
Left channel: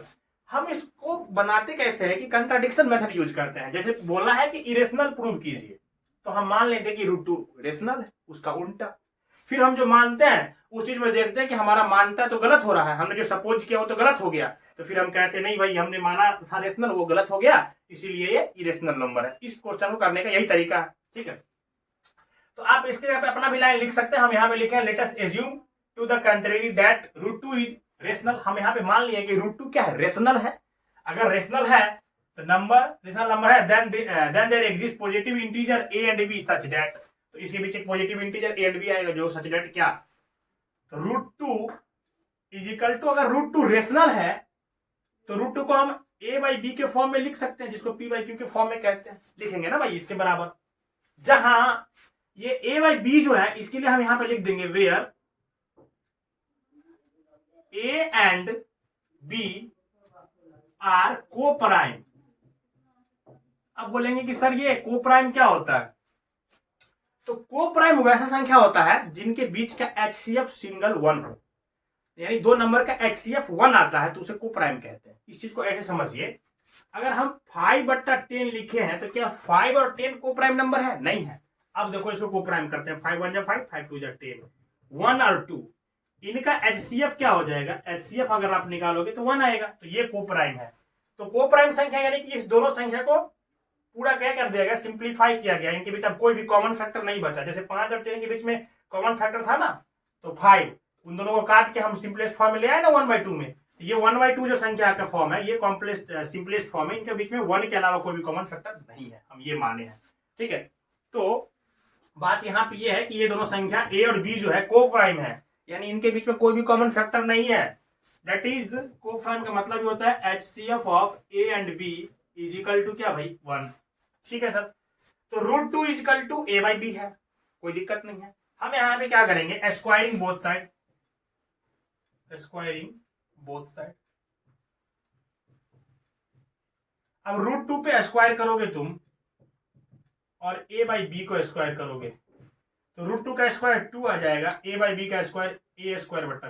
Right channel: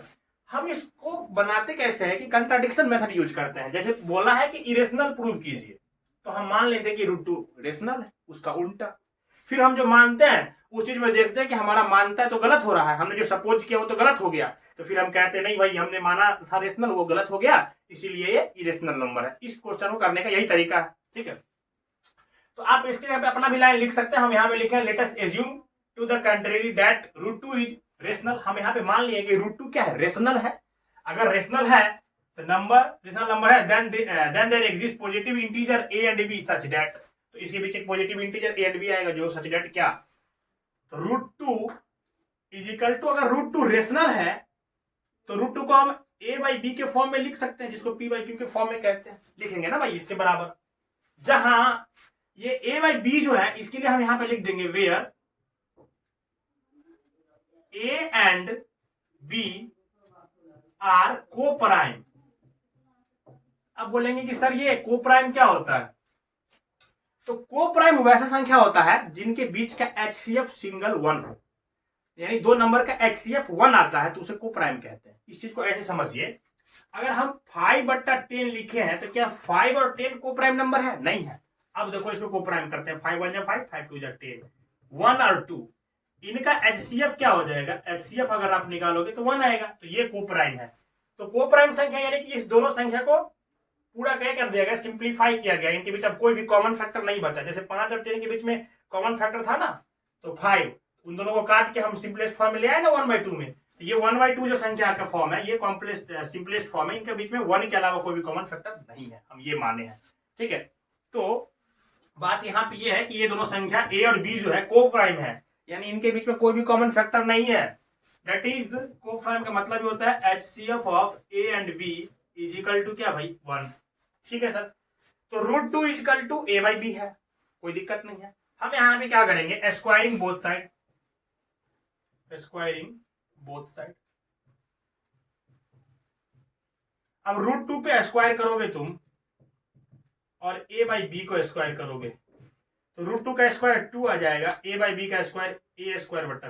हम इसको बनाते कैसे है कि कंट्राडिक्शन मेथड यूज करते हैं। जैसे बोला है कि इरेशनल प्रूव कीजिए, तो हम मान लेते हैं कि √2 रेशनल है, उसका उल्टा। फिर हम जो मानते हैं उस चीज में देखते हैं कि हमारा मानता है तो गलत हो रहा है, हमने जो सपोज किया वो तो गलत हो गया, तो फिर हम कहते हैं नहीं भाई हमने माना था रेशनल, वो गलत हो गया, इसीलिए ये इरेशनल नंबर है। इस क्वेश्चन को करने का यही तरीका है। ठीक है, तो आप इसके यहाँ पे अपना भी लाइन लिख सकते हैं। हम यहाँ पे लिखे let us assume to the contrary that √2 is rational. हम यहाँ पे मान लिए कि √2 क्या है, रेशनल है। अगर रेशनल है तो नंबर रेशनल नंबर है, then there exist positive integer a and b such that, तो इसके बीच एक positive integer a and b आएगा जो सच दैट क्या, तो √2 इज इक्वल टू, अगर √2 रेशनल है तो √2 को हम a/b के फॉर्म में लिख सकते हैं, जिसको p/q के फॉर्म में कहते हैं, लिखेंगे ना भाई इसके बराबर। जहां ये a/b जो है इसके लिए हम यहां पे लिख देंगे where a and b are coprime. अब बोलेंगे कि सर ये को प्राइम क्या होता है? तो को प्राइम वैसा संख्या होता है जिनके बीच का HCF सिंगल 1 हो, यानी 2 नंबर का HCF 1 आता है तो उसे को प्राइम कहते हैं। इस चीज को ऐसे समझिए, अगर हम 5/10 लिखे हैं तो क्या 5 और 10 को प्राइम नंबर है? नहीं है। अब देखो इसको को प्राइम करते हैं, 5 1 जा 5, 5 2 जा 10, 1 और 2, इनका HCF क्या हो जाएगा? HCF अगर आप निकालोगे तो 1 आएगा, तो ये को प्राइम है। तो को प्राइम संख्या यानी कि इस दोनों संख्या को पूरा क्या कर दिया गया? सिंप्लीफाई किया गया। इनके बीच अब कोई भी कॉमन फैक्टर नहीं बचा। जैसे 5 और 10 के बीच में कॉमन फैक्टर था ना, तो 5, उन दोनों को काट के हम सिंपलेस्ट फॉर्म में ले आए ना 1/2 में। ये 1/2 जो संख्या का फॉर्म है ये कॉम्प्लेक्स सिंपलेस्ट फॉर्म है। इनके बीच में 1 के अलावा कोई भी कॉमन फैक्टर नहीं है, हम ये माने हैं। ठीक है, तो बात यहाँ पे ये है कि ये दोनों संख्या ए और बी जो है को प्राइम है, यानी इनके बीच में कोई भी कॉमन फैक्टर नहीं है। दैट इज को प्राइम का मतलब ये होता है HCF of a and b is equal to क्या भाई? 1। ठीक है सर, तो √2 इज इक्वल टू a/b है, कोई दिक्कत नहीं है। हम यहाँ पे क्या करेंगे? Squaring both side, squaring both side. अब √2 पे स्क्वायर करोगे तुम और a/b को स्क्वायर करोगे तो √2 का स्क्वायर 2 आ जाएगा, a/b का स्क्वायर a² /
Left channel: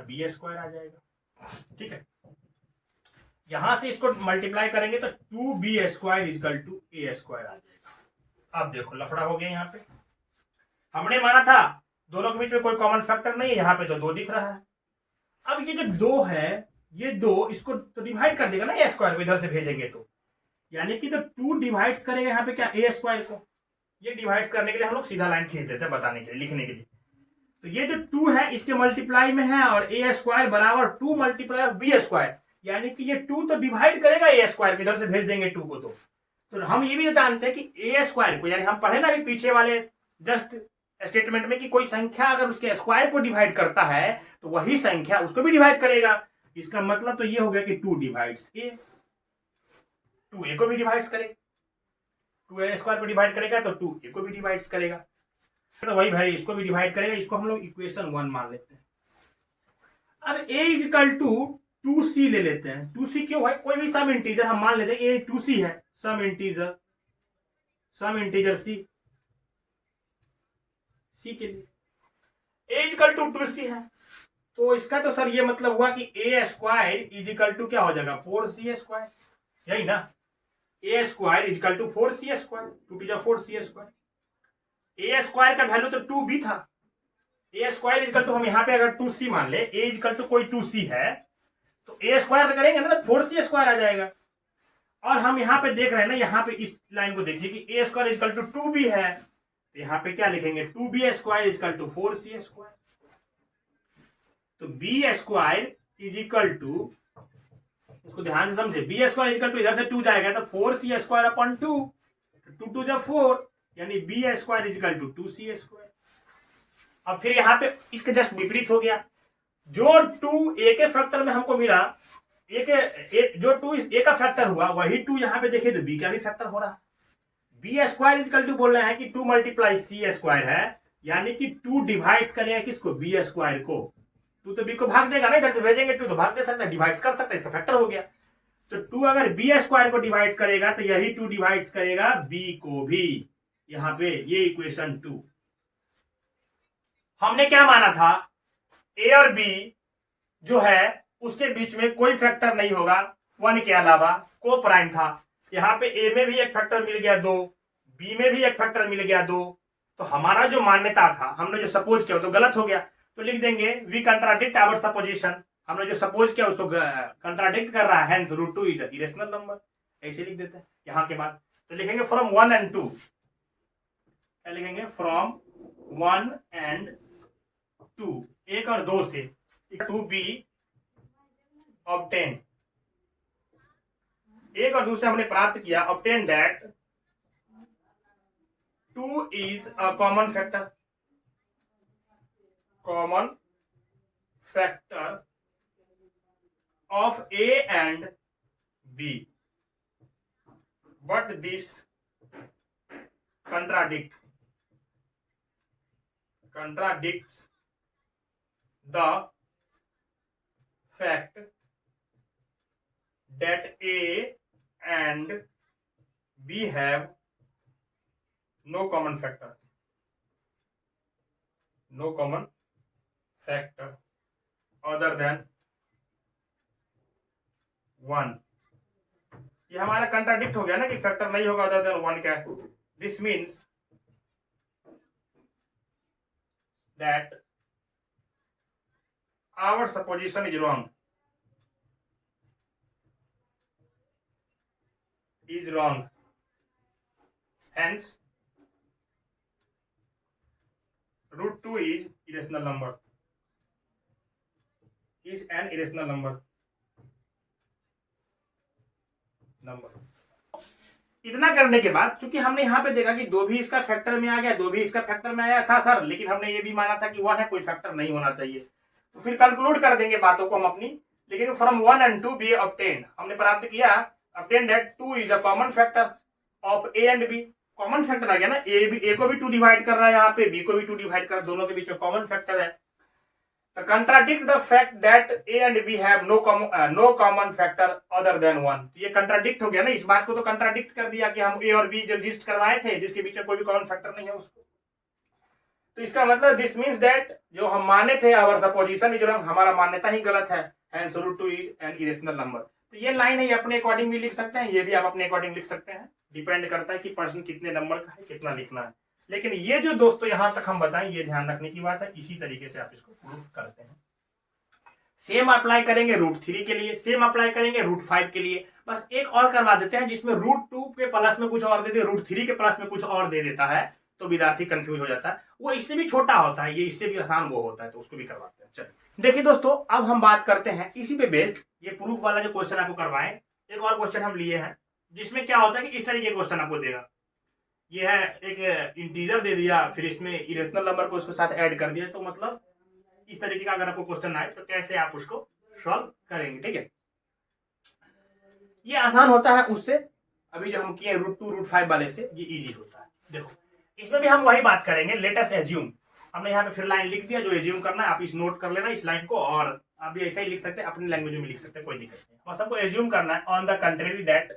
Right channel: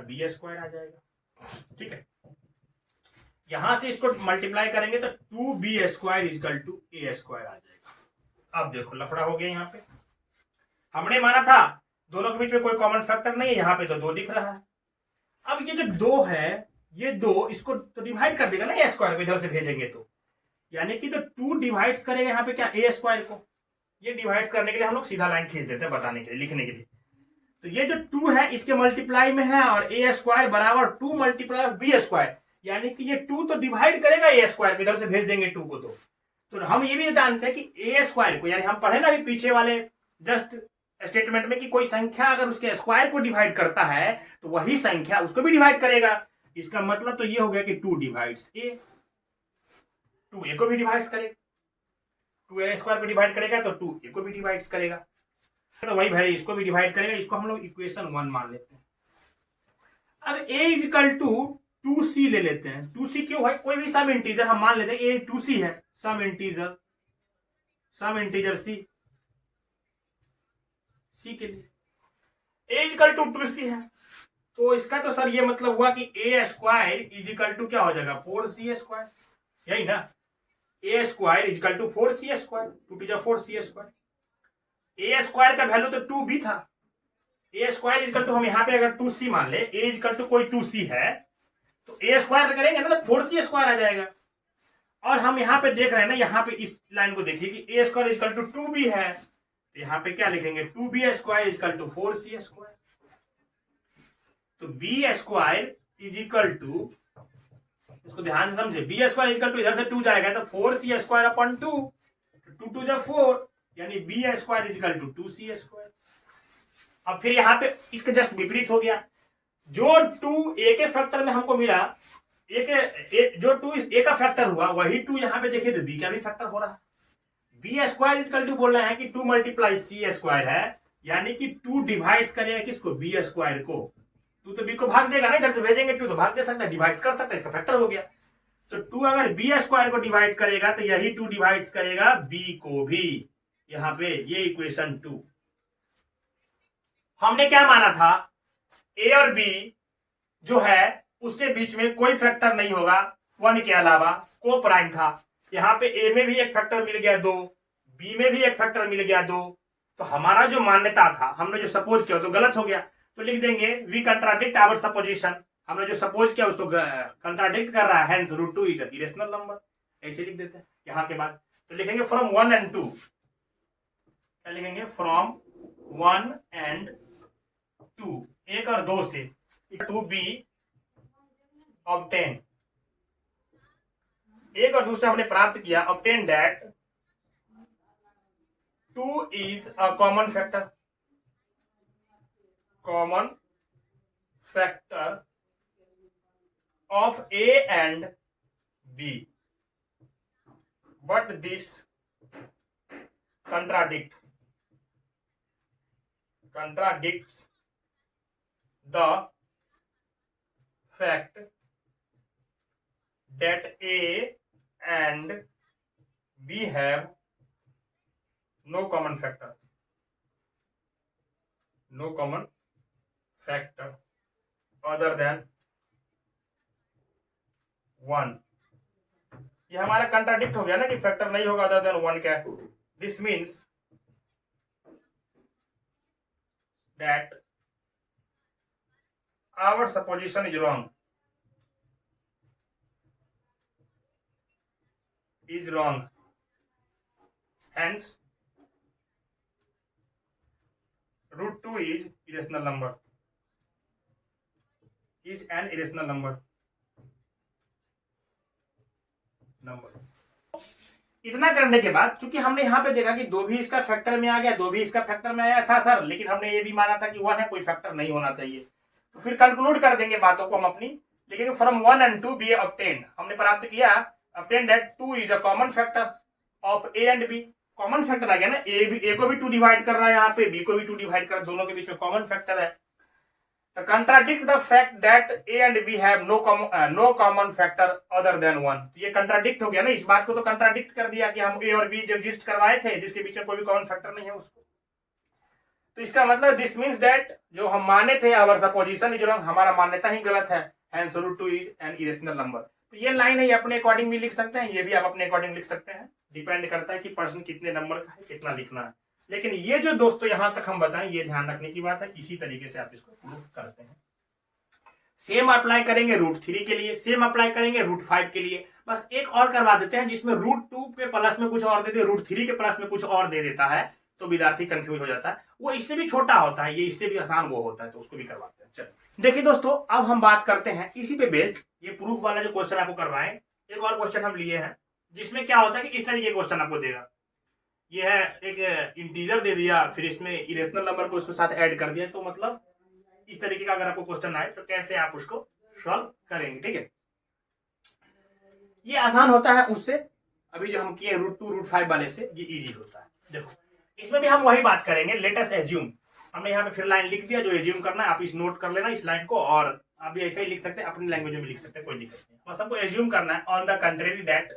b² आ जाएगा। ठीक है, यहां से इसको मल्टीप्लाई करेंगे तो 2b² is equal to a² आ जाएगा। अब देखो लफड़ा हो गया। यहाँ पे हमने माना था दोनों के बीच में कोई कॉमन फैक्टर नहीं है, यहाँ पे तो 2 दिख रहा है। अब ये जो 2 है, ये 2 इसको तो डिवाइड कर देगा ना a² को, इधर से भेजेंगे तो, यानी कि तो 2 डिवाइड्स करेगा यहाँ पे क्या? a² को। ये डिवाइड्स करने के लिए हम लोग सीधा लाइन खींच देते हैं, बताने के लिए, लिखने के लिए। तो ये जो 2 है इसके मल्टीप्लाई में है और a² बराबर 2 मल्टीप्लाई ऑफ b², यानी कि ये 2 तो डिवाइड करेगा a² को, इधर से भेज देंगे 2 को। तो हम ये भी जानते हैं कि a² को, यानी हम पढ़े ना अभी पीछे वाले जस्ट स्टेटमेंट में कि कोई संख्या अगर उसके स्क्वायर को डिवाइड करता है तो वही संख्या उसको भी डिवाइड करेगा। इसका मतलब तो ये हो गया कि 2 डिवाइड्स a, 2a को भी डिवाइड्स करेगा, 2a² को डिवाइड करेगा तो 2a को भी डिवाइड्स करेगा, तो वही भाई इसको भी डिवाइड करेगा। इसको हम लोग इक्वेशन 1 मान लेते हैं। अब a is equal to 2c ले लेते हैं। 2c क्यों भाई? कोई भी सम इंटीजर हम मान लेते हैं, a 2c है, सम इंटीजर c के लिए a is equal to 2c है, तो इसका तो सर ये मतलब हुआ कि a² इज इक्वल टू क्या हो जाएगा? 4c², यही ना? a² is equal to 4c², 2 2 4c²। a² का वैल्यू तो 2b था, a² इज इक्वल टू, हम यहाँ पे अगर 2c मान ले, a इज इक्वल टू कोई 2c है तो a² करेंगे ना तो 4c² आ जाएगा। और हम यहाँ पे देख रहे हैं ना, यहाँ पे इस लाइन को देखिए कि a² is equal to 2b है, तो यहाँ पे क्या लिखेंगे? 2b² is equal to 4c²। तो b² इज इक्वल टू, इसको ध्यान से समझे, b² इज इक्वल टू, इधर से 2 जाएगा तो 4c²/2, 2 2 जा 4, यानी b² is equal to 2c²। अब फिर यहाँ पे इसका जस्ट विपरीत हो गया। जो 2 a के फैक्टर में हमको मिला, जो 2 a का फैक्टर हुआ वही 2 यहाँ पे देखिए तो b का भी फैक्टर हो रहा। b² इज इक्वल टू बोल रहे हैं कि 2 मल्टीप्लाई c² है, यानी कि 2 डिवाइड्स करेगा किसको? b² को। 2 तो b को भाग देगा ना, इधर से भेजेंगे 2 तो भाग दे सकता है, डिवाइड कर सकता है, इसका फैक्टर हो गया। तो 2 अगर b² को डिवाइड करेगा तो यही 2 डिवाइड्स करेगा b को भी, यहाँ पे ये इक्वेशन 2। हमने क्या माना था? a और b जो है उसके बीच में कोई फैक्टर नहीं होगा 1 के अलावा, को प्राइम था। यहाँ पे a में भी एक फैक्टर मिल गया 2, b में भी एक फैक्टर मिल गया 2, तो हमारा जो मान्यता था, हमने जो सपोज किया तो गलत हो गया। तो लिख देंगे वी कंट्राडिक्ट आवर सपोजिशन, हमने जो सपोज किया उसको कंट्राडिक्ट कर रहा है, हेंस √2 इज इरेशनल नंबर, ऐसे लिख देते हैं। यहाँ के बाद तो लिखेंगे फ्रॉम 1 and 2, क्या लिखेंगे? फ्रॉम 1 and 2, 1 और 2 से 2b ऑब्टेन, 1 और 2 से हमने प्राप्त किया, obtain that 2 is a common factor of a and b, but this contradicts the first fact that A and B have no common factor other than 1। ये हमारा कंट्राडिक्ट हो गया ना कि फैक्टर नहीं होगा अदर देन 1 क्या। This means that our supposition is wrong hence √2 is irrational number, is an irrational number। इतना करने के बाद चूंकि हमने यहाँ पे देखा कि 2 भी इसका फैक्टर में आ गया, 2 भी इसका फैक्टर में आया था सर, लेकिन हमने ये भी माना था कि 1 है, कोई फैक्टर नहीं होना चाहिए। तो फिर कंक्लूड कर देंगे बातों को हम अपनी, लेकिन फ्रॉम 1 and 2 बी ऑब्टेन्ड, हमने प्राप्त किया obtained that 2 is a common factor of a and b. Common factor आ गया ना, ए को भी 2 डिवाइड कर रहा है, यहाँ पे बी को भी 2 डिवाइड कर रहा है, दोनों के बीच में कॉमन फैक्टर है। Contradict the fact that a and b have no common factor other than 1। ये कंट्राडिक्ट हो गया ना, इस बात को तो कंट्राडिक्ट कर दिया कि हम ए और बी जो एग्जिस्ट करवाए थे जिसके बीच में कोई भी कॉमन फैक्टर नहीं है उसको। तो इसका मतलब दिस मीन्स दैट जो हम माने थे आवर सपोजिशन इज रॉन्ग, हमारा मान्यता ही गलत है, hence √2 is an irrational number. तो ये लाइन है, अपने अकॉर्डिंग भी लिख सकते हैं, ये भी आप अपने अकॉर्डिंग लिख सकते हैं, डिपेंड करता है कि पर्सन कितने नंबर का है, कितना लिखना है। लेकिन ये जो दोस्तों यहां तक हम बताएं, ये ध्यान रखने की बात है, इसी तरीके से आप इसको प्रूफ करते हैं। सेम अप्लाई करेंगे √3 के लिए, सेम अप्लाई करेंगे √5 के लिए, बस एक और करवा देते हैं जिसमें √2 के प्लस में कुछ और दे दे, √3 के प्लस में कुछ और दे देता है, तो विद्यार्थी कंफ्यूज हो जाता है। वो इससे भी छोटा होता है, ये इससे भी आसान वो होता है, तो उसको भी करवाते हैं। चलिए देखिए दोस्तों, अब हम बात करते हैं इसी पे बेस्ड, ये प्रूफ वाला जो क्वेश्चन आपको करवाएं, एक और क्वेश्चन हम लिए हैं जिसमें क्या होता है कि इस तरीके के क्वेश्चन आपको देगा। ये है एक इंटीजर दे दिया, फिर इसमें इरेशनल नंबर को उसके साथ ऐड कर दिया, तो मतलब इस तरीके का अगर आपको क्वेश्चन आए तो कैसे आप उसको सॉल्व करेंगे। ठीक है, ये आसान होता है उससे, अभी जो हम किए √2 √5 वाले से ये इजी होता है। देखो इसमें भी हम वही बात करेंगे, लेट अस एज्यूम, हमने यहाँ पे फिर लाइन लिख दिया, जो एज्यूम करना है आप इस नोट कर लेना इस लाइन को, और आप भी ऐसा ही लिख सकते हैं, अपनी लैंग्वेज में लिख सकते हैं, कोई दिक्कत नहीं। बस हमको एज्यूम करना है on the contrary that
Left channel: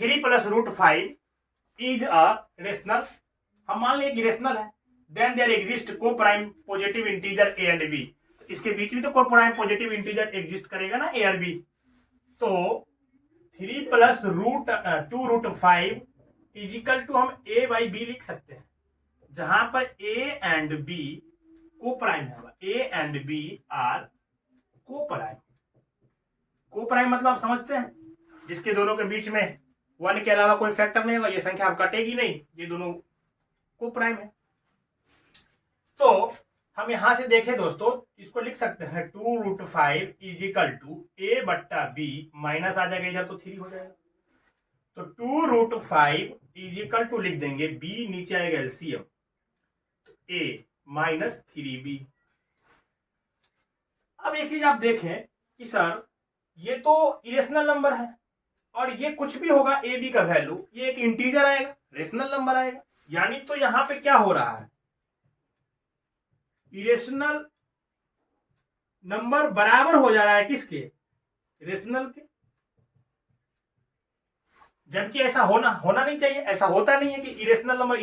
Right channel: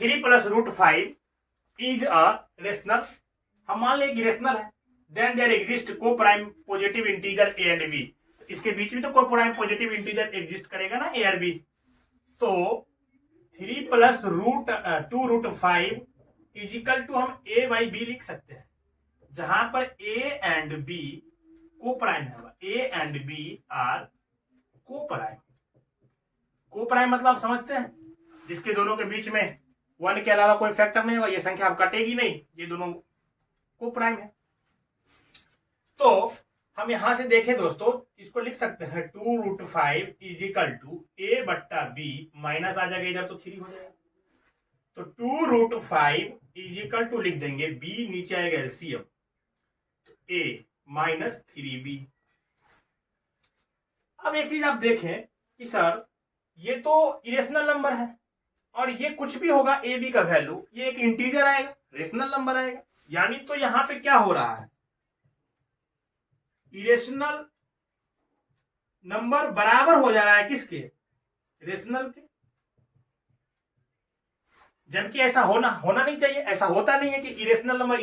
3 + √5 is a rational, हम मान लें कि रेशनल है, then there exist coprime positive integer A and b, इसके बीच में तो को प्राइम पॉजिटिव इंटीजर एग्जिस्ट करेगा ना ए और बी, तो 3 + √2 √5 इजिकल टू हम a बाई बी लिख सकते हैं, जहां पर a एंड b को प्राइम होगा, a एंड b आर को प्राइम। को प्राइम मतलब आप समझते हैं, जिसके दोनों के बीच में 1 के अलावा कोई फैक्टर नहीं होगा, ये संख्या अब कटेगी नहीं, ये दोनों को प्राइम है। तो हम यहां से देखें दोस्तों, इसको लिख सकते हैं 2 √5 इजिकल टू a बट्टा b, माइनस आ जाएगा इधर तो 3 हो जाएगा, तो 2 √5 इजिकल टू लिख देंगे b, नीचे आएगा एलसीएम, तो a माइनस 3b। अब एक चीज आप देखें कि सर ये तो इरेशनल नंबर है, और ये कुछ भी होगा ए बी का वैल्यू, ये एक इंटीजर आएगा, रेशनल नंबर आएगा, यानी तो यहां पे क्या हो रहा है, इरेशनल नंबर बराबर हो जा रहा है किसके, रेशनल के, जबकि ऐसा होना नहीं चाहिए, ऐसा होता नहीं है कि इरेशनल नंबर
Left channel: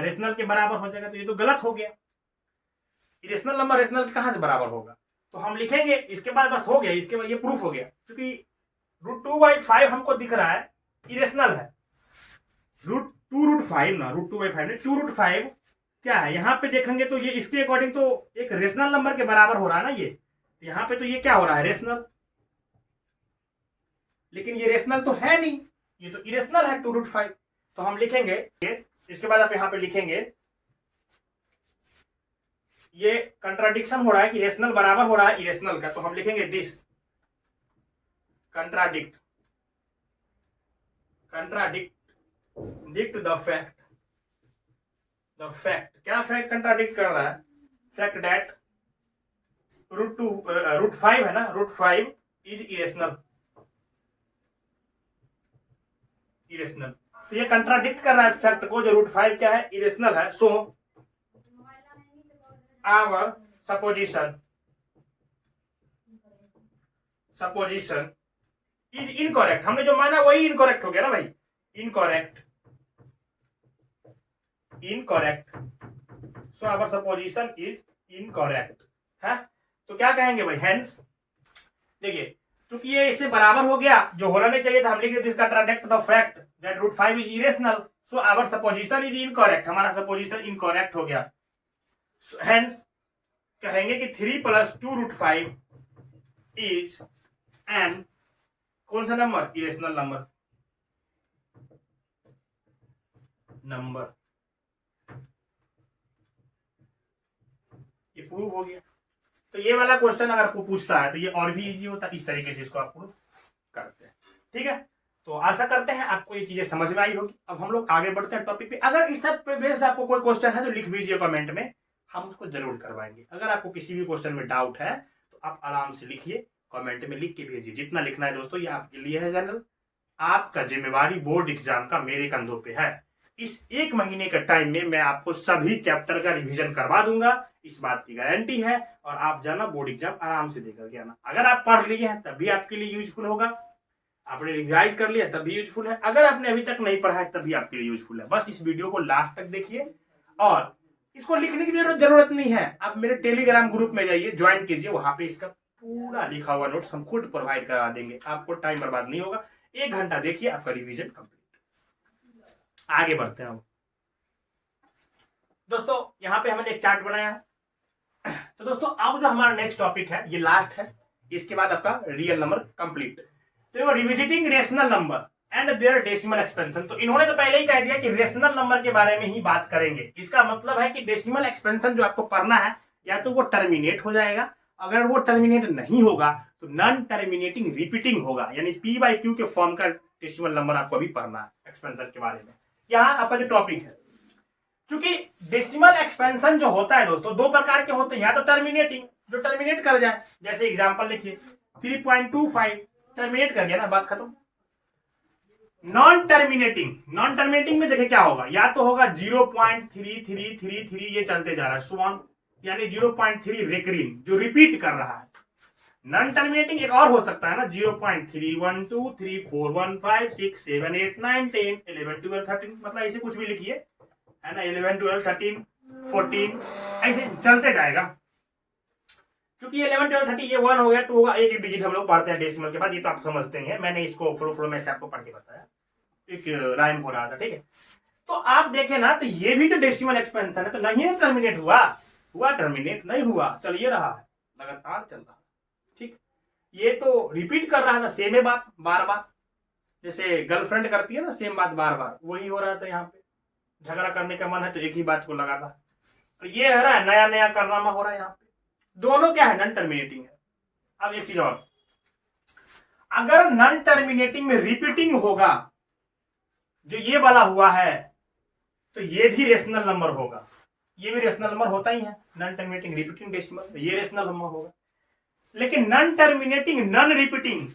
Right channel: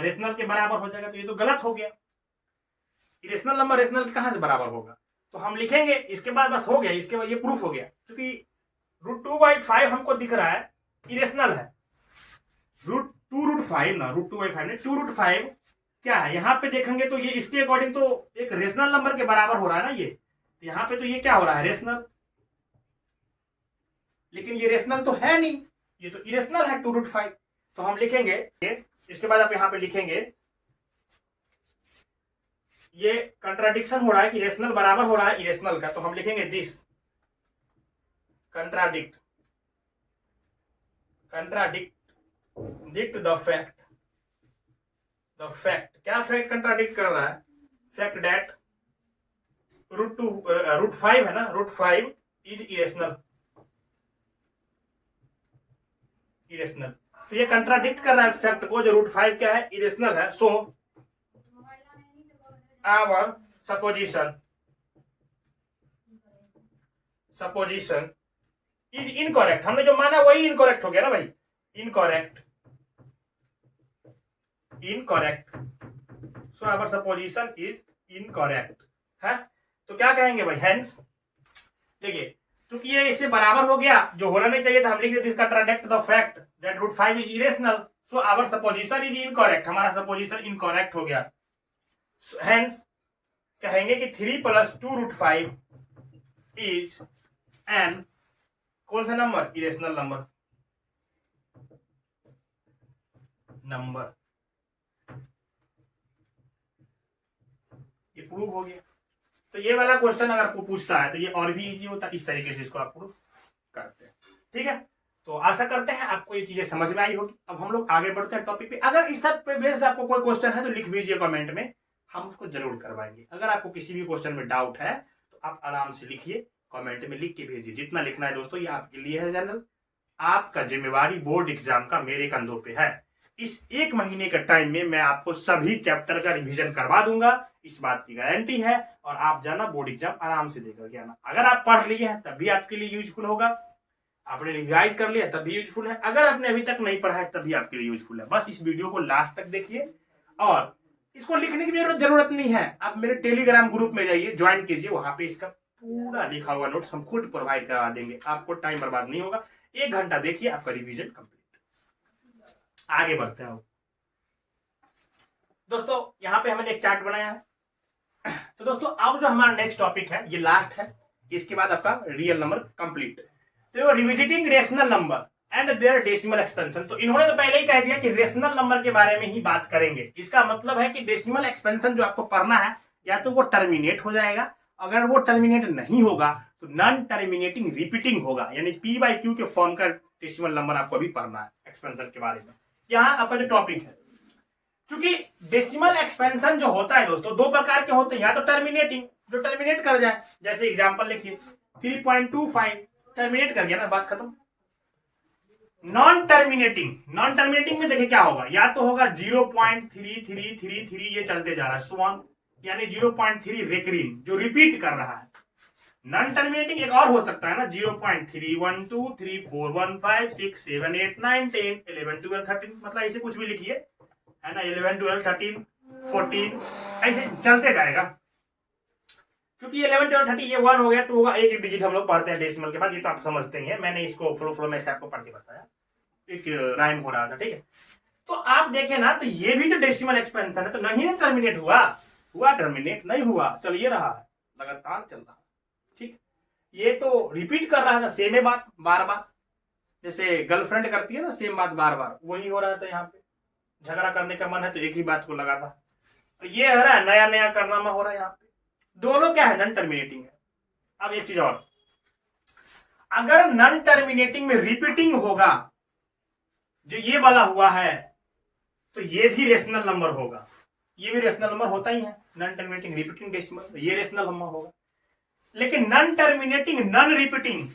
रेशनल के बराबर हो जाएगा, तो ये तो गलत हो गया। इरेशनल नंबर रेशनल के कहां से बराबर होगा, तो हम लिखेंगे इसके बाद बस हो गया, इसके बाद ये प्रूफ हो गया, क्योंकि √2/5 हमको दिख रहा है इरेशनल है, √2 ना, √2/5 ने 2 √5 क्या है, यहां पे देखेंगे तो ये इसके अकॉर्डिंग तो एक रेशनल नंबर के बराबर हो रहा है ना, ये यहां पे तो ये क्या हो रहा है, रेशनल, लेकिन ये रेशनल तो है नहीं, ये तो इरेशनल है 2 √5। तो हम लिखेंगे, इसके बाद आप यहां पे लिखेंगे, ये कंट्राडिक्शन हो रहा है कि रेशनल बराबर हो रहा है इरेशनल का, तो हम लिखेंगे दिस कंट्राडिक्ट द फैक्ट, क्या फैक्ट कंट्राडिक्ट कर रहा है, फैक्ट दैट √5 है ना, √5 इज इरेशनल, तो ये कंट्राडिक्ट कर रहा है फैक्ट को, जो √5 क्या है, इरेशनल है। So our supposition supposition is incorrect, हमने जो माना वही इनकरेक्ट हो गया ना भाई, incorrect, incorrect, so our supposition is incorrect है। तो क्या कहेंगे भाई, हेंस, देखिए क्योंकि ये इससे बराबर हो गया, जो होना नहीं चाहिए था, हम लिख देते इसका contradict the fact that root 5 is irrational, so our supposition is incorrect, हमारा सपोजिशन इनकरेक्ट हो गया। हेंस कहेंगे कि 3 + 2 √5 इज एन कौन सा नंबर, इरेशनल नंबर, नंबर, ये प्रूव हो गया। तो ये वाला क्वेश्चन अगर आपको पूछता है तो ये और भी इजी होता है, इस तरीके से इसको आप प्रूव करते हैं। ठीक है, तो आशा करते हैं आपको ये चीजें समझ में आई होगी। अब हम लोग आगे बढ़ते हैं टॉपिक पे। अगर इस सब पे बेस्ड आपको कोई क्वेश्चन है तो लिख दीजिए कमेंट में, हम उसको जरूर करवाएंगे। अगर आपको किसी भी क्वेश्चन में डाउट है तो आप आराम से लिखिए, कमेंट में लिख के भेजिए, जितना लिखना है दोस्तों, ये आपके लिए है जनरल, आपका जिम्मेवारी बोर्ड एग्जाम का मेरे कंधों पे है। इस 1 महीने के टाइम में मैं आपको सभी चैप्टर का रिवीजन करवा दूंगा, इस बात की गारंटी है, और आप जाना बोर्ड एग्जाम आराम से देकर के आना। अगर आप पढ़ लिए हैं तब भी आपके लिए यूजफुल होगा, आपने रिवाइज कर लिया तब भी यूजफुल है, अगर आपने अभी तक नहीं पढ़ा है तब भी आपके लिए यूजफुल है। बस इस वीडियो को लास्ट तक देखिए, और इसको लिखने की जरूरत नहीं है, आप मेरे टेलीग्राम ग्रुप में जाइए, ज्वाइन कीजिए, वहां पे इसका पूरा लिखा हुआ नोट्स हम खुद प्रोवाइड करा देंगे, आपको टाइम बर्बाद नहीं होगा। 1 घंटा देखिए, आपका रिवीजन कंप्लीट। आगे बढ़ते हैं दोस्तों, यहाँ पे हमने एक चार्ट बनाया है। तो दोस्तों अब जो हमारा नेक्स्ट टॉपिक है ये लास्ट है, इसके बाद आपका रियल नंबर कंप्लीट। तो revisiting rational number and their decimal expansion. तो इन्होंने तो पहले ही कह दिया कि रेशनल नंबर के बारे में ही बात करेंगे। इसका मतलब है कि डेसिमल एक्सपेंशन जो आपको पढ़ना है, या तो वो टर्मिनेट हो जाएगा, अगर वो टर्मिनेट नहीं होगा तो नॉन टर्मिनेटिंग रिपीटिंग होगा, यानी P/Q के फॉर्म का डेसिमल नंबर आपको अभी पढ़ना है एक्सपेंशन के बारे में। यहाँ आपका जो टॉपिक है, क्योंकि डेसिमल एक्सपेंशन जो होता है दोस्तों 2 प्रकार के होते हैं, या तो टर्मिनेटिंग, जो टर्मिनेट कर जाए, जैसे एग्जांपल लिखिए 3.25 टर्मिनेट कर गया ना, बात खत्म। नॉन टर्मिनेटिंग, नॉन टर्मिनेटिंग में देखिए क्या होगा, या तो होगा 0.3333 ये चलते जा रहा है स्वान, यानी 0.3 रेकरिंग जो रिपीट कर रहा है। नॉन टर्मिनेटिंग एक और हो सकता है ना, 0.3 1 2 3 4 1 5 6 7 8 9 10 11 12 13, मतलब ऐसे कुछ भी लिखिए, है ना, 11 12 13 14 ऐसे चलते जाएगा। क्योंकि 11 12 13 ये 1 हो गया, 2 होगा, एक डिजिट हम लोग पढ़ते हैं डेसिमल के बाद, ये तो आप समझते हैं, मैंने इसको फ्लो में से आपको पढ़ के बताया, एक राइम हो रहा था। ठीक है, तो आप देखें ना, तो ये भी तो डेसिमल एक्सपेंशन है, तो नहीं टर्मिनेट हुआ टर्मिनेट नहीं हुआ, चल ये रहा है, लगातार चल रहा है। ठीक, ये तो रिपीट कर रहा था, सेम बात बार बार, जैसे गर्लफ्रेंड करती है ना सेम बात बार बार, वही हो रहा था यहाँ पे। झगड़ा करने का मन है तो एक ही बात को लगा था, ये हो रहा है नया नया कारनामा हो रहा है यहाँ पे, दोनों क्या है, नॉन टर्मिनेटिंग है। अब एक चीज और, अगर नॉन टर्मिनेटिंग में रिपीटिंग होगा, जो ये वाला हुआ है, तो ये भी रेशनल नंबर होगा, ये भी रेशनल नंबर होता ही है, नॉन टर्मिनेटिंग रिपीटिंग डेसिमल, ये रेशनल नंबर होगा। लेकिन नॉन टर्मिनेटिंग नॉन रिपीटिंग,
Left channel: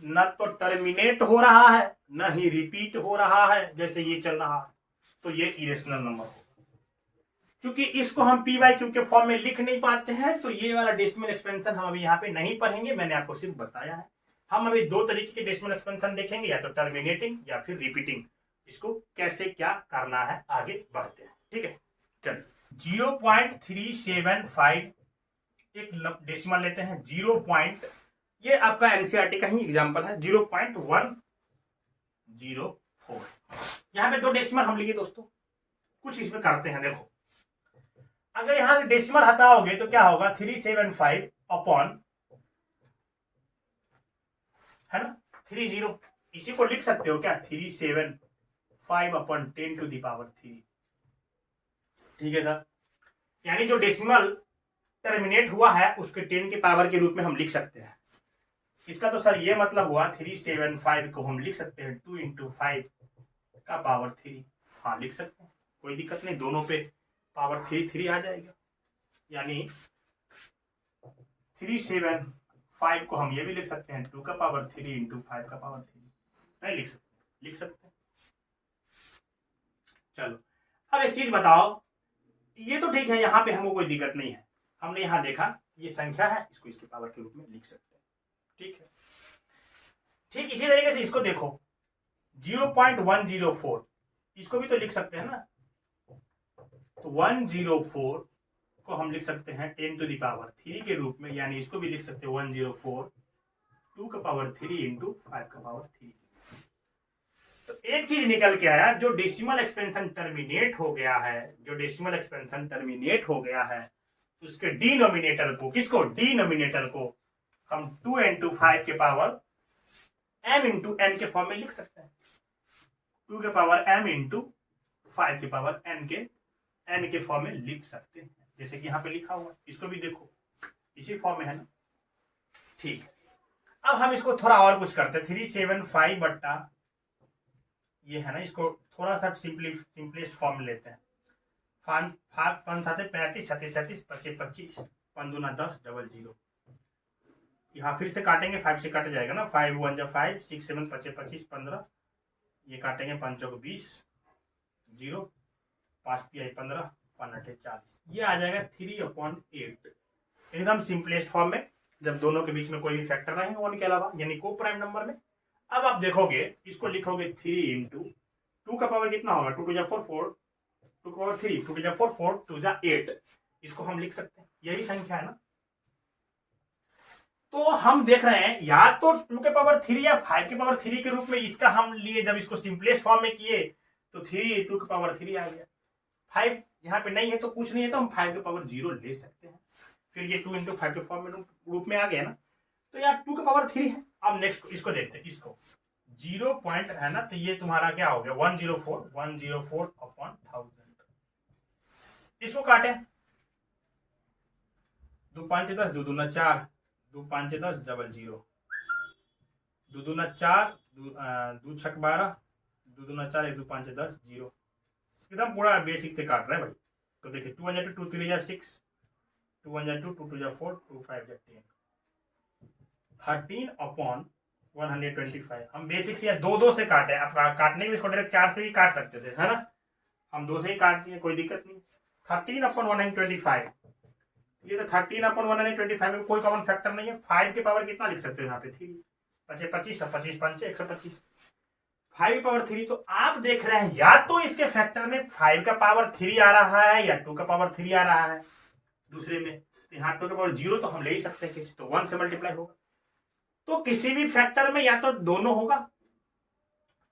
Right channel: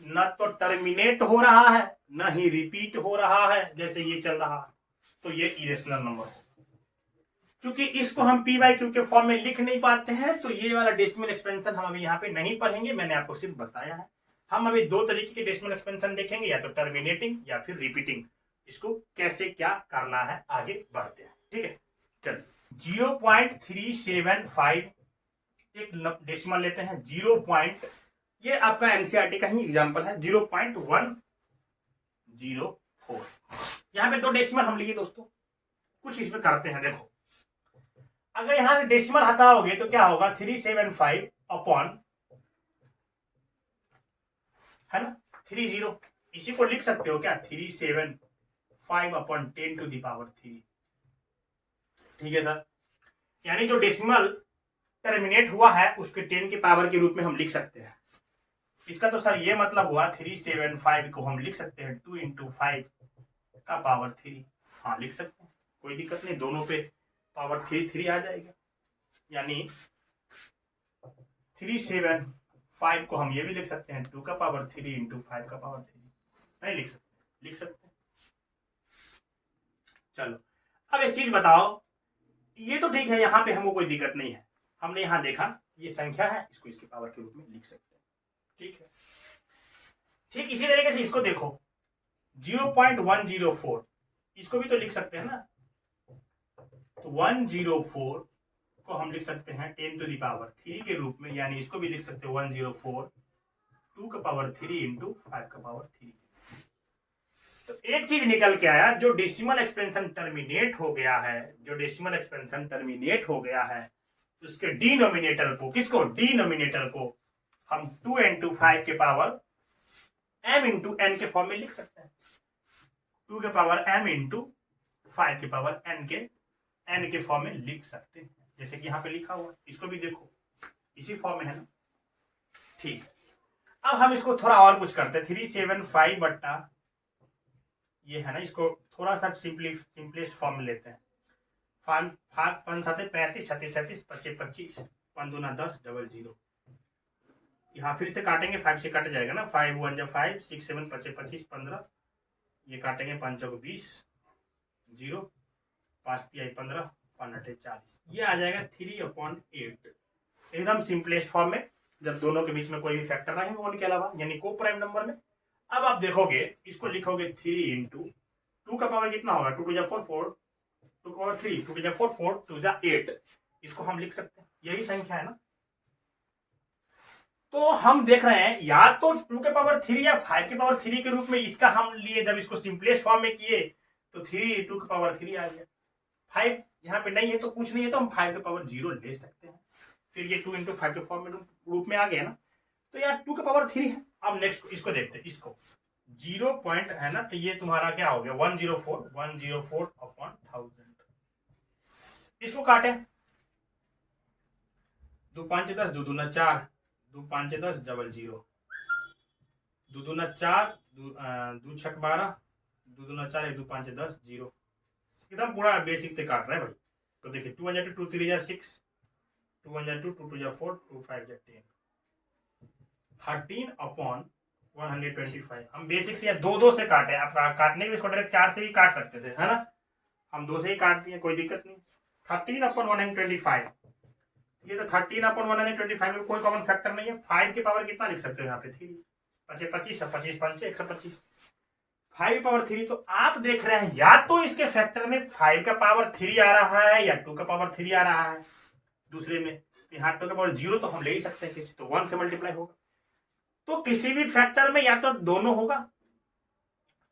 न तो टर्मिनेट हो रहा है न ही रिपीट हो रहा है, जैसे ये चल रहा है, तो ये इरेशनल नंबर है। क्योंकि इसको हम P/Q के फॉर्म में लिख नहीं पाते हैं, तो ये वाला डेसिमल एक्सपेंशन हम अभी यहाँ पे नहीं पढ़ेंगे, मैंने आपको सिर्फ बताया है। हम अभी 2 तरीके के डेसिमल एक्सपेंशन देखेंगे, या तो टर्मिनेटिंग या फिर रिपीटिंग। इसको कैसे क्या करना है आगे बढ़ते हैं। ठीक है, चलिए 0.375 एक डेसिमल लेते हैं, 0. ये आपका एनसीईआरटी का ही एग्जांपल है, 0.104। यहाँ पे 2 डेसिमल हम लिए दोस्तों, कुछ इसमें करते हैं। देखो, अगर यहां से डेसिमल हटाओगे तो क्या होगा, 375 अपॉन, है ना, 30, इसी को लिख सकते हो क्या, 375 अपॉन 10 to the power 3। ठीक है सर, यानी जो डेसिमल टर्मिनेट हुआ है उसके 10 के पावर के रूप में हम लिख सकते हैं। इसका तो सर ये मतलब हुआ 375 को हम लिख सकते हैं 2 × 5 का पावर 3। हाँ लिख सकते हैं, कोई दिक्कत नहीं, दोनों पे पावर 3 आ जाएगा, यानी 375 को हम ये भी लिख सकते हैं 2 का पावर 3 × 5 का पावर 3। नहीं लिख सकते, लिख सकते हैं। चलो अब एक चीज बताओ, ये तो ठीक है, यहाँ पे हमको कोई दिक्कत नहीं है, हमने यहाँ देखा ये संख्या है, इसको इसके पावर के रूप में लिख सकते हैं। ठीक है, ठीक इसी तरीके से इसको देखो 0.104, इसको भी तो लिख सकते हैं ना। तो 104 को हम लिख सकते हैं 10⁻³ के रूप में, यानी इसको भी लिख सकते हैं 104 2⁻³ इंटू 5⁻³। तो एक चीज निकल के आया, जो डेसिमल एक्सपेंशन टर्मिनेट हो गया है, जो डेसिमल एक्सपेंशन टर्मिनेट हो गया है, उसके डिनोमिनेटर को, किसको, डिनोमिनेटर को हम 2 इंटू 5 के पावर m इंटू n के फॉर्म में लिख सकते हैं। 2 के पावर m इंटू 5 के पावर n के फॉर्म में लिख सकते हैं, जैसे कि यहाँ पे लिखा हुआ है। इसको भी देखो इसी फॉर्म में है ना। ठीक, अब हम इसको थोड़ा और कुछ करते हैं। 375 बट्टा ये है ना, इसको थोड़ा सा सिंपलेस्ट फॉर्म में लेते हैं। 5 7 35 36 37 25 25 5 दूना 10 00। यहाँ फिर से काटेंगे, 5 से कट जाएगा ना, 5 1 जा 5 6 7 25 25 15, ये काटेंगे 5 चौक 20 0 5 3 15 5 8 40, ये आ जाएगा 3/8, एकदम सिंपलेस्ट फॉर्म में, जब दोनों के बीच में कोई भी फैक्टर रहेंगे वन के अलावा, यानी को प्राइम नंबर में। अब आप देखोगे इसको लिखोगे 3 इंटू 2 का पावर कितना होगा, 2 2 जा 4 4 2 का पावर 3 2 2 जा 4 4 2 जा 8, इसको हम लिख सकते हैं, यही संख्या है ना। तो हम देख रहे हैं या तो 2 के पावर 3 या 5 के पावर 3 के रूप में इसका हम लिए, जब इसको सिंपलेस्ट फॉर्म में किए तो 3 2 के पावर 3 आ गया। 5 यहाँ पे नहीं है तो कुछ नहीं है, तो हम 5 के पावर 0 ले सकते हैं, फिर ये 2 इंटू 5 के फॉर्म में रूप में आ गया ना। तो यार 2 के पावर 3 है। अब नेक्स्ट इसको देखते हैं, इसको 0 पॉइंट है ना, तो ये तुम्हारा क्या हो गया 104/1000। इसको काटे 2 5 10 2 दूना 4 2 5 10 00 2 दूना 4 2 6 12 2 दूना 4 1 2 5 10 0, एकदम पूरा बेसिक से काट रहे हैं भाई। तो देखिए 2 1 2 3 6 2 1 2 2 2 4 2 5 10 13/125। हम बेसिक से या 2 से काटे, आप काटने के लिए इसको डायरेक्ट 4 से भी काट सकते थे, है ना, हम 2 से ही काट दिए, कोई दिक्कत नहीं। 13/125, ये तो 13/125 में कोई कॉमन फैक्टर नहीं है। 5 के पावर कितना लिख सकते हो यहाँ पे 3, 25 25 25 5 125, 5 के पावर 3। तो आप देख रहे हैं या तो इसके फैक्टर में 5 का पावर 3 आ रहा है या 2 का पावर 3 आ रहा है दूसरे में, तो यहाँ 2 का पावर 0 तो हम ले ही सकते हैं, तो 1 से मल्टीप्लाई होगा। तो किसी भी फैक्टर में या तो दोनों होगा,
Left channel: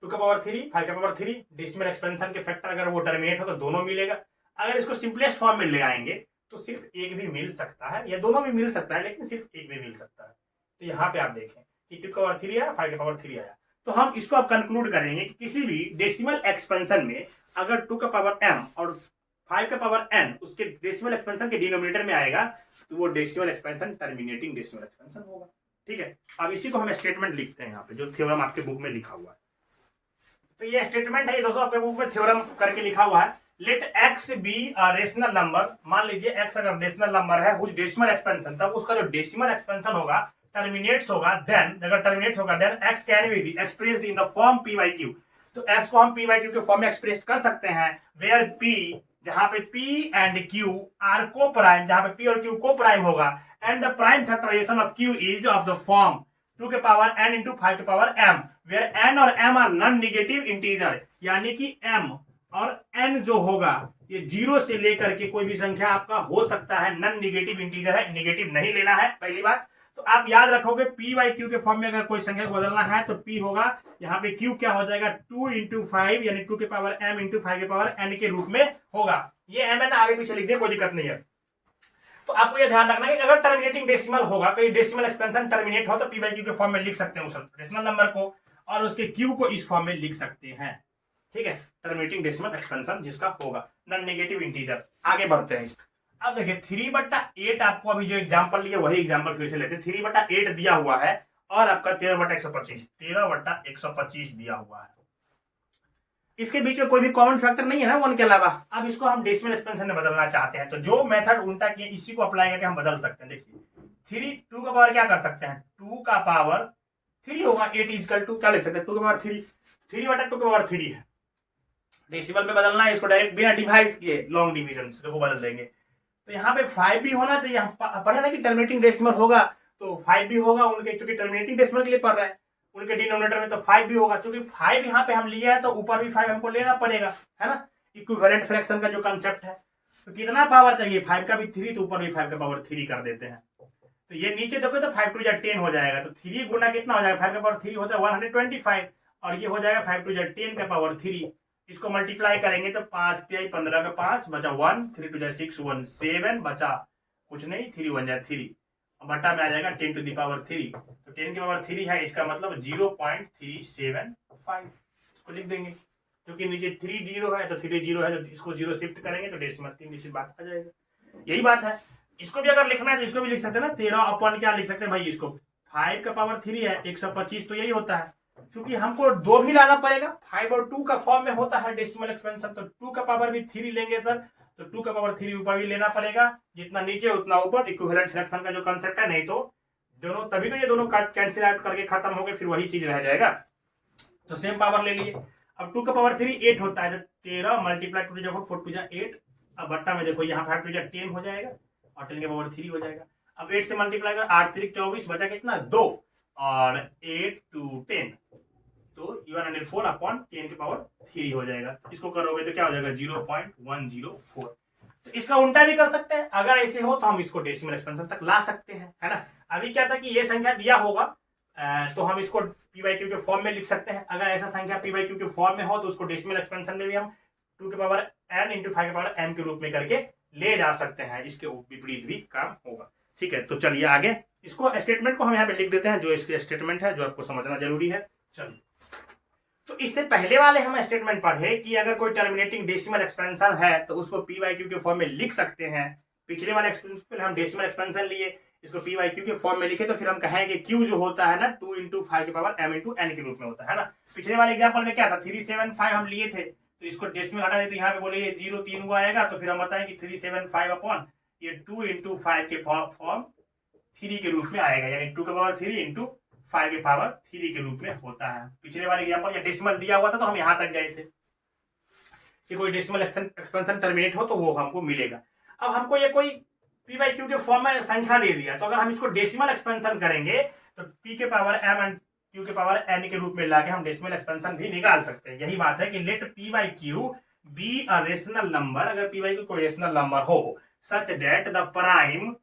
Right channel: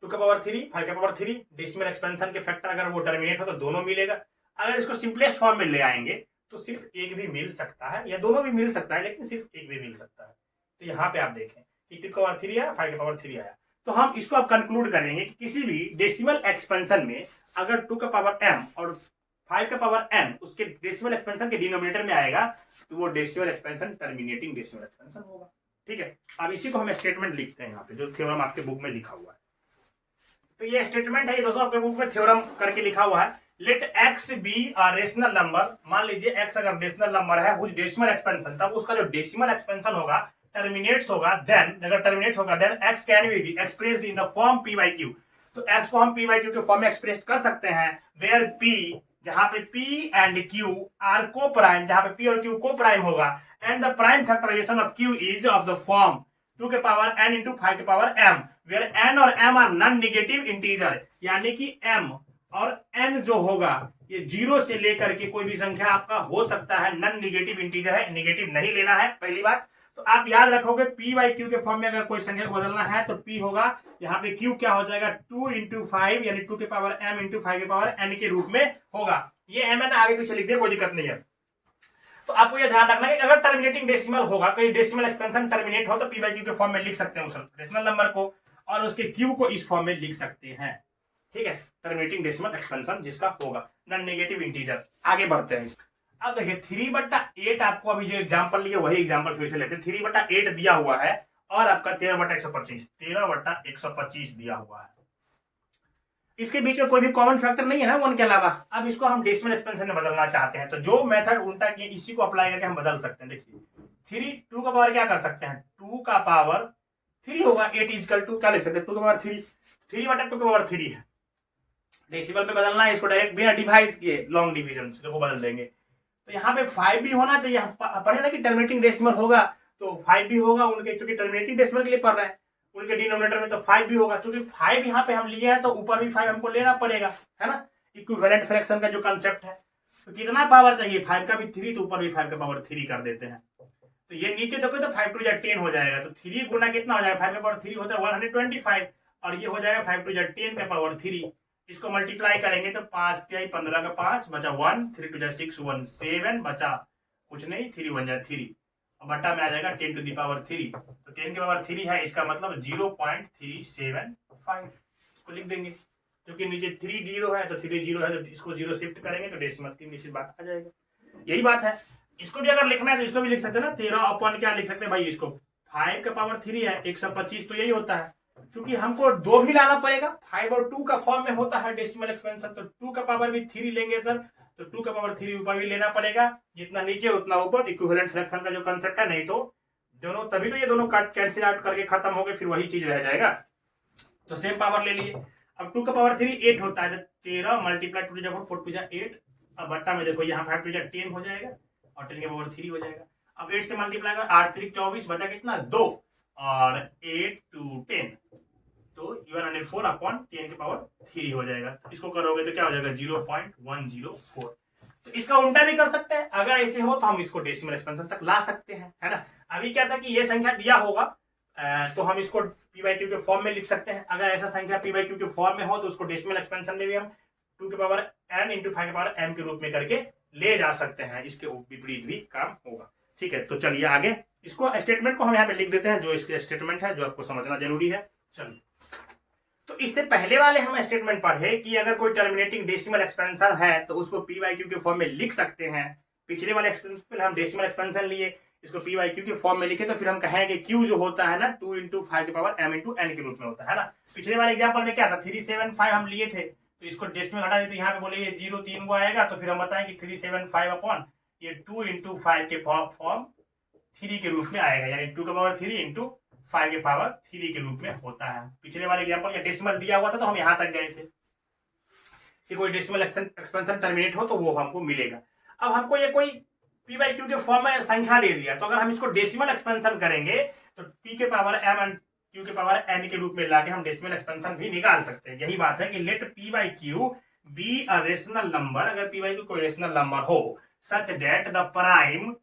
2 का पावर 3 5 का पावर 3, डेसिमल एक्सपेंशन के फैक्टर अगर वो टर्मिनेट हो तो दोनों मिलेगा। अगर इसको सिंपलेस्ट फॉर्म में ले आएंगे तो सिर्फ एक भी मिल सकता है, या दोनों भी मिल सकता है, लेकिन सिर्फ एक भी मिल सकता है। तो यहाँ पे आप देखें कि 2 का पावर 3 आया, 5 का पावर 3 आया। तो हम इसको अब कंक्लूड करेंगे कि किसी भी डेसिमल एक्सपेंशन में अगर 2 का पावर m और 5 का पावर n उसके डेसिमल एक्सपेंशन के डिनोमिनेटर में आएगा तो वो decimal expansion terminating decimal expansion होगा। ठीक है, अब इसी को हम स्टेटमेंट लिखते हैं यहाँ पे, जो थ्योरम आपके बुक में लिखा हुआ है। तो ये स्टेटमेंट है, ये दोस्तों आपके बुक में थ्योरम करके लिखा हुआ है। Let x be a rational number, मान लीजिए x अगर रेशनल नंबर है हुज डेसिमल एक्सपेंशन, तब उसका जो डेसिमल एक्सपेंशन होगा टर्मिनेट्स होगा, देन अगर टर्मिनेट होगा then x can be expressed in the form p by q। तो x को हम p by q के फॉर्म में एक्सप्रेस कर सकते हैं, वेयर p, जहां पे p and q are coprime, जहां पे p और q को प्राइम होगा, and the prime factorisation of q is of the form 2 के पावर n इंटू 5 के पावर m, वेयर n और m are non negative integer, यानी कि m और n जो होगा ये 0 से लेकर के कोई भी संख्या आपका हो सकता है, नॉन नेगेटिव इंटीजर है, नेगेटिव नहीं लेना है पहली बात। तो आप याद रखोगे p बाई q के फॉर्म में अगर कोई संख्या को बदलना है तो p होगा, यहाँ पे q क्या हो जाएगा 2 इंटू 5, यानी 2 के पावर m इंटू 5 के पावर n के रूप में होगा। ये m n आगे पीछे लिख दे, कोई दिक्कत नहीं है। तो आपको ये ध्यान रखना है कि अगर टर्मिनेटिंग डेसिमल होगा, कोई डेसिमल एक्सपेंशन टर्मिनेट हो तो p बाई q के फॉर्म में लिख सकते हैं उस रेशनल नंबर को, और उसके q को इस फॉर्म में लिख सकते हैं। ठीक है, टर्मिनेटिंग डेसिमल एक्सपेंशन जिसका होगा नॉन नेगेटिव इंटीजर। आगे बढ़ते हैं। अब देखिए 3/8 आपको अभी जो एग्जांपल लिया वही एग्जांपल फिर से लेते हैं। 3/8 दिया हुआ है और आपका 13/125 दिया हुआ है। इसके बीच में कोई भी कॉमन फैक्टर नहीं है ना 1 के अलावा। अब इसको हम डेसिमल एक्सपेंशन में बदलना चाहते हैं, तो जो मेथड उल्टा किए इसी को अप्लाई करके हम बदल सकते हैं। देखिए 2 का पावर क्या कर सकते हैं, 2 का पावर 3 होगा, 8 इजकल टू क्या लिख सकते हैं 2 का पावर 3, 3/2 का पावर 3 है। डेसिमल पे बदलना है इसको डायरेक्ट बिना डिवाइड किए लॉन्ग डिवीजन से देखो बदल देंगे। तो यहाँ पे 5 भी होना चाहिए, पढ़े ना कि टर्मिनेटिंग डेसिमल होगा तो 5 भी होगा उनके, क्योंकि टर्मिनेटिंग डेसिमल के लिए पढ़ रहे हैं। उनके डिनोमिनेटर में तो 5 भी होगा, क्योंकि 5 यहाँ पे हम लिए हैं तो ऊपर भी 5 हमको लेना पड़ेगा, है ना। इक्विवेलेंट फ्रैक्शन का जो कंसेप्ट है, तो कितना पावर चाहिए, 5 का भी 3 तो ऊपर भी 5 का पावर 3 कर देते हैं। तो ये नीचे देखो तो 5 टू 10 हो जाएगा, तो 3 गुना कितना हो जाएगा, 5 का पावर 3 होता है 125, और ये हो जाएगा 5 टू 10 का पावर 3। इसको मल्टीप्लाई करेंगे तो 5 तिहाई 15 का 5 बचा 1, 3 टू 6 1 7 बचा कुछ नहीं, 3 1 जा 3, बटा में आ जाएगा 10 टू द पावर 3, तो 10 की पावर 3 है, इसका मतलब 0.375 इसको लिख देंगे, क्योंकि नीचे 3 0 है तो 3 0 है, तो इसको 0 शिफ्ट करेंगे तो डेसिमल 3 नीचे बात आ जाएगा। यही बात है। इसको भी अगर लिखना है तो इसको भी लिख सकते हैं ना, 13 अपन क्या लिख सकते हैं भाई, इसको 5 का पावर 3 है 125, तो यही होता है। क्योंकि हमको 2 भी लाना पड़ेगा, 5 और 2 का फॉर्म में होता है डेसिमल एक्सपेंशन, तो 2 का पावर भी 3 लेंगे सर, तो 2 का पावर 3 ऊपर भी लेना पड़ेगा, जितना नीचे उतना ऊपर, इक्विवेलेंट फ्रैक्शन का जो कंसेप्ट है। नहीं तो दोनों, तभी तो ये दोनों कैंसिल आउट करके खत्म हो गए, फिर वही चीज रह जाएगा। तो सेम पावर ले लिए। अब 2 का पावर 3 8 होता है, 13 मल्टीप्लाई 2 4 4 2 8, अब बट्टा में देखो यहाँ 5 2 10 हो जाएगा और 10 का पावर 3 हो जाएगा। अब 8 से मल्टीप्लाई कर 8 3 24 बचा कितना 2 और 8 2 10, तो 104 अपॉन 10 के पावर 3 हो जाएगा। इसको करोगे तो क्या हो जाएगा 0.104। तो इसका उल्टा भी कर सकते हैं, अगर ऐसे हो तो हम इसको डेसिमल एक्सपेंशन तक ला सकते हैं, है ना। अभी क्या था कि ये संख्या दिया होगा तो हम इसको पी बाई क्यू के फॉर्म में लिख सकते हैं। अगर ऐसा संख्या पी बाई क्यू के फॉर्म में हो तो उसको डेसिमल एक्सपेंशन में भी हम 2 के पावर n इंटू 5 के पावर m के रूप में करके ले जा सकते हैं, इसके विपरीत भी काम होगा। ठीक है, तो चलिए आगे इसको स्टेटमेंट को हम यहाँ पे लिख देते हैं, जो इसके स्टेटमेंट है जो आपको समझना जरूरी है। चलिए, तो इससे पहले वाले हम स्टेटमेंट पढ़े कि अगर कोई टर्मिनेटिंग डेसिमल एक्सपेंशन है तो उसको पी बाई क्यू के फॉर्म में लिख सकते हैं। पिछले वाले एक्सपेंशन हम डेसिमल एक्सपेंशन लिए, इसको पी बाई क्यू के फॉर्म में लिखे, तो फिर हम कहेंगे क्यू जो होता है ना 2 इंटू 5 के पावर m इंटू n के रूप में होता है ना। पिछले वाले एग्जाम्पल में क्या था 375 हम लिए थे, तो इसको डेसिमल हटा देते, यहाँ पे बोले 0 3 को आएगा, तो फिर हम बताएं कि 375 अपॉन ये 2 इंटू 5 के फॉर्म 3 के रूप में आएगा, यानी 2 के पावर 3 इंटू 5 के पावर 3 के रूप में होता है। पिछले वाले एग्जाम्पल या डेसिमल दिया हुआ था तो हम यहाँ तक गए थे कि कोई डेसिमल एक्सपेंशन टर्मिनेट हो तो वो हमको मिलेगा। अब हमको ये कोई पी बाई क्यू के फॉर्म में संख्या दे दिया, तो अगर हम इसको डेसिमल एक्सपेंशन करेंगे तो पी के पावर m एंड क्यू के पावर n के रूप में लाके हम डेसिमल एक्सपेंशन भी निकाल सकते हैं। यही बात है कि let p by q be a rational number, अगर पी बाई क्यू कोई रेशनल नंबर हो such that the prime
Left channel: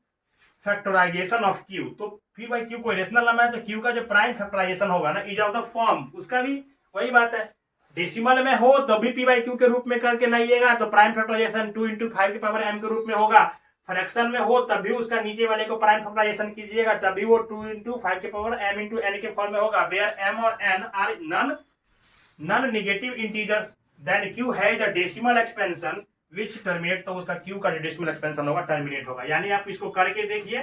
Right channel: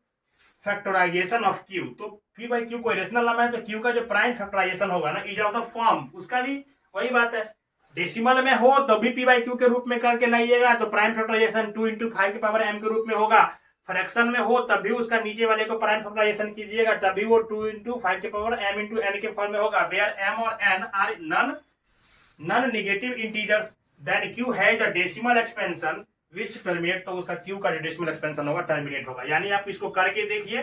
factorisation of q, तो पी बाई क्यू कोई रेशनल नंबर है तो क्यू का जो प्राइम फैक्टराइजेशन होगा ना इज ऑफ द फॉर्म, उसका भी वही बात है, डेसिमल में हो तो भी पी बाई क्यू के रूप में करके लाइएगा तो प्राइम फैक्टराइजेशन 2 इंटू 5 के पावर m के रूप में होगा। फ्रैक्शन में हो तब भी उसका नीचे वाले को प्राइम फैक्टराइजेशन कीजिएगा तभी वो 2 इंटू 5 के पावर m इंटू n के फॉर्म में होगा। वेयर m और n are non negative integers then q has a decimal expansion which terminate, तो उसका q का जो डेसिमल एक्सपेंशन होगा टर्मिनेट होगा। यानी आप इसको करके देखिए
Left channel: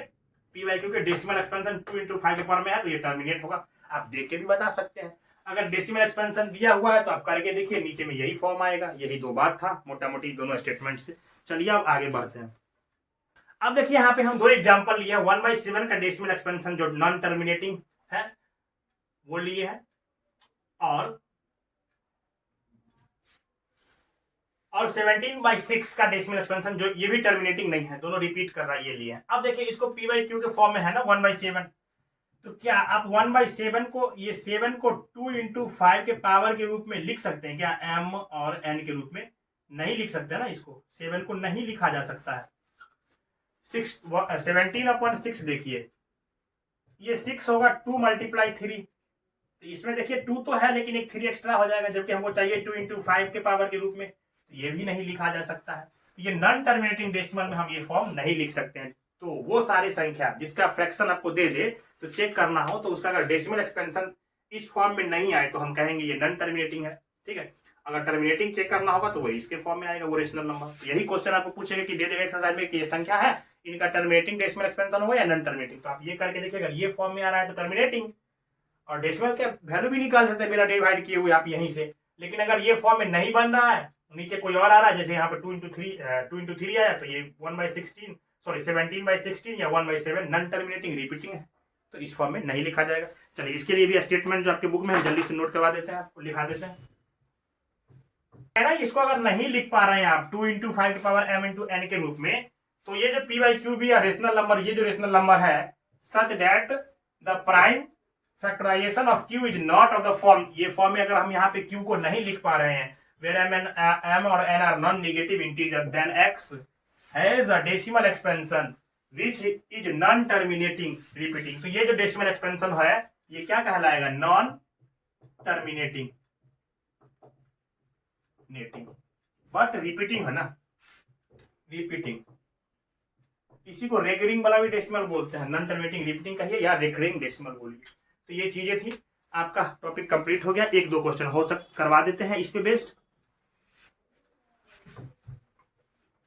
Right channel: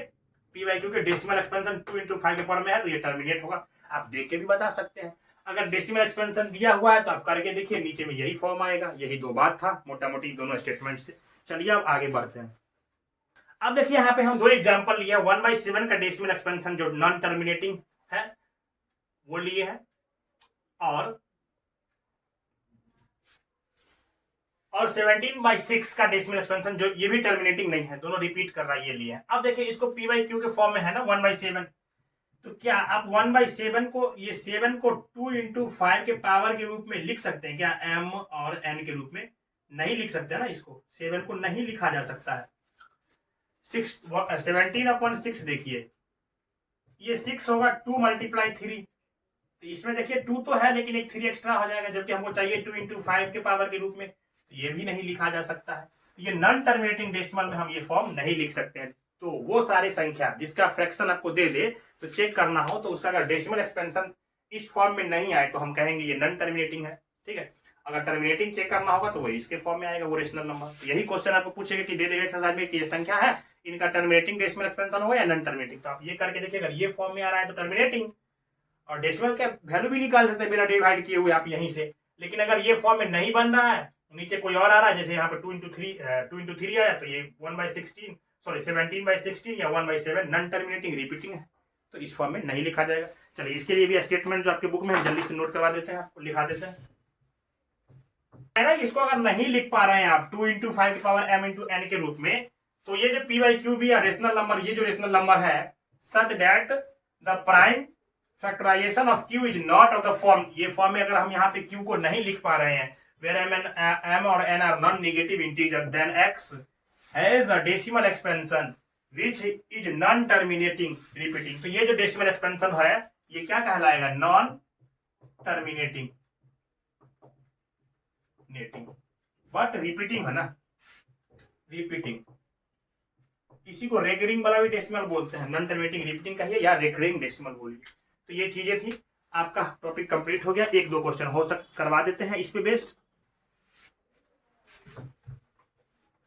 पी बाई क्यू के डेसिमल एक्सपेंशन 2 इंटू 5 के फॉर्म में है तो ये टर्मिनेट होगा। आप देख के भी बता सकते हैं, अगर डेसिमल एक्सपेंशन दिया हुआ है तो आप करके देखिए नीचे में यही फॉर्म आएगा। यही दो बात था मोटा मोटी दोनों स्टेटमेंट से। चलिए अब आगे बढ़ते हैं। अब देखिए यहाँ पे हम दो एग्जांपल लिए, 1/7 का डेसिमल एक्सपेंशन जो नॉन टर्मिनेटिंग है वो लिए है, और 17/6 का डेसिमल एक्सपेंशन जो ये भी टर्मिनेटिंग नहीं है, दोनों रिपीट कर रहा है, ये लिए है। अब देखिए इसको पी बाई क्यू के फॉर्म में है ना 1/7, तो क्या आप 1/7 को, ये 7 को 2 इंटू 5 के पावर के रूप में लिख सकते हैं क्या, m और n के रूप में नहीं लिख सकते ना, इसको 7 को नहीं लिखा जा सकता है। 17/6 देखिए ये 6 होगा 2 मल्टीप्लाई 3, तो इसमें देखिए 2 तो है लेकिन एक 3 एक्स्ट्रा हो जाएगा, जबकि हमको चाहिए 2 इंटू 5 के पावर के रूप में, तो ये भी नहीं लिखा जा सकता है। ये नॉन टर्मिनेटिंग डेसिमल में हम ये फॉर्म नहीं लिख सकते हैं। तो वो सारी संख्या जिसका फ्रैक्शन आपको दे दे तो चेक करना हो तो उसका अगर डेसिमल एक्सपेंशन इस फॉर्म में नहीं आए तो हम कहेंगे ये नॉन टर्मिनेटिंग है। ठीक है, अगर टर्मिनेटिंग चेक करना होगा तो वो इसके फॉर्म में आएगा, वो रेशनल नंबर। तो यही क्वेश्चन आपको पूछेगा कि दे देगा एक्सरसाइज में कि ये संख्या है, इनका टर्मिनेटिंग डेसिमल एक्सपेंशन होगा या नॉन टर्मिनेटिंग, तो आप ये करके देखिए अगर ये फॉर्म में आ रहा है तो टर्मिनेटिंग, और डेसिमल का वैल्यू भी निकाल सकते हैं बिना डिवाइड किए हुए आप यहीं से। लेकिन अगर ये फॉर्म में नहीं बन रहा है, नीचे कोई और आ रहा है, जैसे यहाँ पे 2 इंटू 3 आया तो ये 17/16 या 1/7 नॉन टर्मिनेटिंग रिपीटिंग है, तो इस फॉर्म में नहीं लिखा जाएगा। चलिए इसके लिए भी स्टेटमेंट जो आपके बुक में जल्दी से नोट करवा देते हैं, आपको लिखा देते हैं, है ना। इसको अगर नहीं लिख पा रहे हैं आप 2 इंटू 5 के पावर m इंटू n के रूप में, तो ये जो p बाई क्यू भी है रेशनल नंबर, ये जो रेशनल नंबर है such that the prime factorisation of q is not of the form, ये फॉर्म में अगर हम यहाँ पे क्यू को नहीं लिख पा रहे हैं, वेर एम और n are non negative integer, then x has a decimal expansion which is non terminating repeating. तो ये जो डेसिमल एक्सपेंशन है ये क्या कहलाएगा, नॉन टर्मिनेटिंग बट रिपीटिंग है ना, रिपीटिंग। इसी को रेकरिंग वाला भी डेसिमल बोलते हैं, नॉन टर्मिनेटिंग रिपीटिंग कहिए या रेकरिंग डेसिमल बोलिए। तो ये चीजें थी, आपका टॉपिक कंप्लीट हो गया। एक दो क्वेश्चन हो करवा देते हैं इस पे बेस्ड।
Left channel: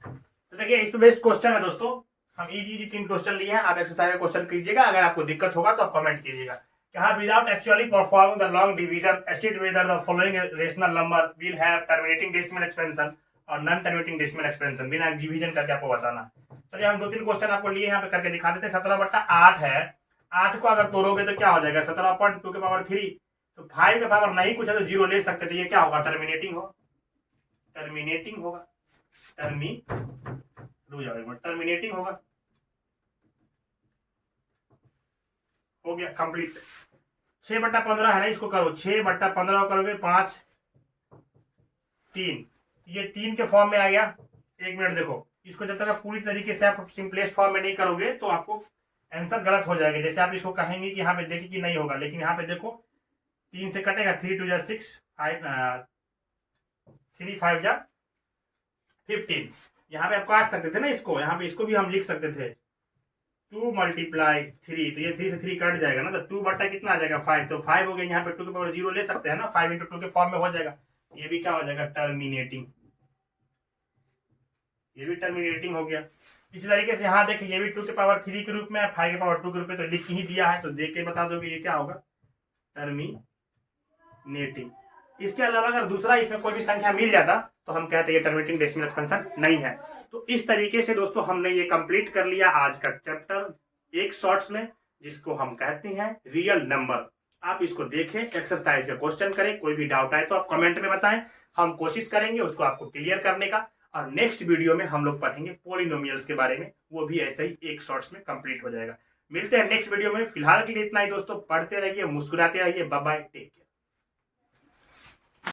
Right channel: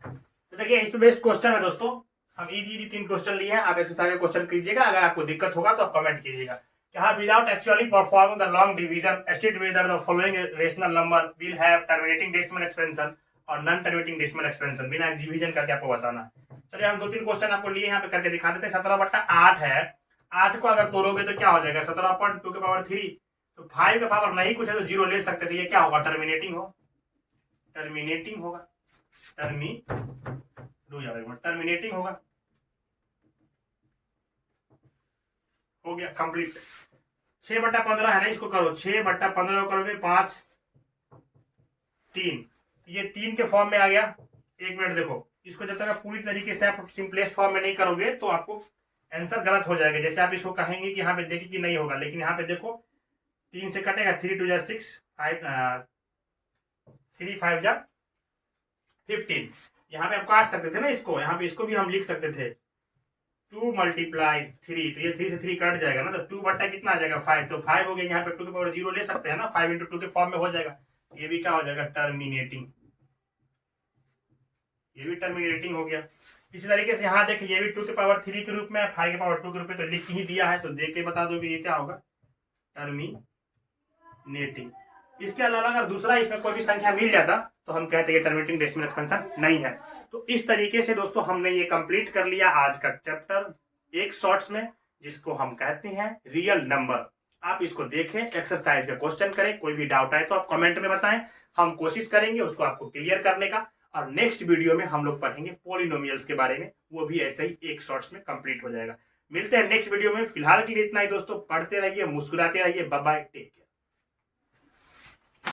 तो देखिए इस पे बेस्ड क्वेश्चन है दोस्तों, हम इजी 3 क्वेश्चन लिए हैं। आप एक्सरसाइज क्वेश्चन कीजिएगा, अगर आपको दिक्कत होगा तो आप कमेंट कीजिएगा। Without actually performing the long division state whether the following rational number will have terminating decimal expansion और नॉन टर्मिनेटिंग डेसिमल एक्सपेंशन, बिना डिवीजन करके आपको बताना। चलिए हम 2-3 क्वेश्चन आपको लिए यहाँ पे करके दिखा देते हैं। 17/8 है, 8 को अगर तोड़ोगे तो क्या हो जाएगा, 17/2 के पावर 3। तो 5 के पावर नहीं कुछ है तो 0 ले सकते थे, ये क्या होगा, टर्मिनेटिंग होगा, टर्मिनेटिंग होगा, टर्मिनेटिंग होगा। हो गया कंप्लीट। 6/15 है ना, इसको करो, 6/15 करोगे 5 3, ये 3 के फॉर्म में आ गया। एक मिनट देखो, इसको जब तक आप पूरी तरीके से आप सिंपलेस्ट फॉर्म में नहीं करोगे तो आपको आंसर गलत हो जाएगा। जैसे आप इसको कहेंगे कि यहाँ पे देखिए कि नहीं होगा, लेकिन यहाँ पे देखो 3 से कटेगा, 3 2 6 5 3 5 15। यहाँ पे आप काट सकते थे ना इसको, यहाँ पे इसको भी हम लिख सकते थे 2 × 3, तो ये 3 से 3 कट जाएगा ना, तो 2 कितना आ जाएगा 5, तो 5 हो गया। यहाँ पे 2 के पावर 0 ले सकते हैं ना, 5 × 2 के फॉर्म में हो जाएगा। ये भी क्या हो जाएगा, टर्मिनेटिंग, ये भी टर्मिनेटिंग हो गया। इसी तरीके से यहाँ देखिए ये भी 2 के पावर 3 के रूप में, 5 के पावर 2 के रूप में, तो लिख ही दिया है, तो देख के बता दो कि ये क्या होगा, टर्मिनेटिंग। इसके अलावा अगर दूसरा इसमें कोई भी संख्या मिल जाता तो हम कहते हैं टर्मिनेटिंग डेसिमल एक्सपेंशन नहीं है। तो इस तरीके से दोस्तों हमने ये कंप्लीट कर लिया आज का चैप्टर एक शॉर्ट्स में, जिसको हम कहते हैं रियल नंबर। आप इसको देखें, एक्सरसाइज का क्वेश्चन करें, कोई भी डाउट आए तो आप कमेंट में बताएं, हम कोशिश करेंगे उसको आपको क्लियर करने का। और नेक्स्ट वीडियो में हम लोग पढ़ेंगे पॉलिनोमियल्स के बारे में, वो भी ऐसे ही एक शॉर्ट्स में कंप्लीट हो जाएगा। मिलते हैं नेक्स्ट वीडियो में, फिलहाल के लिए इतना ही दोस्तों। पढ़ते रहिए, मुस्कुराते रहिए, बाय बाय, टेक केयर।